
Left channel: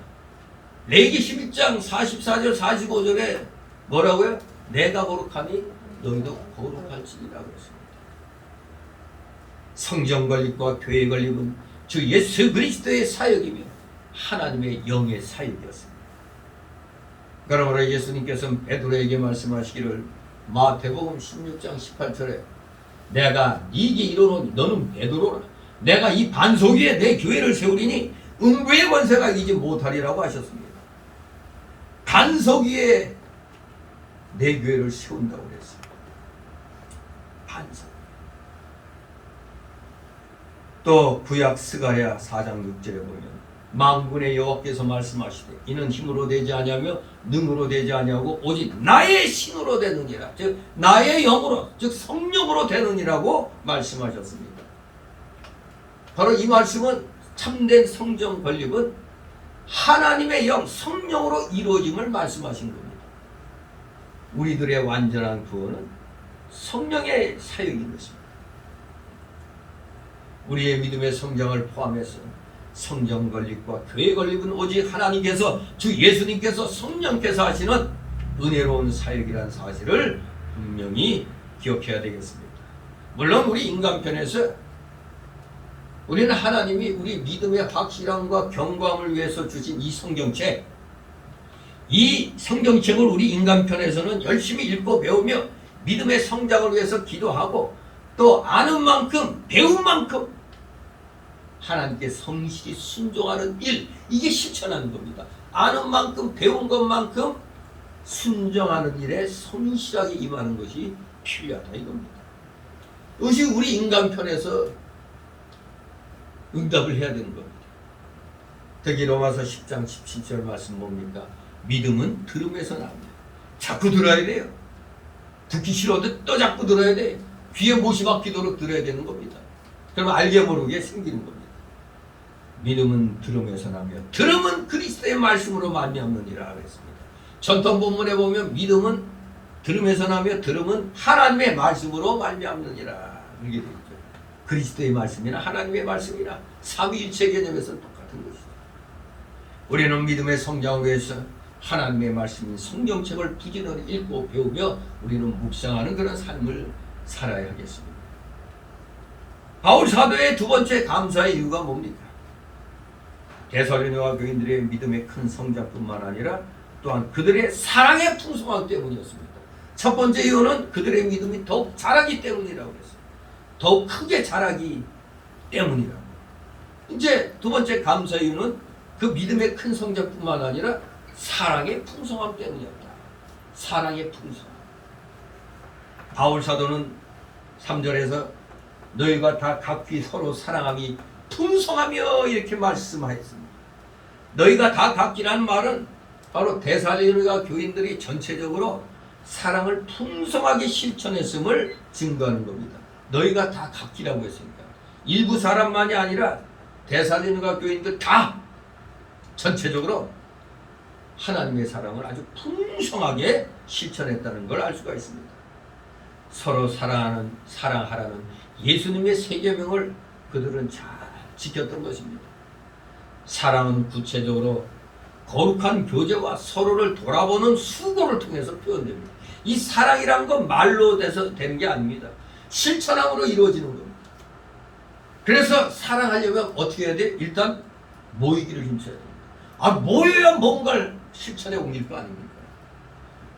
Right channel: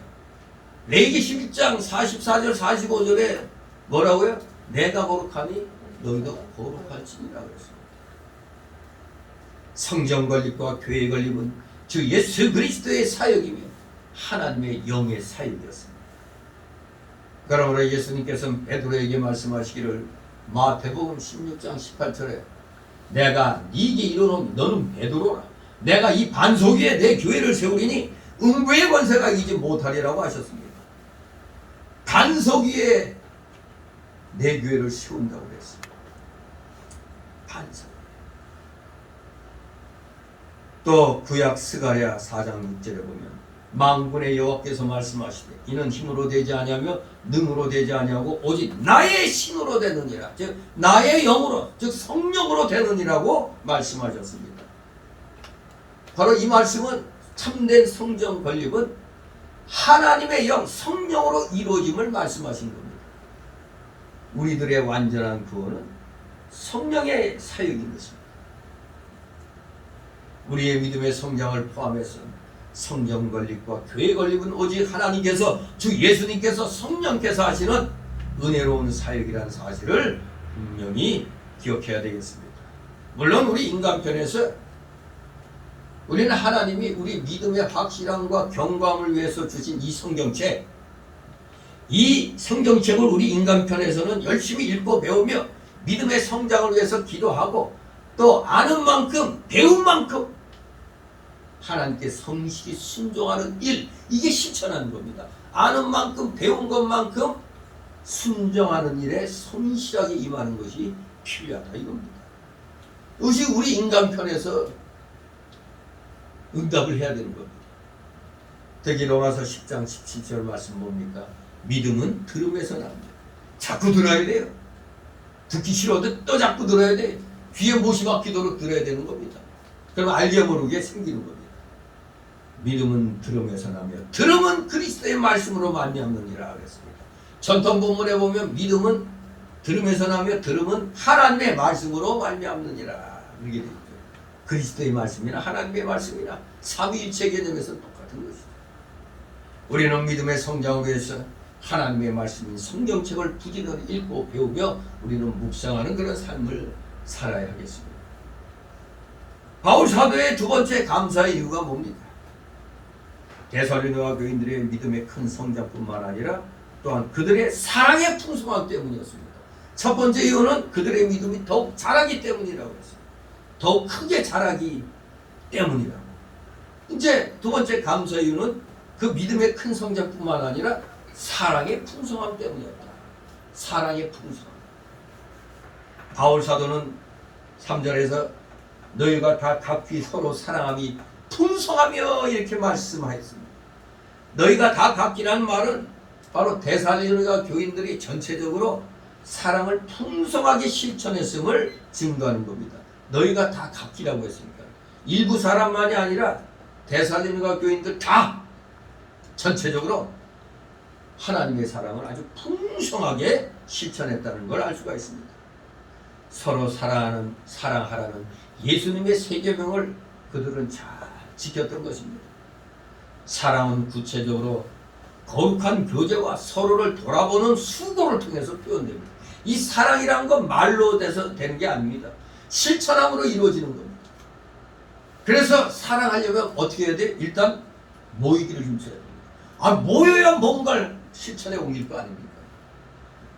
레위기 11장 44절 45절에 뭐라고요? 내가 거룩하니 너희도 거룩할지니라 그랬습니다. 성전 건립과 교회 건립은 주 예수 그리스도의 사역이며 하나님의 영의 사역이었습니다. 그러므로 예수님께서는 베드로에게 말씀하시기를 마태복음 16장 18절에 내가 네게 이르노니 너는 베드로라 내가 이 반석 위에 내 교회를 세우리니 음부의 권세가 이기지 못하리라고 하셨습니다. 반석 위에 내 교회를 세운다고 그랬습니다. 반석. 또 구약 스가랴 4장 6절에 보면 만군의 여호와께서 말씀하시되 이는 힘으로 되지 아니하며 능으로 되지 아니하고 오직 나의 신으로 되느니라. 즉 나의 영으로 즉 성령으로 되느니라고 말씀하셨습니다. 바로 이 말씀은 참된 성전 건립은 하나님의 영 성령으로 이루어짐을 말씀하신 겁니다. 우리들의 완전한 구원은 성령의 사역인 것입니다. 우리의 믿음의 성장을 포함해서 성전 건립과 교회 건립은 오직 하나님께서 주 예수님께서 성령께서 하시는 은혜로운 사역이라는 사실을 분명히 기억해야 되겠습니다. 물론 우리 인간편에서 우리는 하나님이 우리 믿음의 확실함과 경광을 위해서 주신 이 성경책 이 성경책을 우리 인간편에서는 열심히 읽고 배우며 믿음의 성장을 위해서 기도하고 또 아는 만큼 배운 만큼 하나님께 성실히 순종하는 일, 이게 실천하는 겁니다. 아는 만큼 배운 것만큼 순종하는 일에 성실하게 임하는 것이 필요하다 이겁니다. 이것이 우리 인간편에서 응답을 해야 되는 겁니다. 특히 로마서 10장 17절 말씀 뭡니까? 믿음은 들음에서 납니다. 자꾸 들어야 돼요. 듣기 싫어도 또 자꾸 들어야 돼요. 귀에 못이 박히도록 들어야 되는 겁니다. 그러면 알게 모르게 생기는 겁니다. 믿음은 들음에서 나며 들음은 그리스도의 말씀으로 말미암느니라 그랬습니다. 전통 본문에 보면 믿음은 들음에서 나며 들음은 하나님의 말씀으로 말미암느니라 이렇게 되어 있죠. 그리스도의 말씀이나 하나님의 말씀이나 삼위일체 개념에서 똑같은 것이죠. 우리는 믿음의 성장을 위해서 하나님의 말씀인 성경책을 부지런히 읽고 배우며 우리는 묵상하는 그런 삶을 살아야 하겠습니다. 바울 사도의 두 번째 감사의 이유가 뭡니까? 데살로니가 교인들의 믿음의 큰 성장뿐만 아니라 또한 그들의 사랑의 풍성함 때문이었습니다. 첫 번째 이유는 그들의 믿음이 더욱 자라기 때문이라고 했어요. 더욱 크게 자라기 때문이라고. 이제 두 번째 감사 이유는 그 믿음의 큰 성장뿐만 아니라 사랑의 풍성함 때문이었다. 사랑의 풍성함. 바울 사도는 3절에서 너희가 다 각기 서로 사랑함이 풍성하며 이렇게 말씀하였습니다. 너희가 다 각기라는 말은 바로 데살로니가 교인들이 전체적으로 사랑을 풍성하게 실천했음을 증거하는 겁니다. 너희가 다 각기라고 했으니까 일부 사람만이 아니라 데살로니가 교인들 다 전체적으로 하나님의 사랑을 아주 풍성하게 실천했다는 걸 알 수가 있습니다. 서로 사랑하라는 예수님의 세 계명을 그들은 잘 지켰던 것입니다. 사랑은 구체적으로 거룩한 교제와 서로를 돌아보는 수고를 통해서 표현됩니다. 이 사랑이라는 건 말로 돼서 되는 게 아닙니다. 실천함으로 이루어지는 겁니다. 그래서 사랑하려면 어떻게 해야 돼? 일단 모이기를 힘써야 됩니다. 모여야 뭔가를 실천에 옮길 거 아닙니까?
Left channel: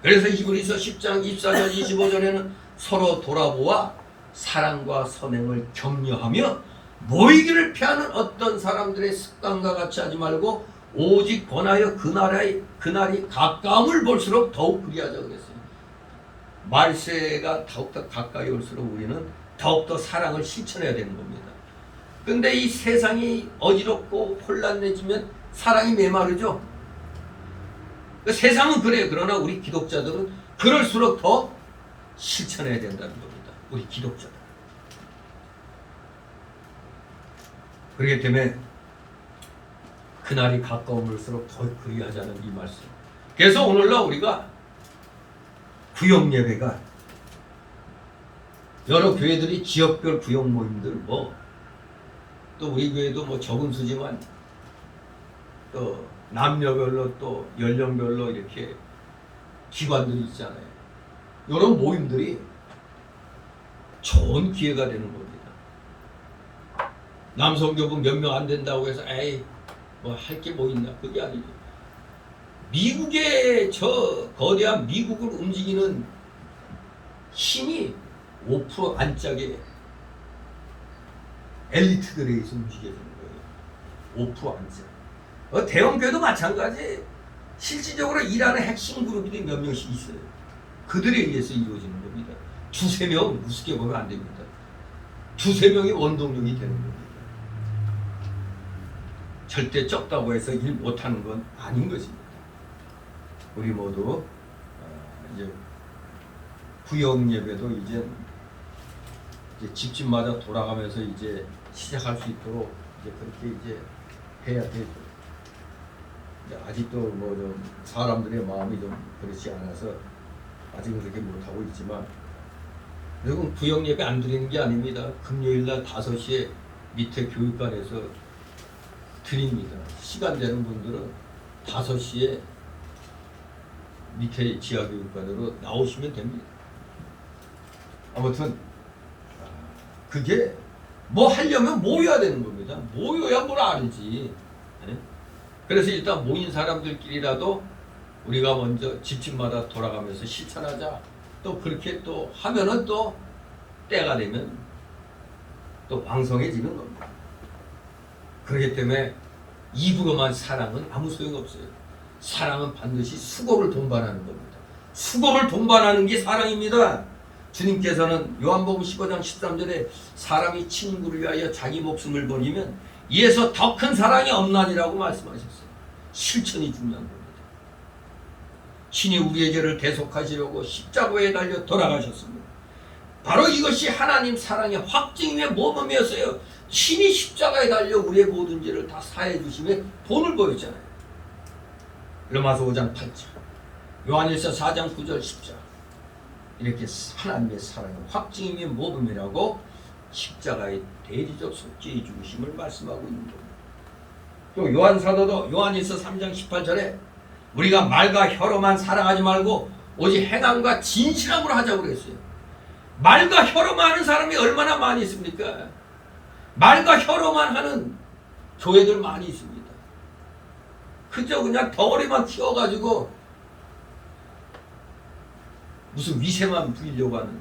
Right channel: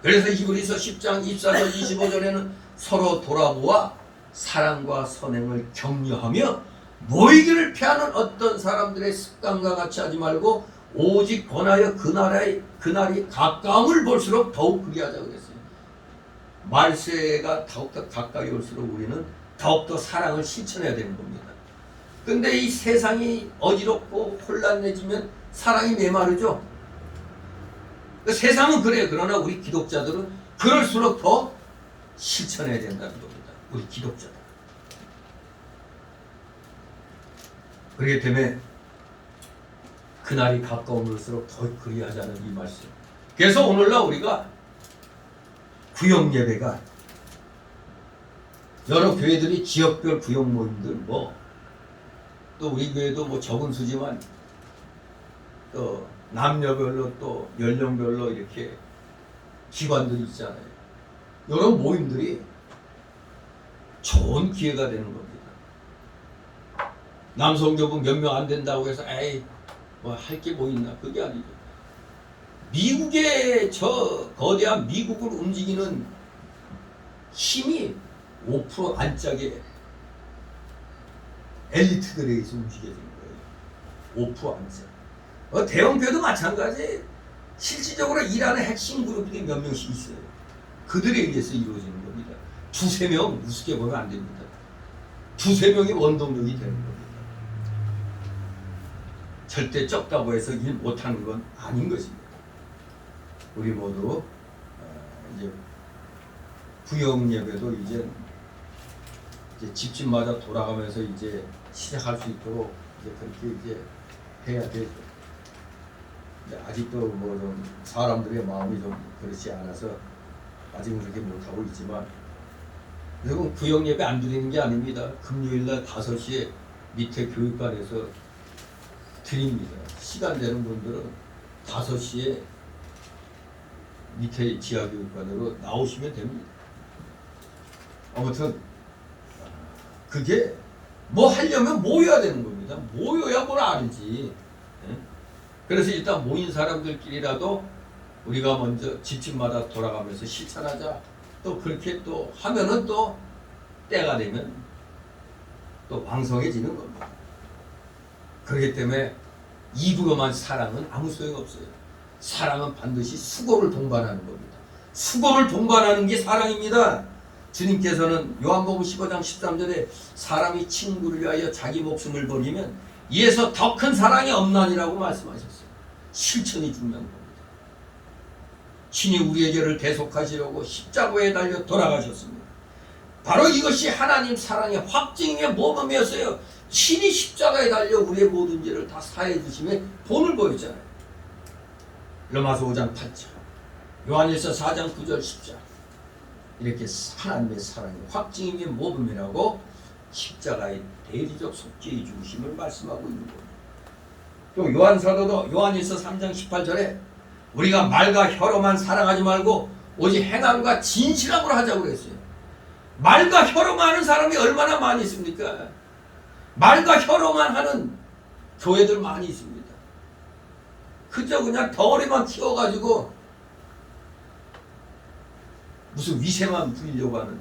그래서 히브리서 10장 24절 25절에는 서로 돌아보아 사랑과 선행을 격려하며 모이기를 피하는 어떤 사람들의 습관과 같이 하지 말고 오직 권하여 그날이 가까움을 볼수록 더욱 그리하자 그랬어요. 말세가 더욱더 가까이 올수록 우리는 더욱더 사랑을 실천해야 되는 겁니다. 근데 이 세상이 어지럽고 혼란해지면 사랑이 메마르죠. 세상은 그래요. 그러나 우리 기독자들은 그럴수록 더 실천해야 된다는 겁니다. 우리 기독자들. 그렇기 때문에 그날이 가까움일수록 더 그리하자는 이 말씀. 그래서 오늘날 우리가 구역 예배가 여러 교회들이 지역별 구역 모임들 또 우리 교회도 적은 수지만 또 남녀별로 또 연령별로 이렇게 기관들이 있잖아요. 이런 모임들이 좋은 기회가 되는 겁니다. 남성교부 몇 명 안 된다고 해서 할 게 뭐 있나, 그게 아니죠. 미국의 저 거대한 미국을 움직이는 힘이 5% 안짝에 엘리트들에 의해서 움직여지는 거예요. 5% 안짝. 대형교회도 마찬가지. 실질적으로 일하는 핵심 그룹이 몇 명씩 있어요. 그들에 의해서 이루어지는 겁니다. 두세 명 우습게 보면 안 됩니다. 두세 명이 원동력이 되는 겁니다. 절대 적다고 해서 일 못하는 건 아닌 것입니다. 우리 모두 이제 구역 예배도 이제 집집마다 돌아가면서 이제 시작할 수 있도록 이제 그렇게 이제 해야 되죠. 아직도 좀 사람들의 마음이 좀 그렇지 않아서 아직은 그렇게 못하고 있지만, 그리고 구역 예배 안 드리는 게 아닙니다. 금요일날 5시에 밑에 교육관에서 드립니다. 시간 되는 분들은 5시에 밑에 지하교육관으로 나오시면 됩니다. 아무튼 그게 뭐 하려면 모여야 되는 겁니다. 모여야 뭘 알지. 그래서 일단 모인 사람들끼리라도 우리가 먼저 집집마다 돌아가면서 실천하자. 또 그렇게 또 하면은 또 때가 되면 또 왕성해지는 겁니다. 그렇기 때문에 입으로만 사랑은 아무 소용없어요. 사랑은 반드시 수고를 동반하는 겁니다. 수고를 동반하는 게 사랑입니다. 주님께서는 요한복음 15장 13절에 사람이 친구를 위하여 자기 목숨을 버리면 이에서 더 큰 사랑이 없나니라고 말씀하셨어요. 실천이 중요한 겁니다. 신이 우리의 죄를 대속하시려고 십자가에 달려 돌아가셨습니다. 바로 이것이 하나님 사랑의 확증의 모범이었어요. 신이 십자가에 달려 우리의 모든 죄를 다 사해 주심에 본을 보였잖아요. 로마서 5장 8절, 요한일서 4장 9절 10절, 이렇게 하나님의 사랑의 확증의 모범이라고 십자가의 대리적 속죄의 중심을 말씀하고 있는 겁니다. 또 요한사도도 요한일서 3장 18절에 우리가 말과 혀로만 사랑하지 말고 오직 행함과 진실함으로 하자고 그랬어요. 말과 혀로만 하는 사람이 얼마나 많이 있습니까? 말과 혀로만 하는 교회들 많이 있습니다. 그저 그냥 덩어리만 키워가지고 무슨 위세만 부리려고 하는.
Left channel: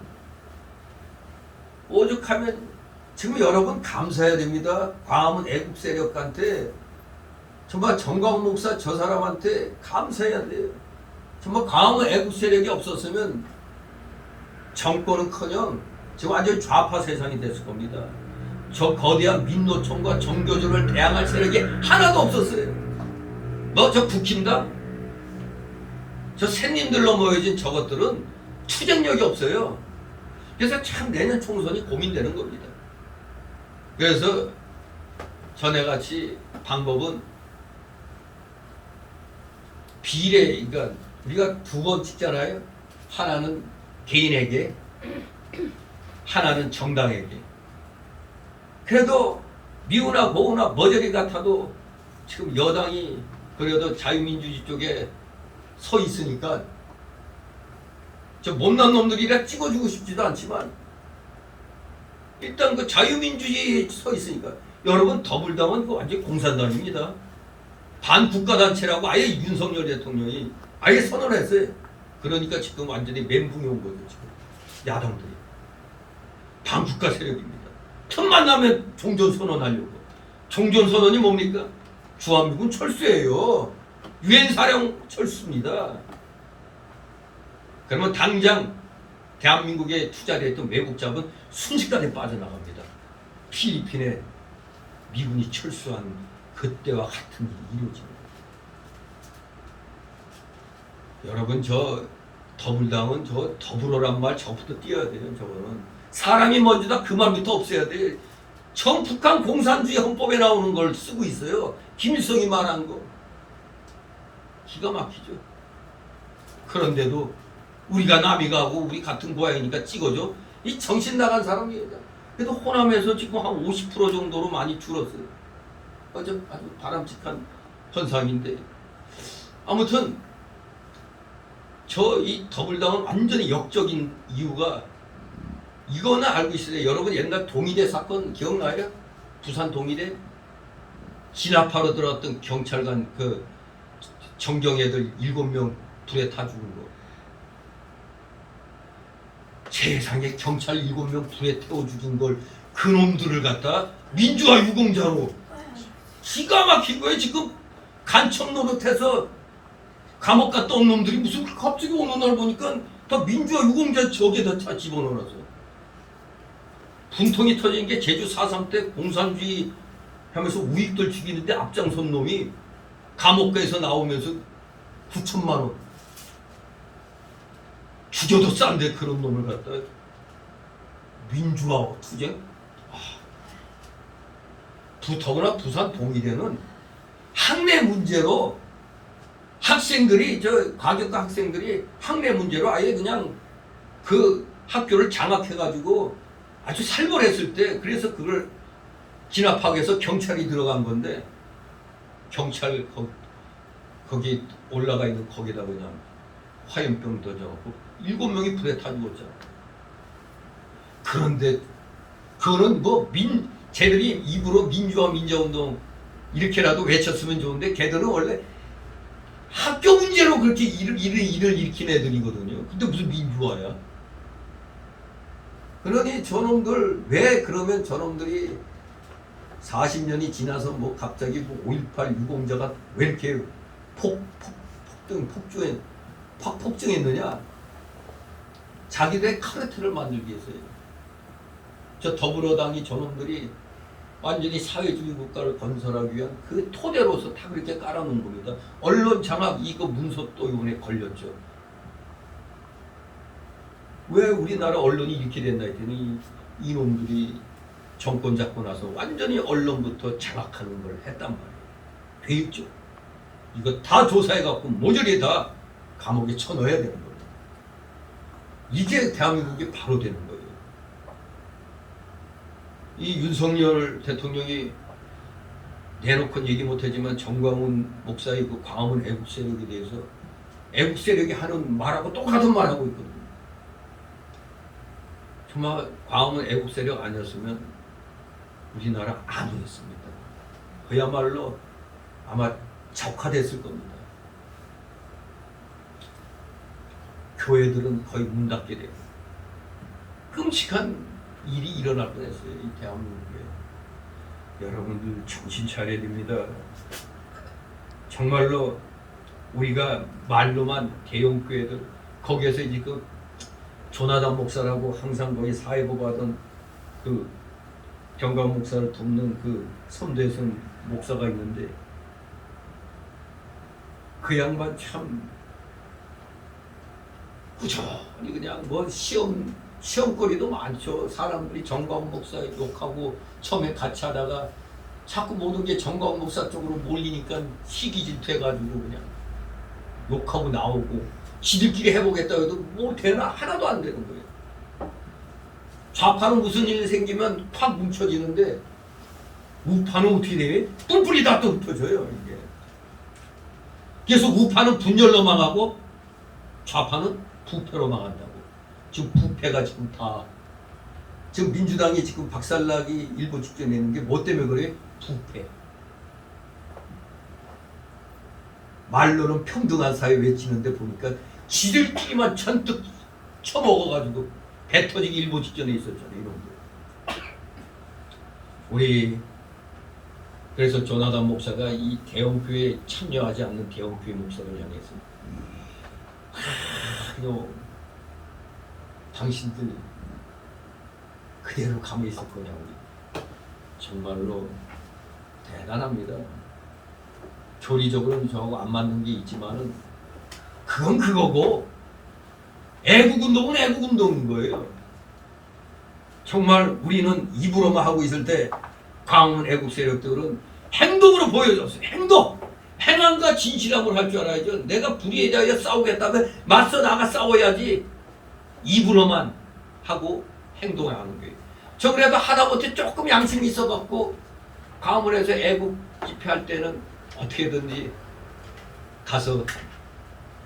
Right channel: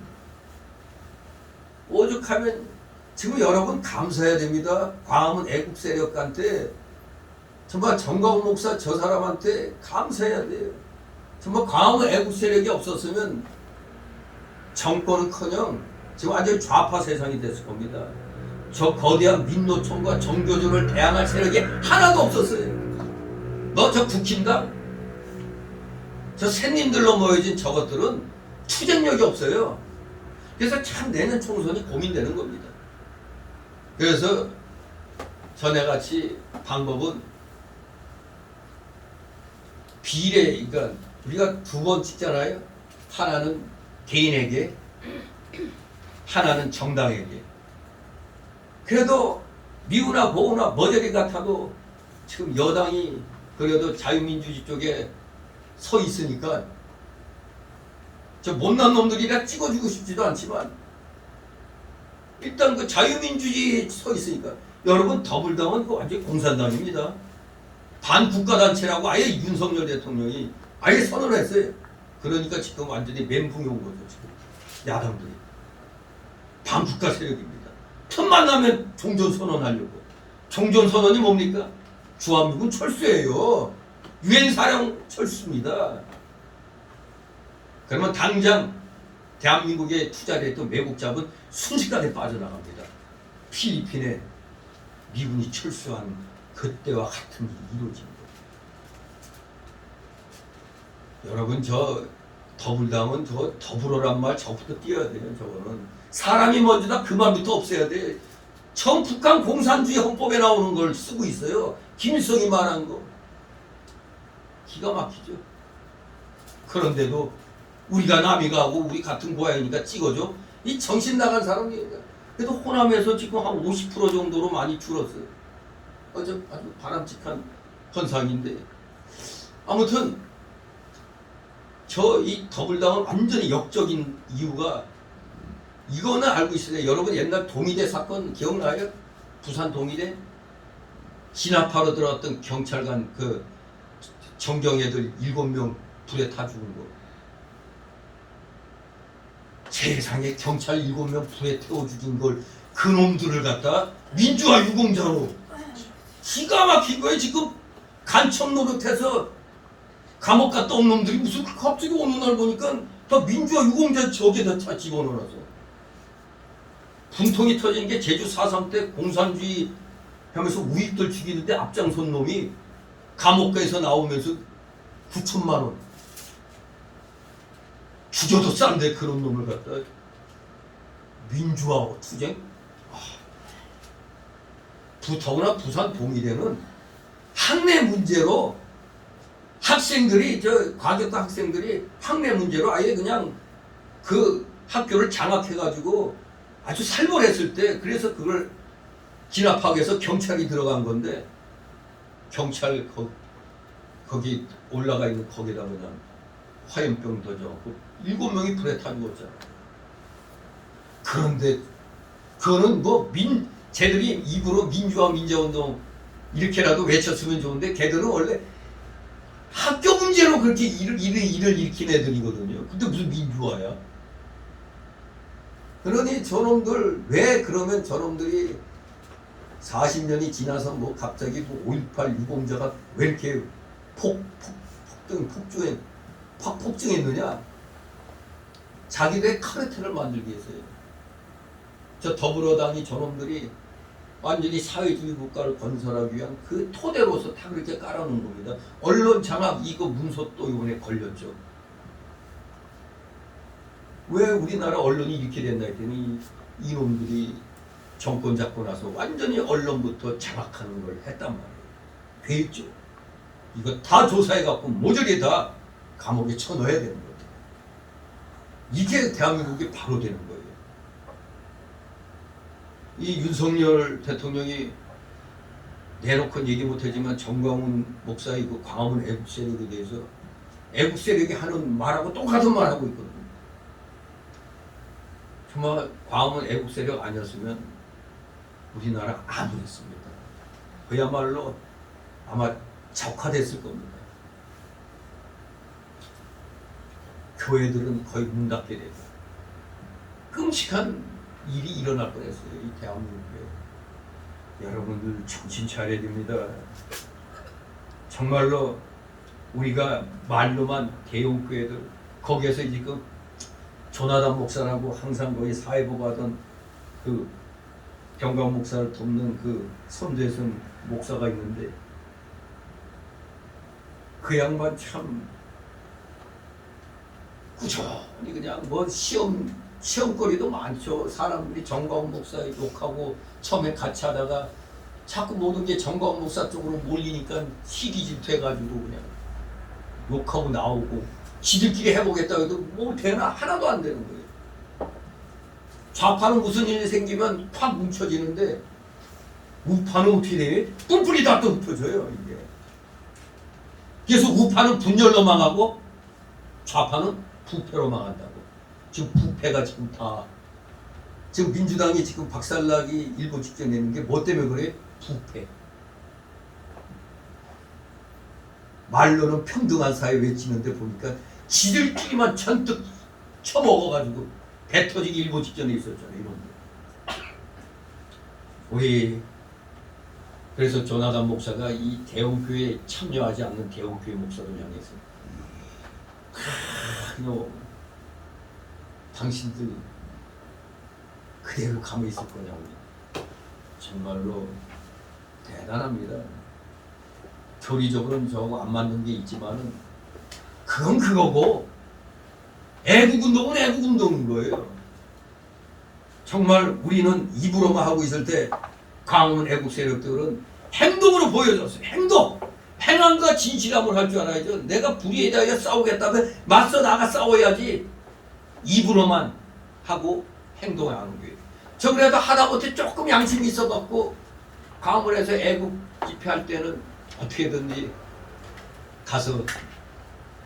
오죽하면 지금 여러분 감사해야 됩니다. 광화문 애국 세력한테 정말 정광 목사 저 사람한테 감사해야 돼요. 정말 광화문 애국 세력이 없었으면 정권은커녕 지금 완전히 좌파 세상이 됐을 겁니다. 저 거대한 민노총과 정교조를 대항할 세력이 하나도 없었어요. 뭐 저 국힘당? 저 샌님들로 모여진 저것들은 투쟁력이 없어요. 그래서 참 내년 총선이 고민되는 겁니다. 그래서 전에같이 방법은 비례, 그러니까 우리가 두 번 찍잖아요. 하나는 개인에게, 하나는 정당에게. 그래도 미우나 고우나 머저리 같아도 지금 여당이 그래도 자유민주주의 쪽에 서 있으니까 저 못난 놈들이라 찍어주고 싶지도 않지만 일단 그 자유민주주의에 서 있으니까. 여러분 더불당은 그거 완전히 공산당입니다. 반국가단체라고 아예 윤석열 대통령이 아예 선언했어요. 그러니까 지금 완전히 멘붕이 온 거죠. 지금 야당들이 반국가 세력입니다. 틈만 나면 종전선언하려고. 종전선언이 뭡니까? 주한미군 철수예요. 유엔 사령 철수입니다. 그러면 당장 대한민국에 투자를 했던 외국 자본 순식간에 빠져나갑니다. 필리핀에 미군이 철수한 그때와 같은 일이 이루어집니다. 여러분 저 더불당은 저 더불어란 말 저부터 띄어야 돼요. 저거는 사람이 먼저다 그 말부터 없애야 돼. 전 북한 공산주의 헌법에 나오는 걸 쓰고 있어요. 김일성이 말한 거 기가 막히죠. 그런데도 우리가 남이가고 우리 같은 고향이니까 찍어줘. 이 정신 나간 사람이에요. 그래도 호남에서 지금 한 50% 정도로 많이 줄었어요. 아주 바람직한 현상인데, 아무튼 저 이 더불당은 완전히 역적인 이유가 이거는 알고 있어요. 여러분 옛날 동의대 사건 기억나요? 부산 동의대 진압하러 들어왔던 경찰관 그 정경애들 7명 불에 타 죽은 거. 세상에 경찰 7명 불에 태워 죽인 걸 그놈들을 갖다 민주화 유공자로 기가 막힌 거예요. 지금 간첩 노릇해서 감옥 갔다 온 놈들이 무슨 갑자기 어느 날 보니까 다 민주화 유공자 저기에다 다 집어넣어서 분통이 터진 게 제주 4.3 때 공산주의 하면서 우익들 죽이는데 앞장선 놈이 감옥가에서 나오면서 9천만 원 죽여도 싼데 그런 놈을 갖다 민주화 투쟁? 더구나 부산 동의대는 학내 문제로 학생들이 저 과격한 학생들이 학내 문제로 아예 그냥 그 학교를 장악해가지고 아주 살벌했을 때 그래서 그걸 진압하기 위해서 경찰이 들어간 건데 경찰 거기 올라가 있는 거기다 그냥 화염병 던져갖고 7명이 불에 타 죽었잖아. 그런데 그거는 뭐 쟤들이 입으로 민주화 민주화운동 이렇게라도 외쳤으면 좋은데 걔들은 원래 학교 문제 강제로 그렇게 일을 일으킨 애들이거든요. 근데 무슨 민주화야? 그러니 저놈들 왜 그러면 저놈들이 40년이 지나서 뭐 갑자기 뭐 5.18 유공자가 왜 이렇게 폭증했느냐? 자기들의 카르텔을 만들기 위해서요. 저 더불어당이 저놈들이 완전히 사회주의 국가를 건설하기 위한 그 토대로서 다 그렇게 깔아놓은 겁니다. 언론 장악 이거 문서 또 이번에 걸렸죠. 왜 우리나라 언론이 이렇게 됐나 했더니 이놈들이 정권 잡고 나서 완전히 언론부터 장악하는 걸 했단 말이에요. 돼 있죠. 이거 다 조사해갖고 모조리 다 감옥에 쳐넣어야 되는 겁니다. 이게 대한민국이 바로 되는 거예요. 이 윤석열 대통령이 내놓고는 얘기 못하지만 정광훈 목사의 그 광화문 애국 세력에 대해서 애국 세력이 하는 말하고 똑같은 말하고 있거든요. 정말 광화문 애국 세력 아니었으면 우리나라 안 됐습니다. 그야말로 아마 적화됐을 겁니다. 교회들은 거의 문 닫게 되고 끔찍한 일이 일어날 뻔했어요. 이 대한민국에. 여러분들 정신 차려야 됩니다. 정말로 우리가 말로만 대형교회들 거기에서 이제 그 조나단 목사라고 항상 거기 사회보고하던 그 경강 목사를 돕는 그 선대선 목사가 있는데 그 양반 참 꾸준히 그냥 뭐 시험거리도 많죠. 사람들이 정광훈 목사 욕하고 처음에 같이 하다가 자꾸 모든 게 정광훈 목사 쪽으로 몰리니까 시기질투해가지고 그냥 욕하고 나오고 지들끼리 해보겠다고 해도 뭐 되나 하나도 안 되는 거예요. 좌파는 무슨 일이 생기면 팍 뭉쳐지는데 우파는 어떻게 돼? 뿔뿔이 다 또 흩어져요 이게. 그래서 우파는 분열로 망하고 좌파는 부패로 망한다고. 지금 부패가 지금 다 지금 민주당이 지금 박살나기 일보 직전에 있는 게 뭐 때문에 그래? 부패. 말로는 평등한 사회 외치는데 보니까 지들끼리만 천뜩 쳐먹어가지고 배 터지기 일보 직전에 있었잖아요. 이런 거. 우리 그래서 조나단 목사가 이 대형교회에 참여하지 않는 대형교회 목사를 향해서 당신들 그대로 가만히 있을 거냐고. 정말로 대단합니다. 교리적으로는 저하고 안 맞는 게 있지만은 그건 그거고 애국운동은 애국운동인 거예요. 정말 우리는 입으로만 하고 있을 때 광화문 애국 세력들은 행동으로 보여줬어요. 행동! 행함과 진실함을 할 줄 알아야죠. 내가 불의에 대하여 싸우겠다면 맞서 나가 싸워야지 입으로만 하고 행동을 하는 거예요. 저 그래도 하다못해 조금 양심이 있어갖고 광화문에서 애국 집회할 때는 어떻게든지 가서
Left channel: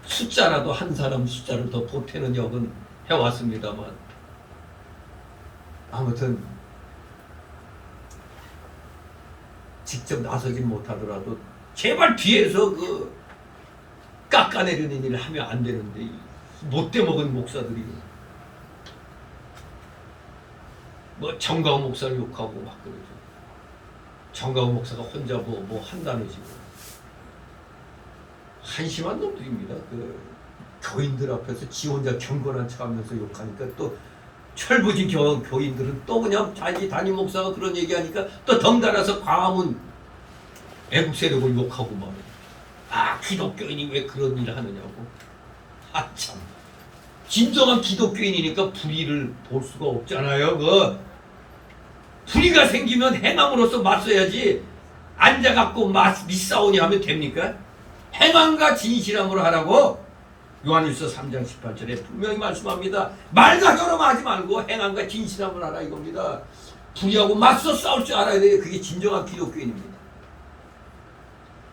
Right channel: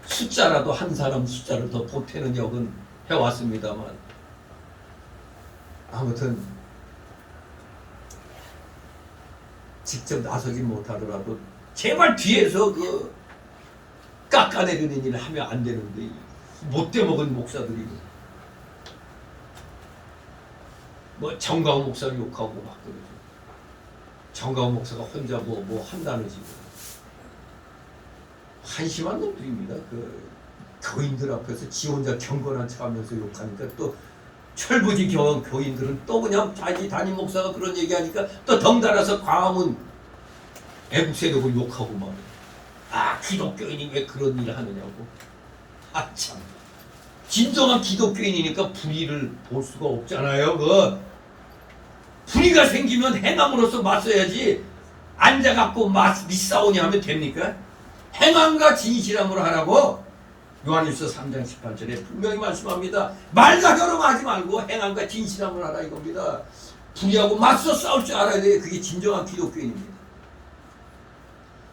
숫자라도 한 사람 숫자를 더 보태는 역은 해왔습니다만 아무튼 직접 나서긴 못하더라도 제발 뒤에서 그 깎아내리는 일을 하면 안 되는데 못돼 먹은 목사들이 뭐 정광훈 목사를 욕하고 막 그러죠. 정광훈 목사가 혼자 뭐 한다는 식으로 한심한 놈들입니다. 그 교인들 앞에서 지 혼자 경건한 척하면서 욕하니까 또 철부지 교인들은 또 그냥 자기 담임 목사가 그런 얘기하니까 또 덩달아서 광화문 애국 세력을 욕하고 막 기독교인이 왜 그런 일을 하느냐고. 참 진정한 기독교인이니까 불의를 볼 수가 없잖아요. 그 불의가 생기면 행함으로써 맞서야지 앉아갖고 맞싸우니 하면 됩니까? 행함과 진실함으로 하라고 요한일서 3장 18절에 분명히 말씀합니다. 말과 결함하지 말고 행함과 진실함을 하라 이겁니다. 불의하고 맞서 싸울 줄 알아야 돼요. 그게 진정한 기독교인입니다.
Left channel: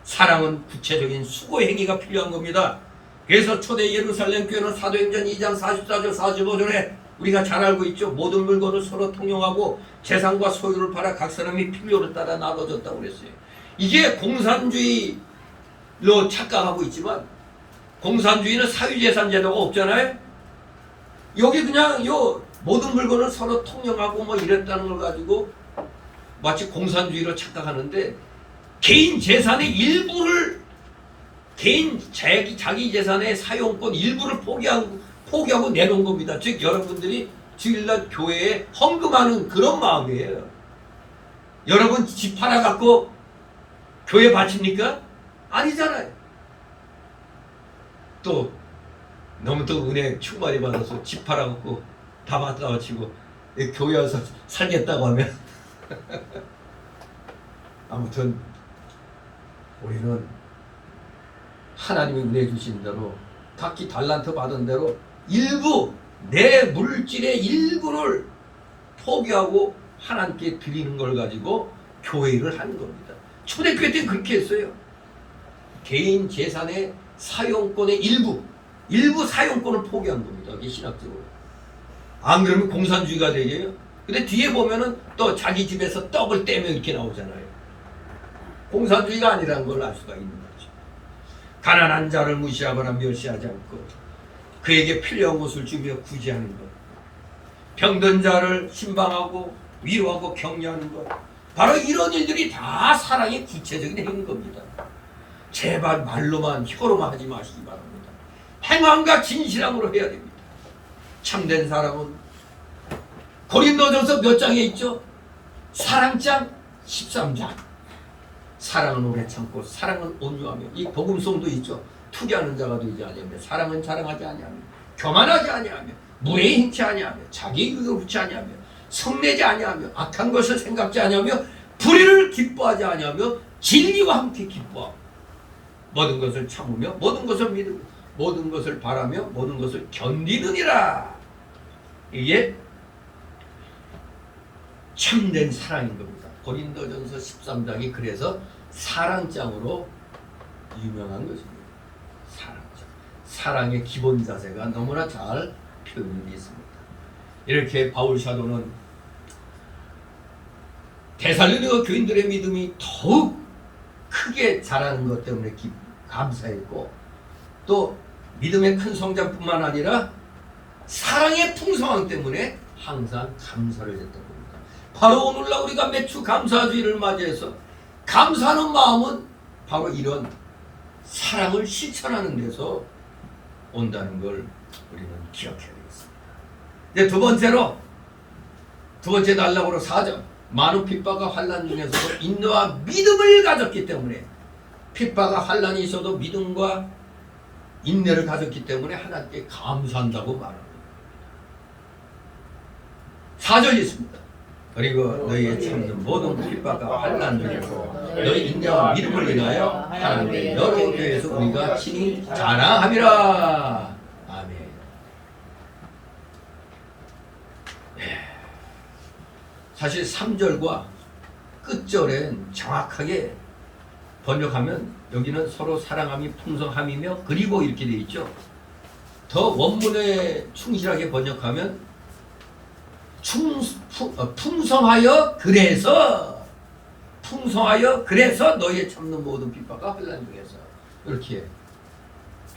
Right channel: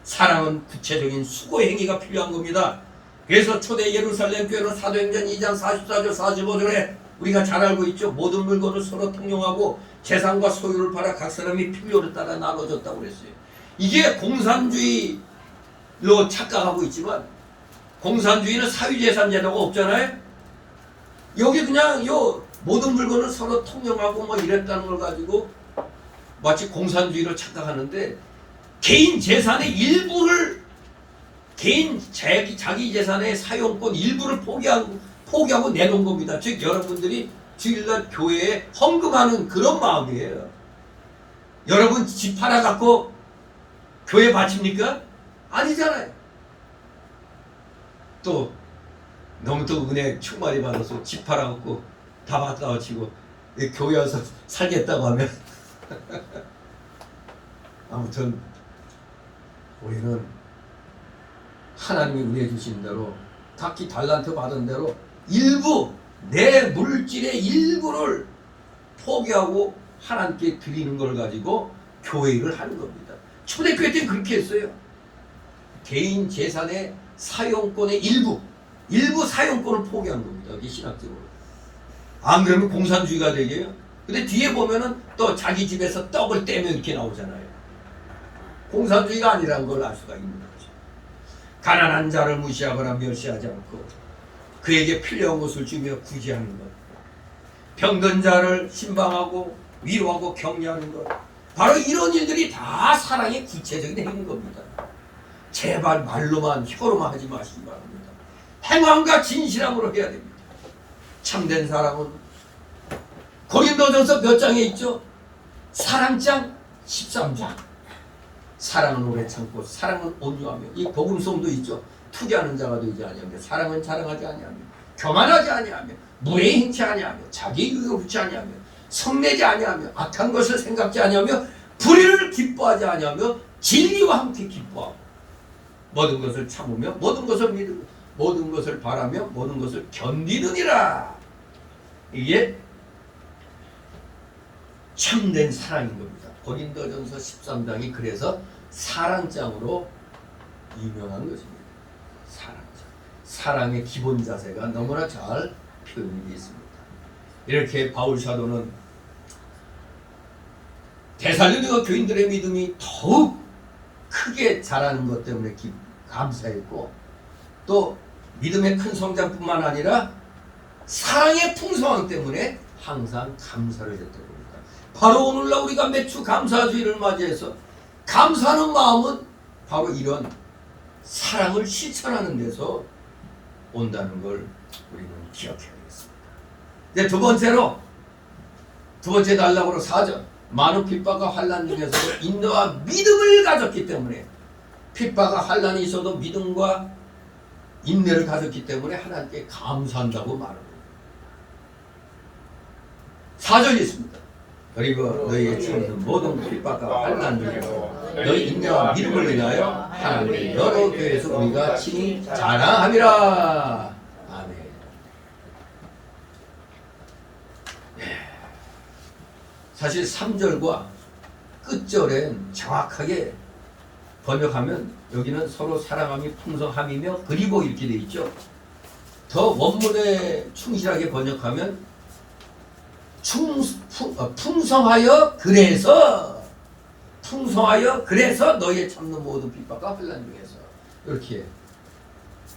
사랑은 구체적인 수고 행위가 필요한 겁니다. 그래서 초대 예루살렘 교회는 사도행전 2장 44절 45절에 우리가 잘 알고 있죠. 모든 물건을 서로 통용하고 재산과 소유를 팔아 각 사람이 필요를 따라 나눠줬다고 그랬어요. 이게 공산주의로 착각하고 있지만 공산주의는 사유재산 제도가 없잖아요. 여기 그냥 요 모든 물건을 서로 통용하고 뭐 이랬다는 걸 가지고 마치 공산주의로 착각하는데, 개인 재산의 일부를, 개인 자기 재산의 사용권 일부를 포기하고 내놓은 겁니다. 즉 여러분들이 주일날 교회에 헌금하는 그런 마음이에요. 여러분 집 하나 갖고 교회 바칩니까? 아니잖아요. 또 너무 또 은혜 충만히 받아서 집 팔아 갖고 다 받다 바치고 교회 와서 살겠다고 하면 아무튼 우리는 하나님이 은혜 주신 대로 각기 달란트 받은 대로 일부, 내 물질의 일부를 포기하고 하나님께 드리는 걸 가지고 교회를 하는 겁니다. 초대교회 때는 그렇게 했어요. 개인 재산의 사용권의 일부 사용권을 포기한 겁니다. 이게 신학적으로. 안 그러면 공산주의가 되게요. 근데 뒤에 보면은 또 자기 집에서 떡을 떼며 이렇게 나오잖아요. 공산주의가 아니라는 걸 알 수가 있는 거죠. 가난한 자를 무시하거나 멸시하지 않고 그에게 필요한 것을 주며 구제하는 것, 병든 자를 신방하고 위로하고 격려하는 것, 바로 이런 일들이 다 사랑의 구체적인 행위인 겁니다. 제발 말로만 혀로만 하지 마시기 바랍니다. 행함과 진실함으로 해야 됩니다. 참된 사랑은 고린도전서 몇 장에 있죠? 사랑장 13장. 사랑은 오래 참고 사랑은 온유하며, 이 복음송도 있죠. 투기하는 자가 되지 아니하며 사랑은 자랑하지 아니하며 교만하지 아니하며 무례히 행치 아니하며 자기 유익을 훔치 아니하며 성내지 아니하며 악한 것을 생각지 아니하며 불의를 기뻐하지 아니하며 진리와 함께 기뻐하고 모든 것을 참으며 모든 것을 믿으며 모든 것을 바라며 모든 것을 견디느니라. 이게 참된 사랑인 겁니다. 고린도전서 13장이 그래서 사랑장으로 유명한 것입니다. 사랑장. 사랑의 기본 자세가 너무나 잘 표현이 되어 있습니다. 이렇게 바울 사도는 데살로니가 교인들의 믿음이 더욱 크게 자라는 것 때문에 감사했고, 또 믿음의 큰 성장뿐만 아니라 사랑의 풍성함 때문에 항상 감사를 했던 겁니다. 바로 오늘날 우리가 매주 감사주의를 맞이해서 감사하는 마음은 바로 이런 사랑을 실천하는 데서 온다는 걸 우리는 기억해야 되겠습니다. 이제 두 번째 단락으로 4절. 많은 핍박과 환난 중에서도 인내와 믿음을 가졌기 때문에, 핍박과 환난이 있어도 믿음과 인내를 가졌기 때문에 하나님께 감사한다고 말합니다. 4절이 있습니다. 그리고 너희의 참는 모든 핍박과 환난 중에서 너희 인내와 믿음을 인하여 하나님의 여러 교회에서 우리가 친히 자랑함이라. 아멘. 사실 3절과 끝절엔 정확하게 번역하면 여기는 서로 사랑함이 풍성함이며 그리고 이렇게 되어 있죠. 더 원문에 충실하게 번역하면 풍성하여 그래서 너희의 참는 모든 핍박과 환난 중에서, 이렇게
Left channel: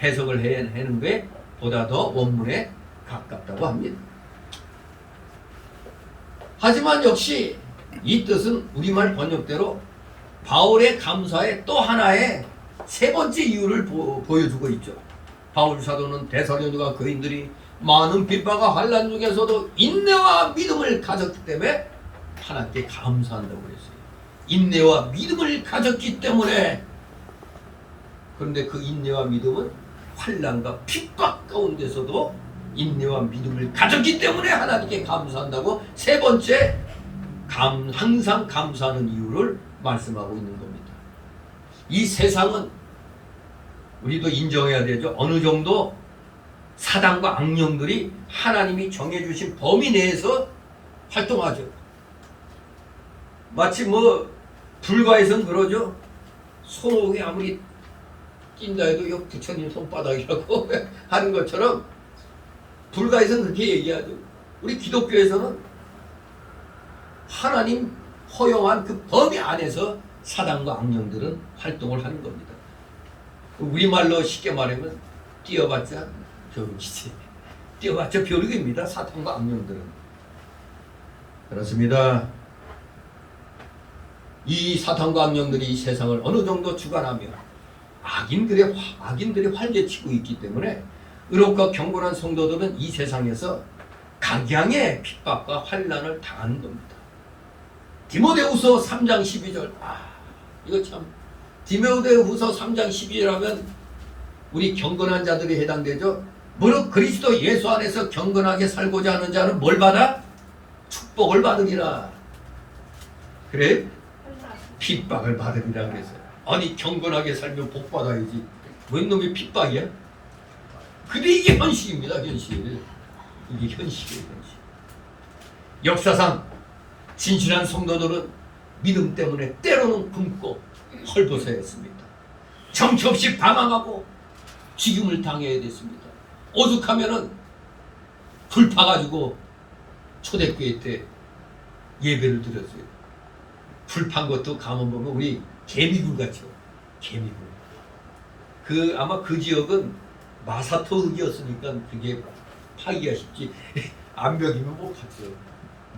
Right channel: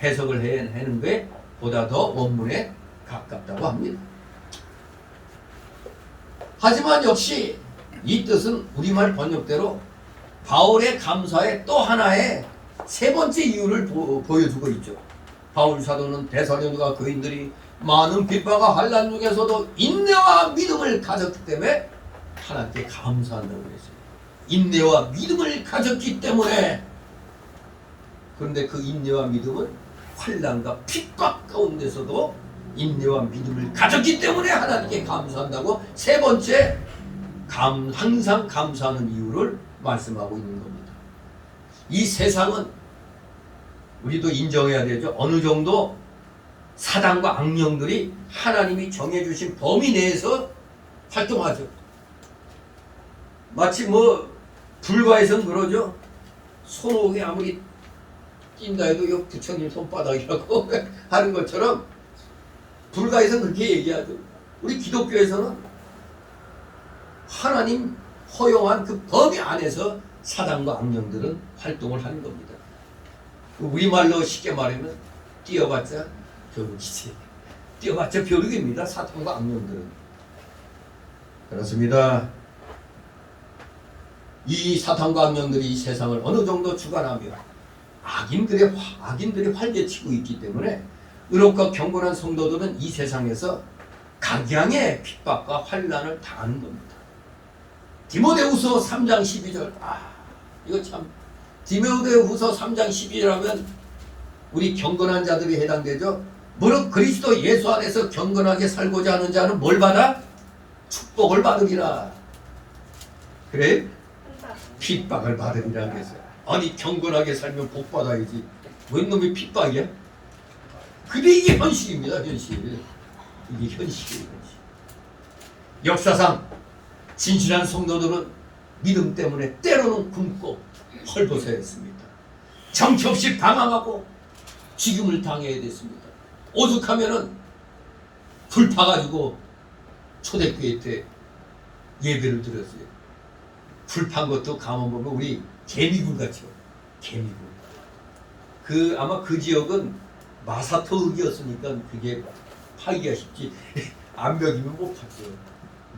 해석을 해내는 게 보다 더 원문에 가깝다고 합니다. 하지만 역시 이 뜻은 우리말 번역대로 바울의 감사의 또 하나의 세 번째 이유를 보여주고 있죠. 바울 사도는 데살로니가 교인들이 많은 핍박과 환난 중에서도 인내와 믿음을 가졌기 때문에 하나님께 감사한다고 그랬어요. 인내와 믿음을 가졌기 때문에. 그런데 그 인내와 믿음은 환난과 핍박 가운데서도 인내와 믿음을 가졌기 때문에 하나님께 감사한다고 세 번째 항상 감사하는 이유를 말씀하고 있는 겁니다. 이 세상은 우리도 인정해야 되죠. 어느 정도 사단과 악령들이 하나님이 정해주신 범위 내에서 활동하죠. 마치 불가에서는 그러죠. 손오공이 아무리 뛴다 해도 요 부처님 손바닥이라고 하는 것처럼 불가에서는 그렇게 얘기하죠. 우리 기독교에서는 하나님 허용한 그 범위 안에서 사단과 악령들은 활동을 하는 겁니다. 우리말로 쉽게 말하면 뛰어봤자 벼룩이지. 뛰어봤자 벼룩입니다. 사탄과 악령들은. 그렇습니다. 이 사탄과 악령들이 이 세상을 어느 정도 주관하며 악인들이 활개치고 있기 때문에 의롭고 경건한 성도들은 이 세상에서 각양의 핍박과 환난을 당하는 겁니다. 디모데후서 3장 12절. 이거 참, 디모데후서 3장 12절하면 우리 경건한 자들이 해당되죠. 무릇 그리스도 예수 안에서 경건하게 살고자 하는 자는 뭘 받아? 축복을 받으리라. 그래? 핍박을 받으리라 그랬어요. 아니, 경건하게 살면 복 받아야지. 웬 놈이 핍박이야? 근데 이게 현실입니다. 현실. 이게 현실이에요. 현실. 역사상 진실한 성도들은 믿음 때문에 때로는 굶고 헐벗어했습니다. 정처 없이 방황하고 죽임을 당해야 됐습니다. 오죽하면은 불파가지고 초대교회 때 예배를 드렸어요. 불판 것도 가만 보면 우리 개미굴 같죠. 개미굴. 아마 그 지역은 마사토 흙이었으니까 그게 파기가 쉽지. 암벽이면 못 봤죠.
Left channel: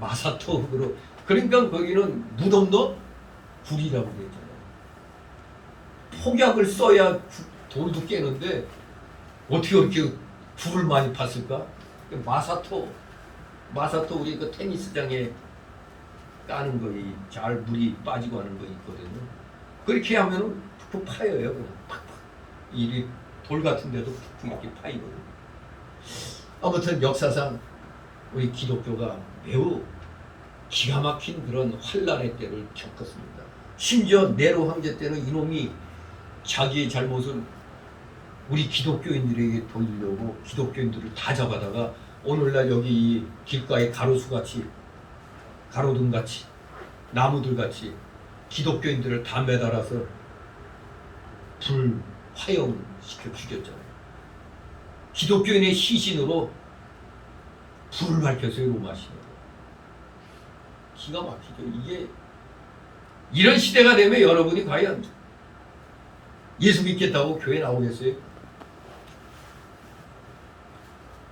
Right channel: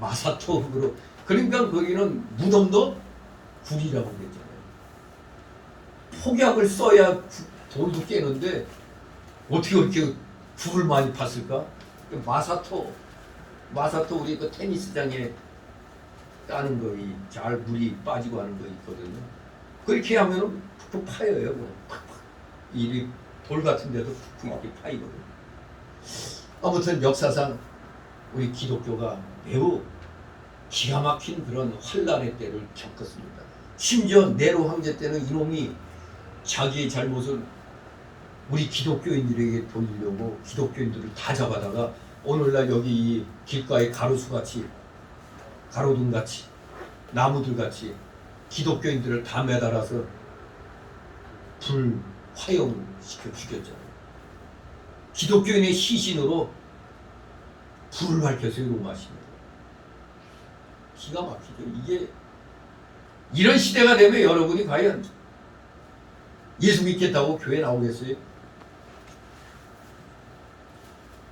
마사토 흙으로. 그러니까 거기는 무덤도 굴이라고 그랬잖아요. 폭약을 써야 돌도 깨는데 어떻게 그렇게 굴을 많이 팠을까? 마사토 우리 그 테니스장에 까는 거, 잘 물이 빠지고 하는 거 있거든요. 그렇게 하면은 푹푹 파여요. 그냥 팍팍. 이 돌 같은 데도 푹푹 이렇게 파이거든요. 아무튼 역사상 우리 기독교가 매우 기가 막힌 그런 환란의 때를 겪었습니다. 심지어 네로 황제 때는 이놈이 자기의 잘못을 우리 기독교인들에게 돌리려고 기독교인들을 다 잡아다가 오늘날 여기 이 길가에 가로수같이 가로등같이 나무들같이 기독교인들을 다 매달아서 불화염을 시켜 죽였잖아요. 기독교인의 시신으로 불을 밝혔어요. 로마시대. 기가 막히죠. 이게 이런 시대가 되면 여러분이 과연 예수 믿겠다고 교회 나오겠어요?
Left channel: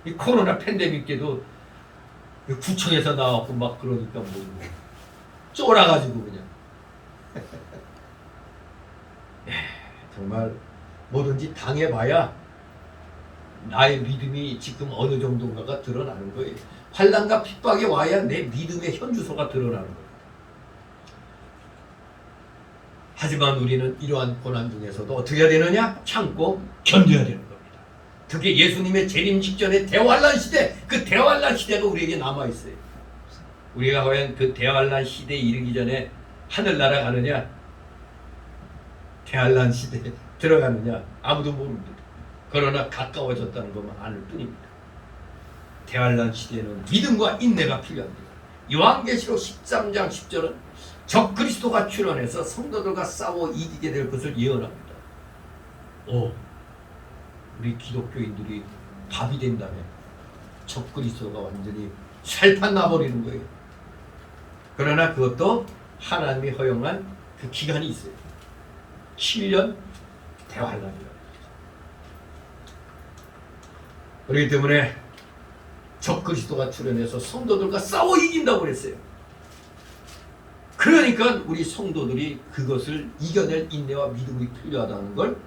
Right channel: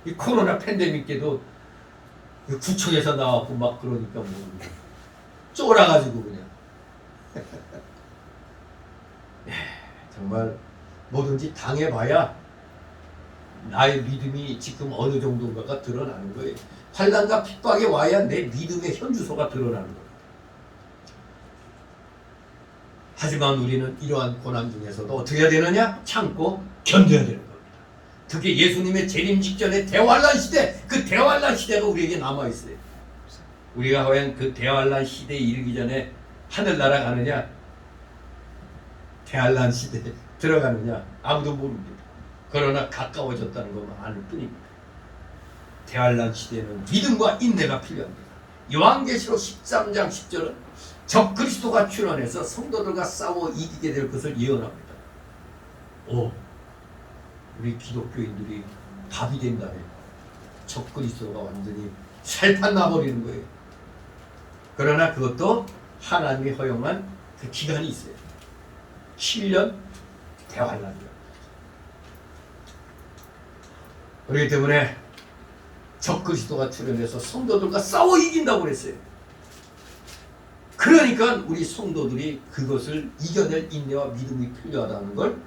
이 코로나 팬데믹 때도 구청에서 나왔고 막 그러니까 뭐 쫄아가지고 그냥 정말 뭐든지 당해봐야 나의 믿음이 지금 어느 정도인가가 드러나는 거예요. 환난과 핍박이 와야 내 믿음의 현주소가 드러나는 거예요. 하지만 우리는 이러한 고난 중에서도 어떻게 해야 되느냐? 참고 견뎌야 되는 겁니다. 특히 예수님의 재림 직전의 대환란 시대, 그 대환란 시대가 우리에게 남아있어요. 우리가 과연 그 대환란 시대에 이르기 전에 하늘나라 가느냐, 대환란 시대에 들어가느냐 아무도 모릅니다. 그러나 가까워졌다는 것만 아는 뿐입니다. 대환란 시대에는 믿음과 인내가 필요합니다. 요한계시록 13장 10절은 적 그리스도가 출현해서 성도들과 싸워 이기게 될 것을 예언합니다. 우리 기독교인들이 밥이 된다네. 적 그리스도가 완전히 살판 나버리는 거예요. 그러나 그것도 하나님이 허용한 그 기간이 있어요. 7년 대환란이다. 그렇기 때문에 적 그리스도가 출현해서 성도들과 싸워 이긴다고 그랬어요. 그러니까 우리 성도들이 그것을 이겨낼 인내와 믿음이 필요하다는 걸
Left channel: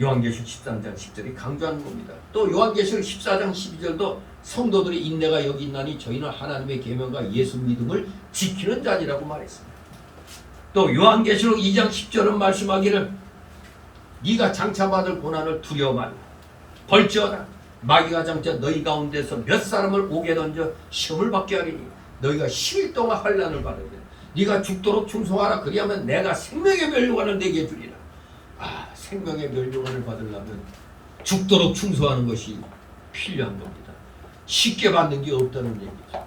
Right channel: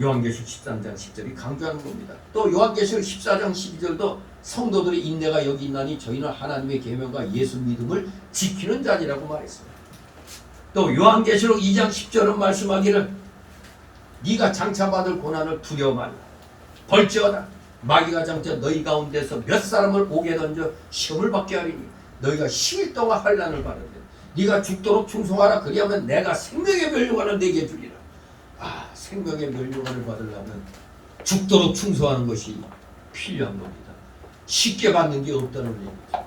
요한계시록 13장 10절이 강조하는 겁니다. 또 요한계시록 14장 12절도 성도들의 인내가 여기 있나니 저희는 하나님의 계명과 예수 믿음을 지키는 자니라고 말했습니다. 또 요한계시록 2장 10절은 말씀하기를 네가 장차받을 고난을 두려워 말라. 벌지어다 마귀가 장차 너희 가운데서 몇 사람을 오게 던져 시험을 받게 하리니 너희가 10일 동안 환난을 받으리라. 네가 죽도록 충성하라. 그리하면 내가 생명의 멸류관을 내게 주리라. 생명의 멸류관을 받으려면 죽도록 충성하는 것이 필요한 겁니다. 쉽게 받는 게 없다는 얘기죠.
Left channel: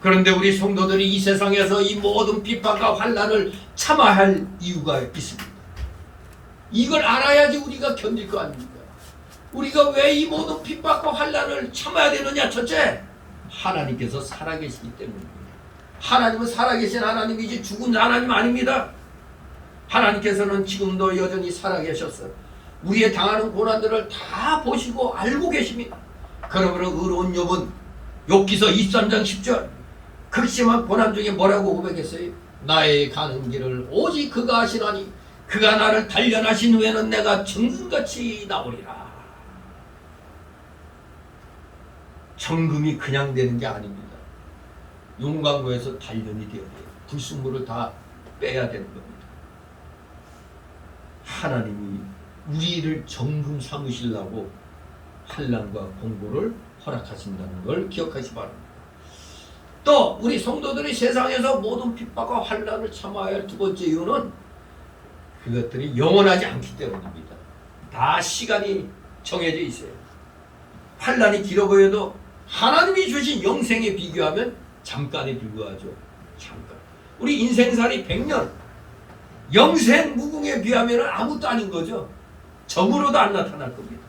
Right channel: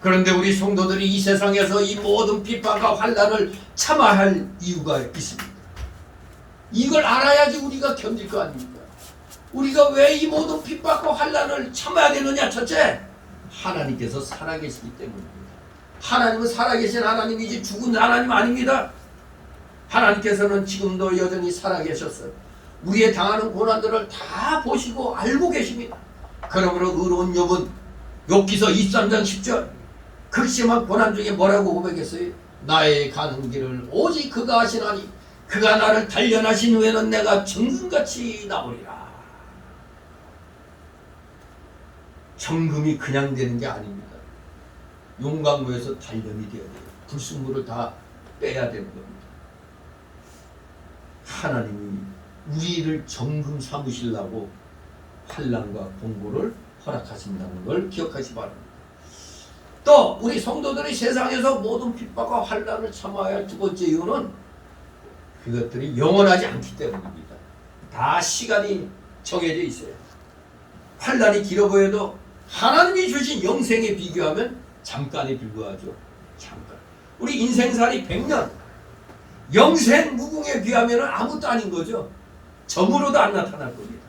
그런데 우리 성도들이 이 세상에서 이 모든 비판과 환난을 참아야 할 이유가 있습니다. 이걸 알아야지 우리가 견딜 거 아닙니까? 우리가 왜 이 모든 핍박과 환난을 참아야 되느냐? 첫째, 하나님께서 살아계시기 때문입니다. 하나님은 살아계신 하나님이지 죽은 하나님 아닙니다. 하나님께서는 지금도 여전히 살아계셨어요. 우리의 당하는 고난들을 다 보시고 알고 계십니다. 그러므로 의로운 욥은 욥기서 23장 10절 극심한 고난 중에 뭐라고 고백했어요? 나의 가는 길을 오직 그가 하시나니 그가 나를 단련하신 후에는 내가 정금같이 나오리라. 정금이 그냥 되는 게 아닙니다. 용광로에서 단련이 되어야 돼요. 불순물을 다 빼야 되는 겁니다. 하나님이 우리를 정금 삼으시려고 환난과 공고를 허락하신다는 걸 기억하시 바랍니다. 또 우리 성도들이 세상에서 모든 핍박과 환난을 참아야 할 두 번째 이유는 그것들이 영원하지 않기 때문입니다. 다 시간이 정해져 있어요. 환난이 길어 보여도 하나님이 주신 영생에 비교하면 잠깐에 불과하죠. 잠깐. 우리 인생살이 100년 영생 무궁에 비하면 아무것도 아닌 거죠. 점으로도 안 나타날 겁니다.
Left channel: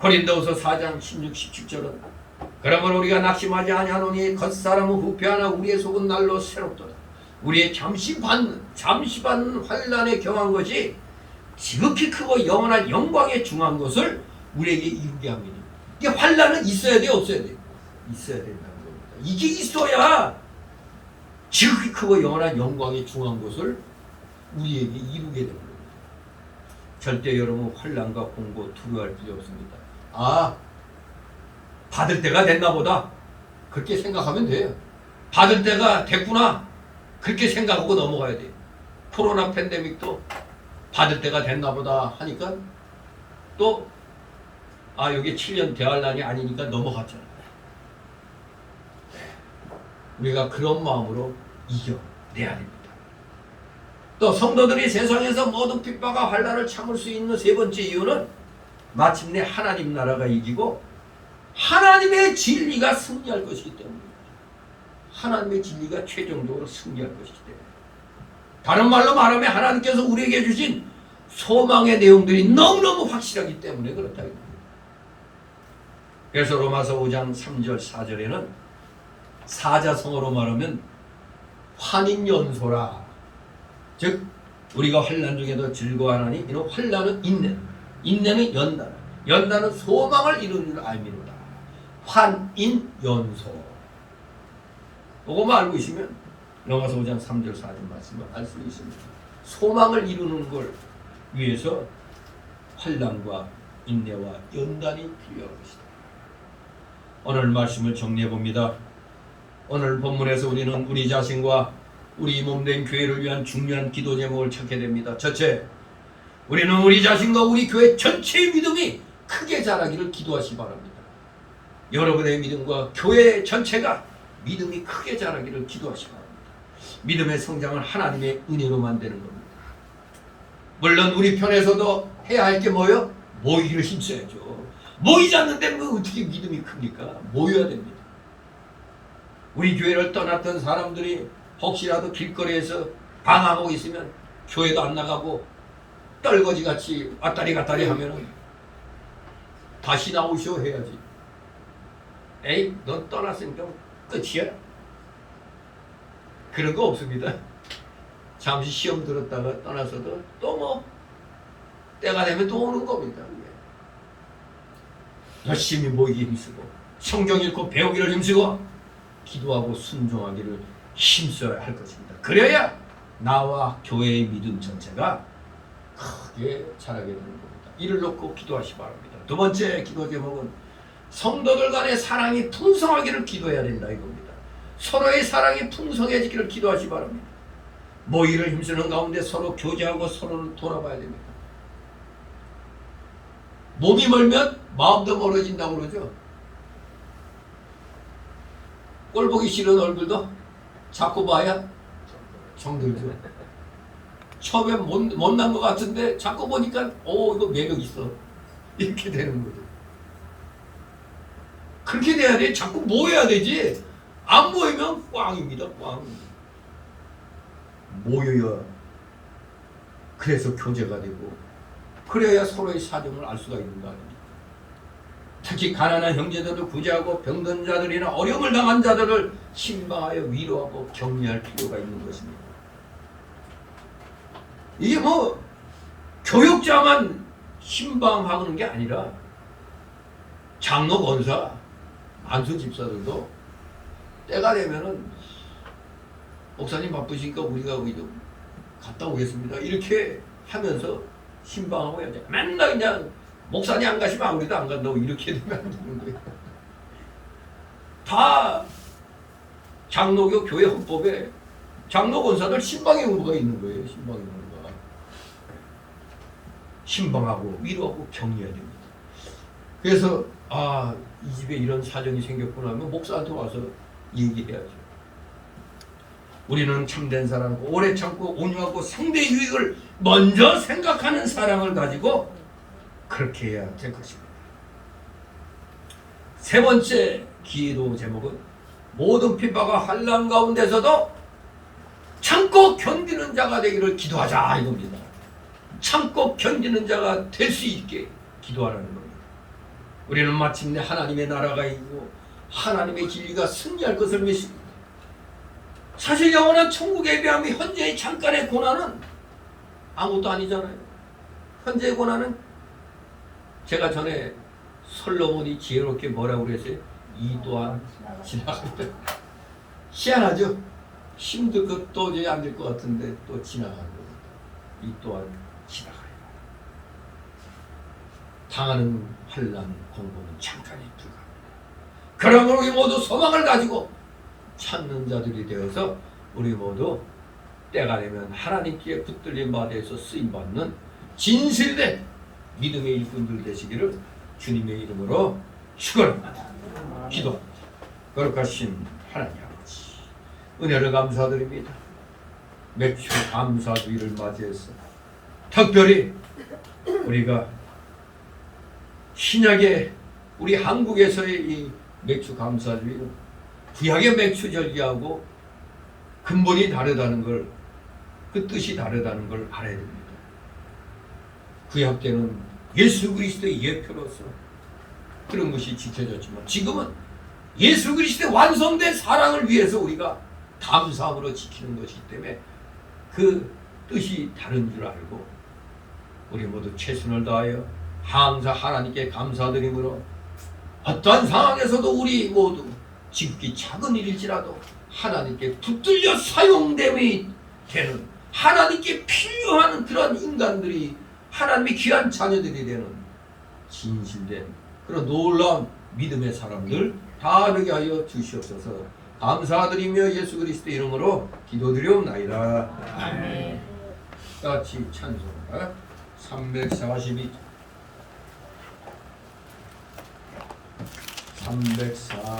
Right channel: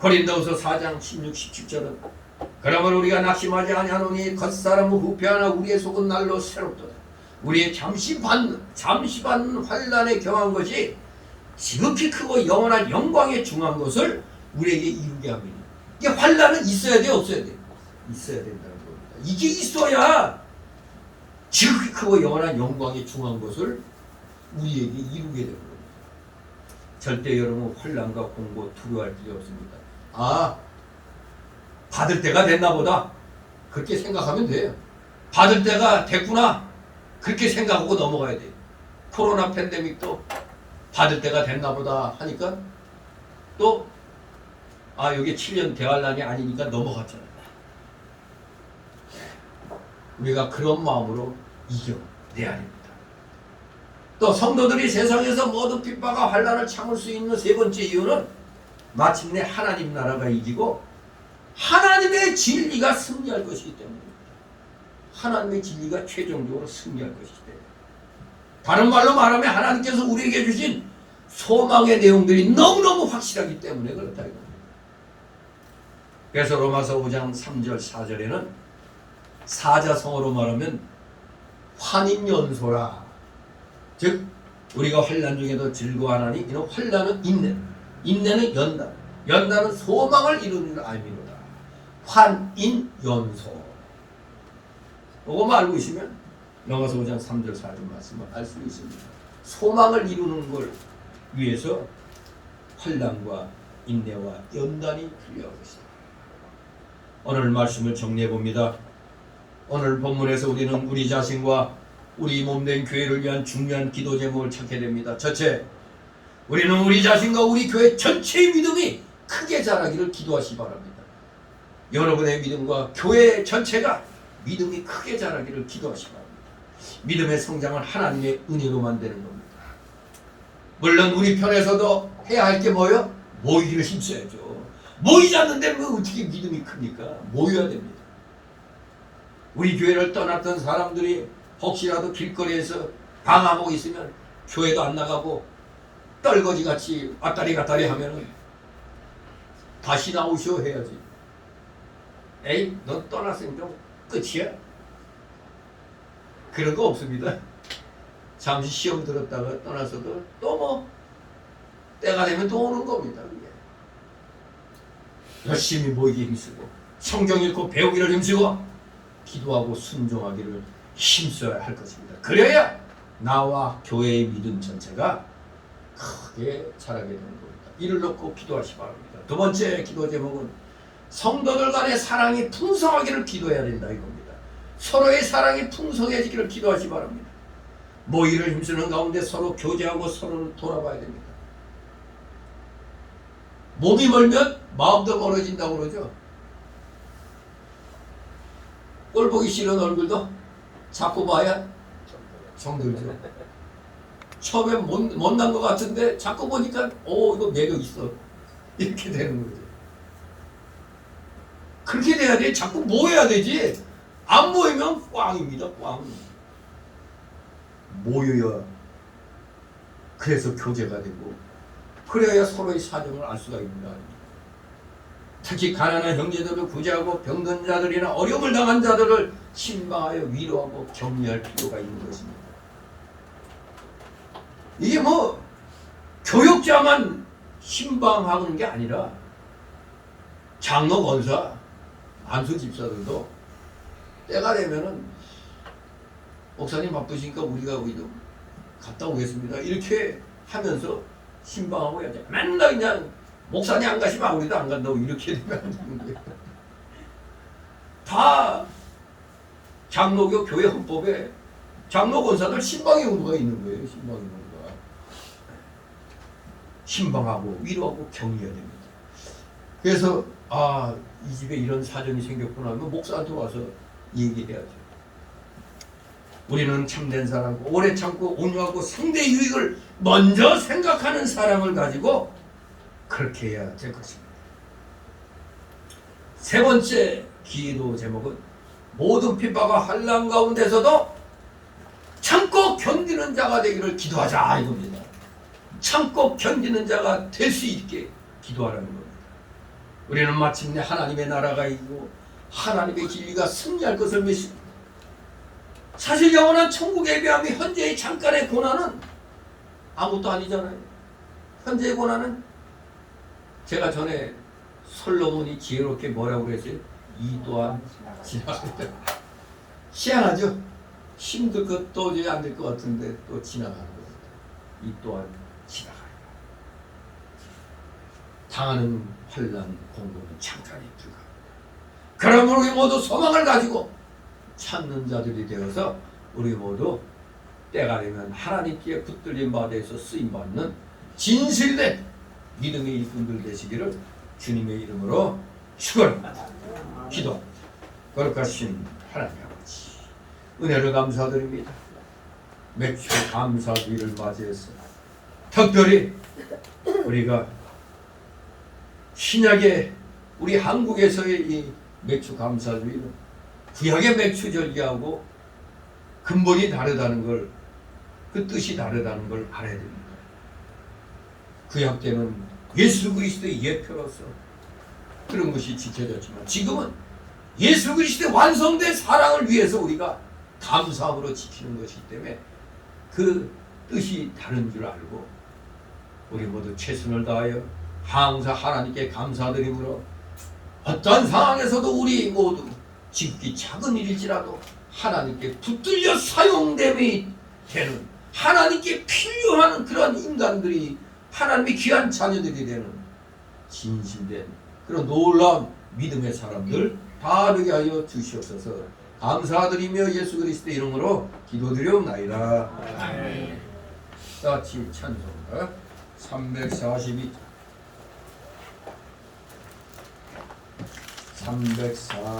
고린도후서 4장 16, 17절은 그러므로 우리가 낙심하지 아니하노니 겉사람은 후패하나 우리의 속은 날로 새롭도다. 우리의 잠시반 환난에 경한 것이 지극히 크고 영원한 영광에 중한 것을 우리에게 이루게 합니다. 이게 환난은 있어야 돼, 없어야 돼? 있어야 된다는 겁니다. 이게 있어야 지극히 크고 영원한 영광에 중한 것을 우리에게 이루게 되는 겁니다. 절대 여러분 환난과 공고 두려워할 필요 없습니다. 아, 받을 때가 됐나 보다. 그렇게 생각하면 돼요. 받을 때가 됐구나. 그렇게 생각하고 넘어가야 돼요. 코로나 팬데믹도 받을 때가 됐나 보다 하니까 또 이게 7년 대환란이 아니니까 넘어갔잖아요. 우리가 그런 마음으로 이겨내야 됩니다. 또 성도들이 세상에서 모든 핍박과 환난을 참을 수 있는 세 번째 이유는 마침내 하나님 나라가 이기고 하나님의 진리가 승리할 것이기 때문입니다. 하나님의 진리가 최종적으로 승리할 것이기 때문에. 다른 말로 말하면 하나님께서 우리에게 주신 소망의 내용들이 너무너무 확실하기 때문에 그렇다 이겁니다. 그래서 로마서 5장 3절 4절에는 사자성어로 말하면 환인연소라. 즉 우리가 환난 중에도 즐거워하나니 이는 환난은 인내, 인내는 연단, 연단은 소망을 이루는 줄 알미로다. 환인연소. 이거만 알고 있으면 로마서 5장 3절 4절 말씀을 알 수 있습니다. 소망을 이루는 걸 위해서 환난과 인내와 연단이 필요한 것이다. 오늘 말씀을 정리해 봅니다. 오늘 본문에서 우리는 우리 자신과 우리 몸된 교회를 위한 중요한 기도 제목을 찾게 됩니다. 첫째, 우리는 우리 자신과 우리 교회 전체의 믿음이 크게 자라기를 기도하시 바랍니다. 여러분의 믿음과 교회 전체가 믿음이 크게 자라기를 기도하시 바랍니다. 믿음의 성장은 하나님의 은혜로만 되는 겁니다. 물론 우리 편에서도 해야 할 게 뭐예요? 모이기를 힘써야죠. 모이지 않는데 뭐 어떻게 믿음이 큽니까? 모여야 됩니다. 우리 교회를 떠났던 사람들이 혹시라도 길거리에서 방황하고 있으면 교회도 안 나가고 떨거지같이 왔다리 갔다리 하면은 다시 나오시오 해야지. 에이, 넌 떠났으니까 끝이야? 그런 거 없습니다. 잠시 시험 들었다가 떠나서도 또 뭐 때가 되면 또 오는 겁니다. 열심히 모이기 힘쓰고 성경 읽고 배우기를 힘쓰고 기도하고 순종하기를 힘써야 할 것입니다. 그래야 나와 교회의 믿음 전체가 크게 자라게 되는 겁니다. 이를 놓고 기도하시 바랍니다. 두 번째 기도 제목은 성도들 간의 사랑이 풍성하기를 기도해야 된다 이겁니다. 서로의 사랑이 풍성해지기를 기도하시 바랍니다. 모이를 힘쓰는 가운데 서로 교제하고 서로를 돌아봐야 됩니다. 몸이 멀면 마음도 멀어진다고 그러죠. 꼴 보기 싫은 얼굴도 자꾸 봐야 정들죠. 처음에 못난 것 같은데 자꾸 보니까 이거 매력 있어. 이렇게 되는 거죠. 그렇게 돼야 돼. 자꾸 모여야 되지. 안 모이면 꽝입니다. 꽝. 모여야 그래서 교제가 되고 그래야 서로의 사정을 알 수가 있는 거 아닙니까? 특히 가난한 형제들을 구제하고 병든 자들이나 어려움을 당한 자들을 신방하여 위로하고 격려할 필요가 있는 것입니다. 이게 뭐 교역자만 신방하는 게 아니라 장로, 권사, 안수 집사들도 때가 되면은 목사님 바쁘시니까 우리가 좀 갔다 오겠습니다. 이렇게 하면서 신방하고 해야지. 맨날 그냥 목사님 안 가시면 우리도 안 간다고 이렇게 되면 안 되는 거예요. 다 장로교 교회 헌법에 장로 권사들 신방의 의무가 있는 거예요. 신방의 의무가. 신방하고 위로하고 격려해야 됩니다. 그래서 이 집에 이런 사정이 생겼구나 하면 목사한테 와서 얘기해야죠. 우리는 참된 사랑, 오래 참고 온유하고 상대의 유익을 먼저 생각하는 사랑을 가지고 그렇게 해야 될 것입니다. 세 번째 기도 제목은 모든 핍박과 환난 가운데서도 참고 견디는 자가 되기를 기도하자 이겁니다. 참고 견디는 자가 될 수 있게 기도하라는 겁니다. 우리는 마침내 하나님의 나라가 이기고 하나님의 진리가 승리할 것을 믿습니다. 사실 영원한 천국에 비하면 현재의 잠깐의 고난은 아무것도 아니잖아요. 현재의 고난은 제가 전에 솔로몬이 지혜롭게 뭐라고 그랬어요? 이 또한 지나간다. 희한하죠? 힘들 것 도저히 안 될 것 같은데 또 지나가는 겁니다. 이 또한 지나가리라. 당하는 환난 공고는 잠깐이 불가합니다. 그러므로 우리 모두 소망을 가지고 찾는 자들이 되어서 우리 모두 때가 되면 하나님께 붙들린 바에 대해서 쓰임받는 진실된 믿음의 일꾼들 되시기를 주님의 이름으로 축원합니다. 기도합니다. 거룩하신 하나님 아버지, 은혜를 감사드립니다. 맥주 감사주의를 맞이해서 특별히 우리가 신약의 우리 한국에서의 이 맥주 감사주의는 구약의 맥주 절기하고 근본이 다르다는 걸, 그 뜻이 다르다는 걸 알아야 됩니다. 구약 때는 예수 그리스도의 예표로서 그런 것이 지켜졌지만 지금은 예수 그리스도의 완성된 사랑을 위해서 우리가 감사함으로 지키는 것이기 때문에 그 뜻이 다른 줄 알고 우리 모두 최선을 다하여 항상 하나님께 감사드림으로 어떠한 상황에서도 우리 모두 지극히 작은 일일지라도 하나님께 붙들려 사용됨이 되는, 하나님께 필요한 그런 인간들이 하나님의 귀한 자녀들이 되는 진실된 그런 놀라운 믿음의 사람들 다 되게 하여 주시옵소서. 감사드리며 예수 그리스도 이름으로 기도드리옵나이다. 아멘. 같이 찬송가 342 찬송입니다.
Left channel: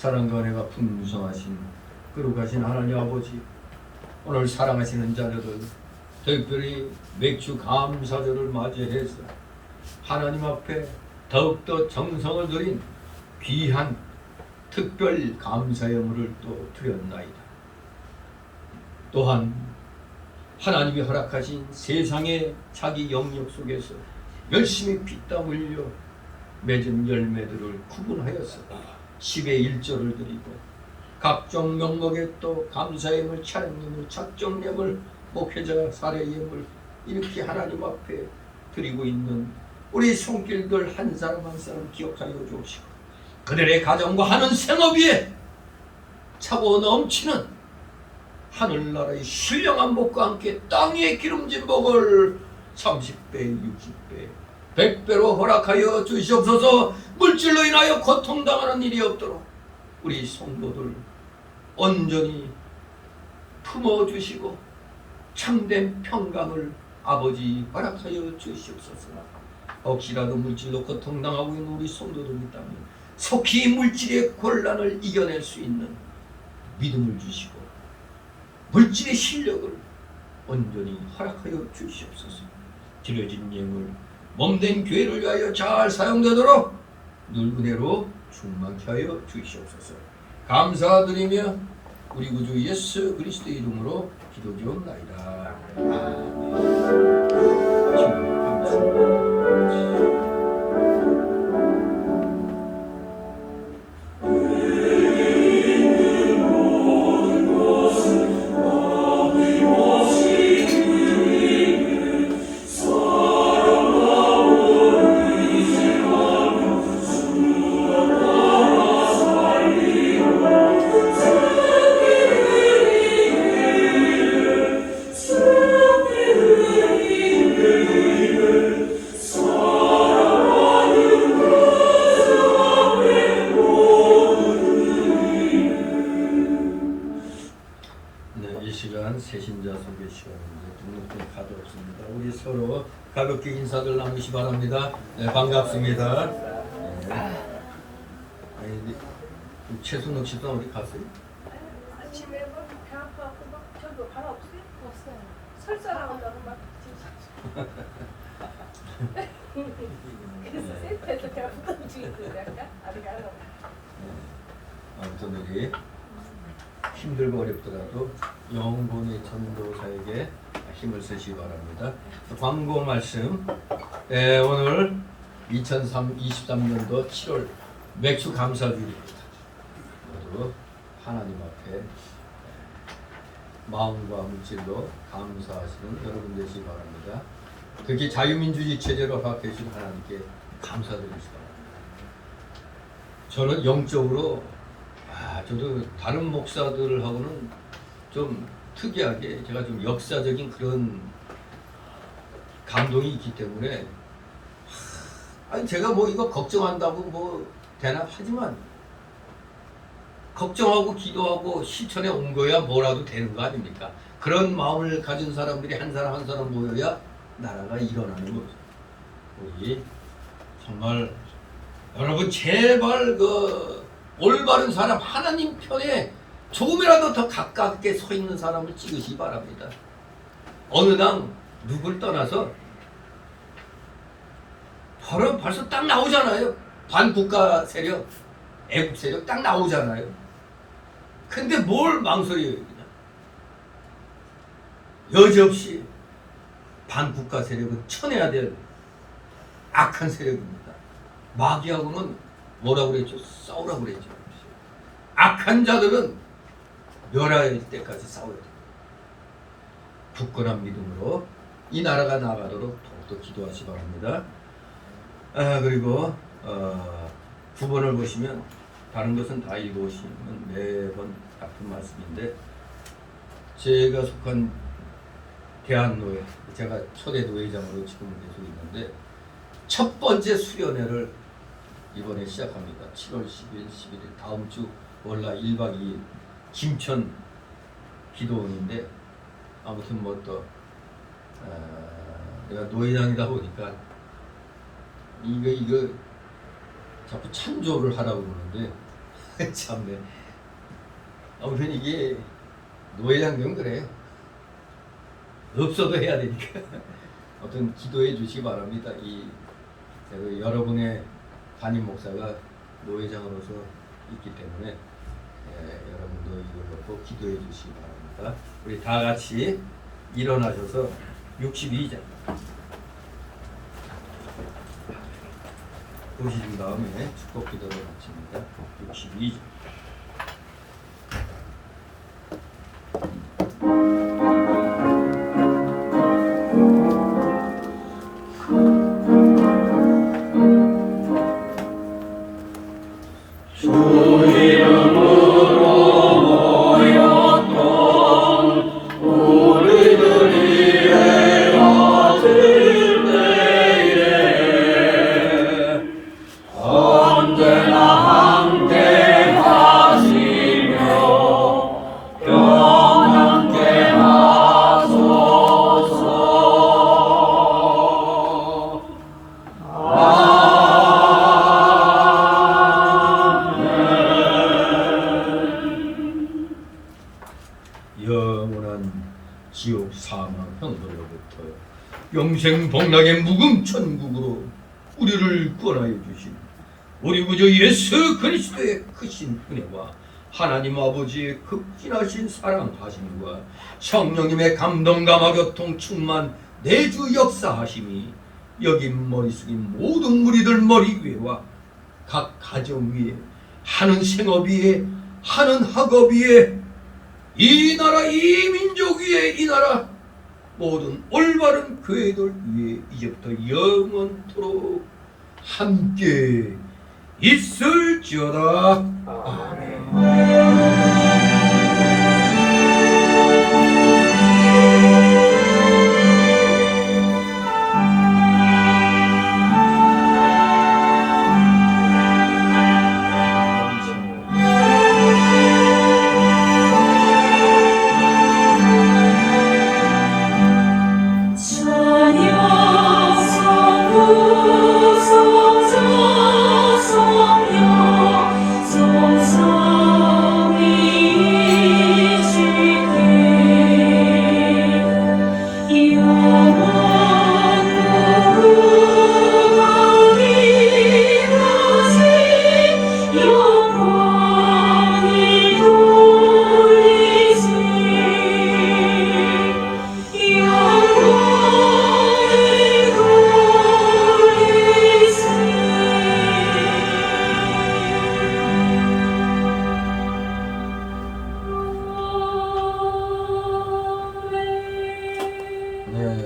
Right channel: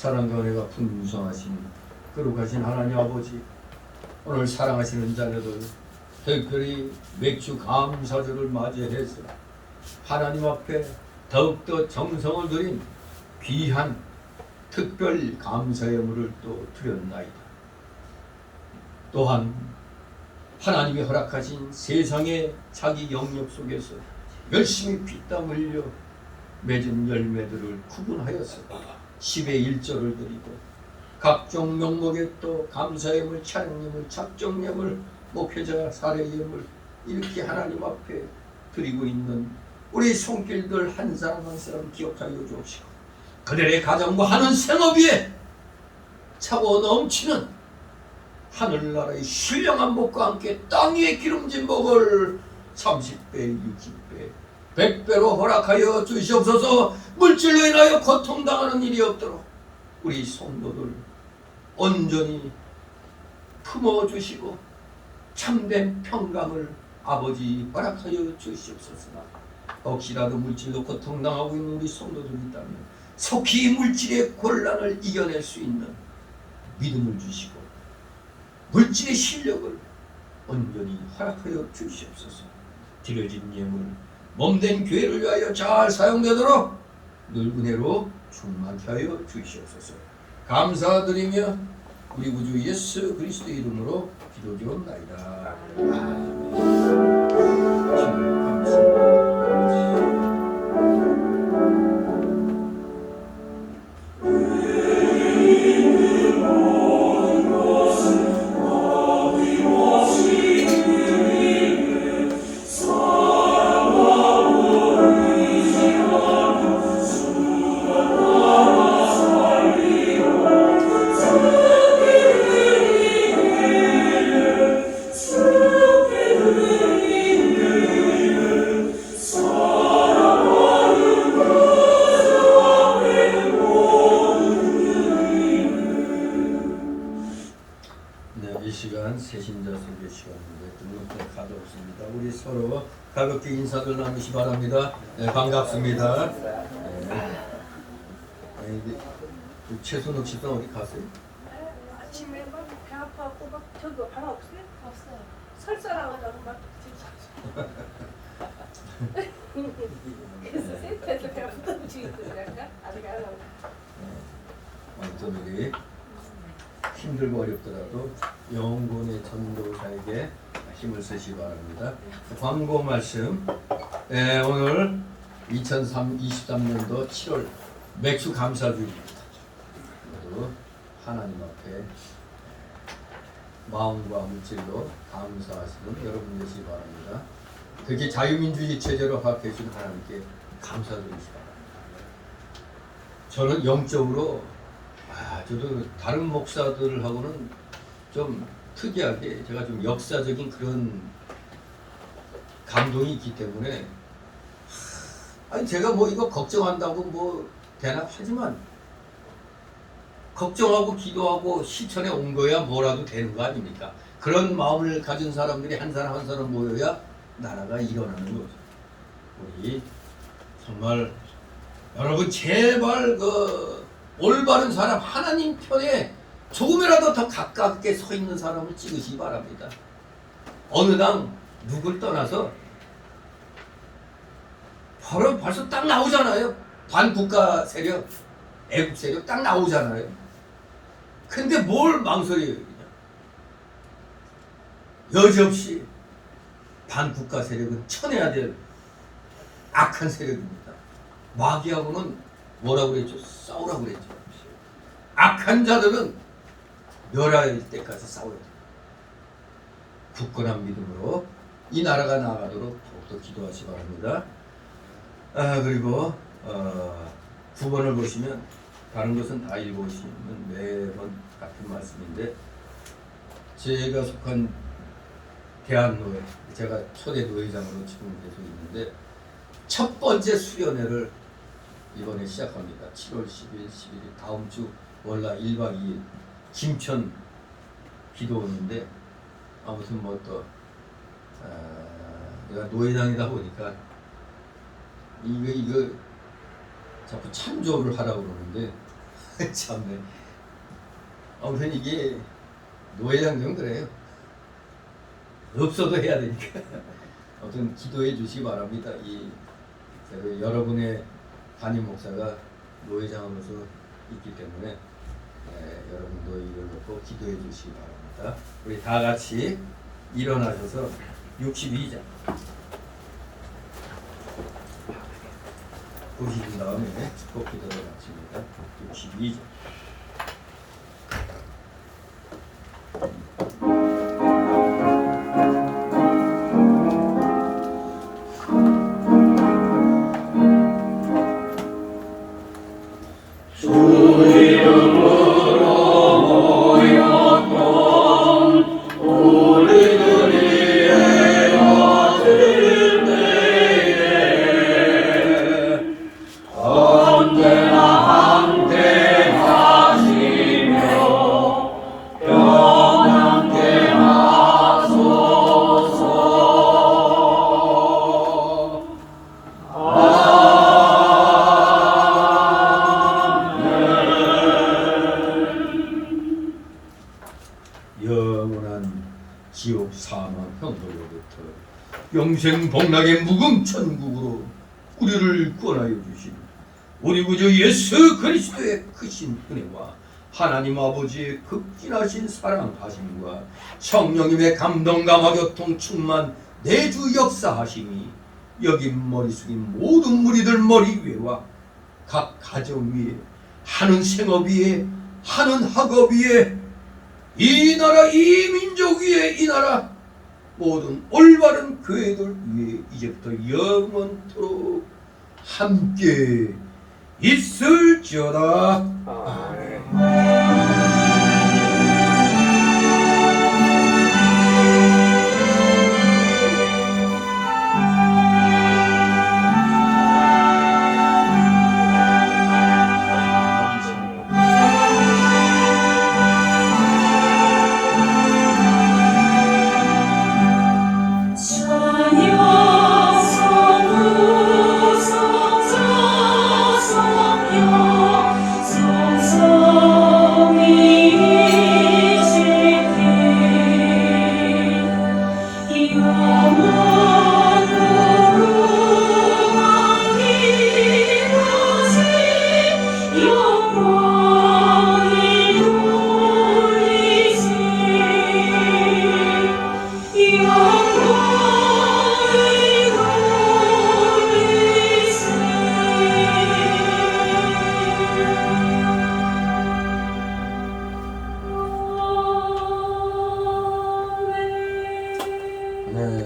사랑과 은혜가 풍성하신 거룩하신 하나님 아버지, 오늘 사랑하시는 자녀들 특별히 맥주 감사절을 맞이해서 하나님 앞에 더욱더 정성을 들인 귀한 특별 감사의 예물을 또 드렸나이다. 또한 하나님이 허락하신 세상의 자기 영역 속에서 열심히 피땀 흘려 맺은 열매들을 구분하여서 10의 1조를 드리고 각종 명목에 또 감사예물, 찬양예물, 작정예물, 목회자 사례예물 이렇게 하나님 앞에 드리고 있는 우리 손길들 한 사람 한 사람 기억하여 주옵시고 그들의 가정과 하는 생업 위에 차고 넘치는 하늘나라의 신령한 복과 함께 땅 위에 기름진 복을 30배, 60배, 100배로 허락하여 주시옵소서. 물질로 인하여 고통당하는 일이 없도록 우리 성도들 온전히 품어주시고 참된 평강을 아버지 허락하여 주시옵소서. 혹시라도 물질로 고통당하고 있는 우리 성도들이 있다면 속히 물질의 곤란을 이겨낼 수 있는 믿음을 주시고 물질의 실력을 온전히 허락하여 주시옵소서. 드려진 예물 몸된 교회를 위하여 잘 사용되도록 늘 은혜로 충만케 하여 주시옵소서. 감사드리며 우리 구주 예수 그리스도의 이름으로 기도드리옵나이다. 아멘. 주님 감사합니다. 새신자 소개 시간인데 등록된 카드 없습니다. 우리 서로 가볍게 인사들 나누시 바랍니다. 네, 반갑습니다. 네. 아니, 최순옥 씨도 어디 갔어요? 아침에 배 아파갖고 막 저기 발 없어요? 없어요. 설사라고 막 그래서 세트에서 배 아프다고 움직이더라고요. 아직 안 와요. 아무튼 우리 힘들고 어렵더라도 영혼의 전도사에게 힘을 쓰시기 바랍니다. 광고 말씀. 오늘 2023년도 7월 맥주 감사주일입니다. 모두 하나님 앞에 마음과 물질로 감사하시는 여러분 되시기 바랍니다. 특히 자유민주주의 체제로 허락해주신 하나님께 감사드리시기 바랍니다. 저는 영적으로 저도 다른 목사들하고는 좀 특이하게 제가 좀 역사적인 그런 감동이 있기 때문에 아니 제가 뭐 이거 걱정한다고 뭐 되나 하지만 걱정하고 기도하고 실천에 온 거야 뭐라도 되는 거 아닙니까? 그런 마음을 가진 사람들이 한 사람 한 사람 모여야 나라가 일어나는 거죠. 우리 정말 여러분 제발 그 올바른 사람 하나님 편에 조금이라도 더 가깝게 서 있는 사람을 찍으시기 바랍니다. 어느 당 누굴 떠나서 벌써 딱 나오잖아요. 반국가 세력, 애국 세력 딱 나오잖아요. 근데 뭘 망설여요 그냥. 여지없이 반국가 세력은 쳐내야 될 악한 세력입니다. 마귀하고는 뭐라고 그랬죠? 싸우라고 그랬죠. 악한 자들은 멸할 때까지 싸워야 돼요. 굳건한 믿음으로 이 나라가 나아가도록 더욱더 기도하시 바랍니다. 그리고 9번을 보시면 다른 것은 다 읽어보시면 매번 같은 말씀인데 제가 속한 대한노예, 제가 초대 노예장으로 지금 계속 있는데 첫 번째 수련회를 이번에 시작합니다. 7월 10일, 11일 다음 주 월날 1박 2일 김천 기도원인데 아무튼 뭐 또 내가 노예장이다 보니까 이거 자꾸 찬조를 하라고 그러는데 참네. 아무튼 이게 노회장님은 그래요. 없어도 해야 되니까. 아무튼 기도해 주시기 바랍니다. 그래도 여러분의 담임 목사가 노회장으로서 있기 때문에 여러분도 이걸 놓고 기도해 주시기 바랍니다. 우리 다 같이 일어나셔서 62장 보신 다음에 축복 기도를 마칩니다. 62장 영원한 지옥 사망 형벌로부터 영생 복락의 묵음 천국으로 우리를 구원하여 주신 우리 구주 예수 그리스도의 크신 은혜와 하나님 아버지의 극진하신 사랑하심과 성령님의 감동 감화 교통 충만 내주 역사하심이 여기 머리 숙인 모든 무리들 머리 위에와 각 가정 위에 하는 생업 위에 하는 학업 위에 이 나라 이 민족 위에 이 나라 모든 올바른 교회들 위에 이제부터 영원토록 함께 있을지어다. 아멘.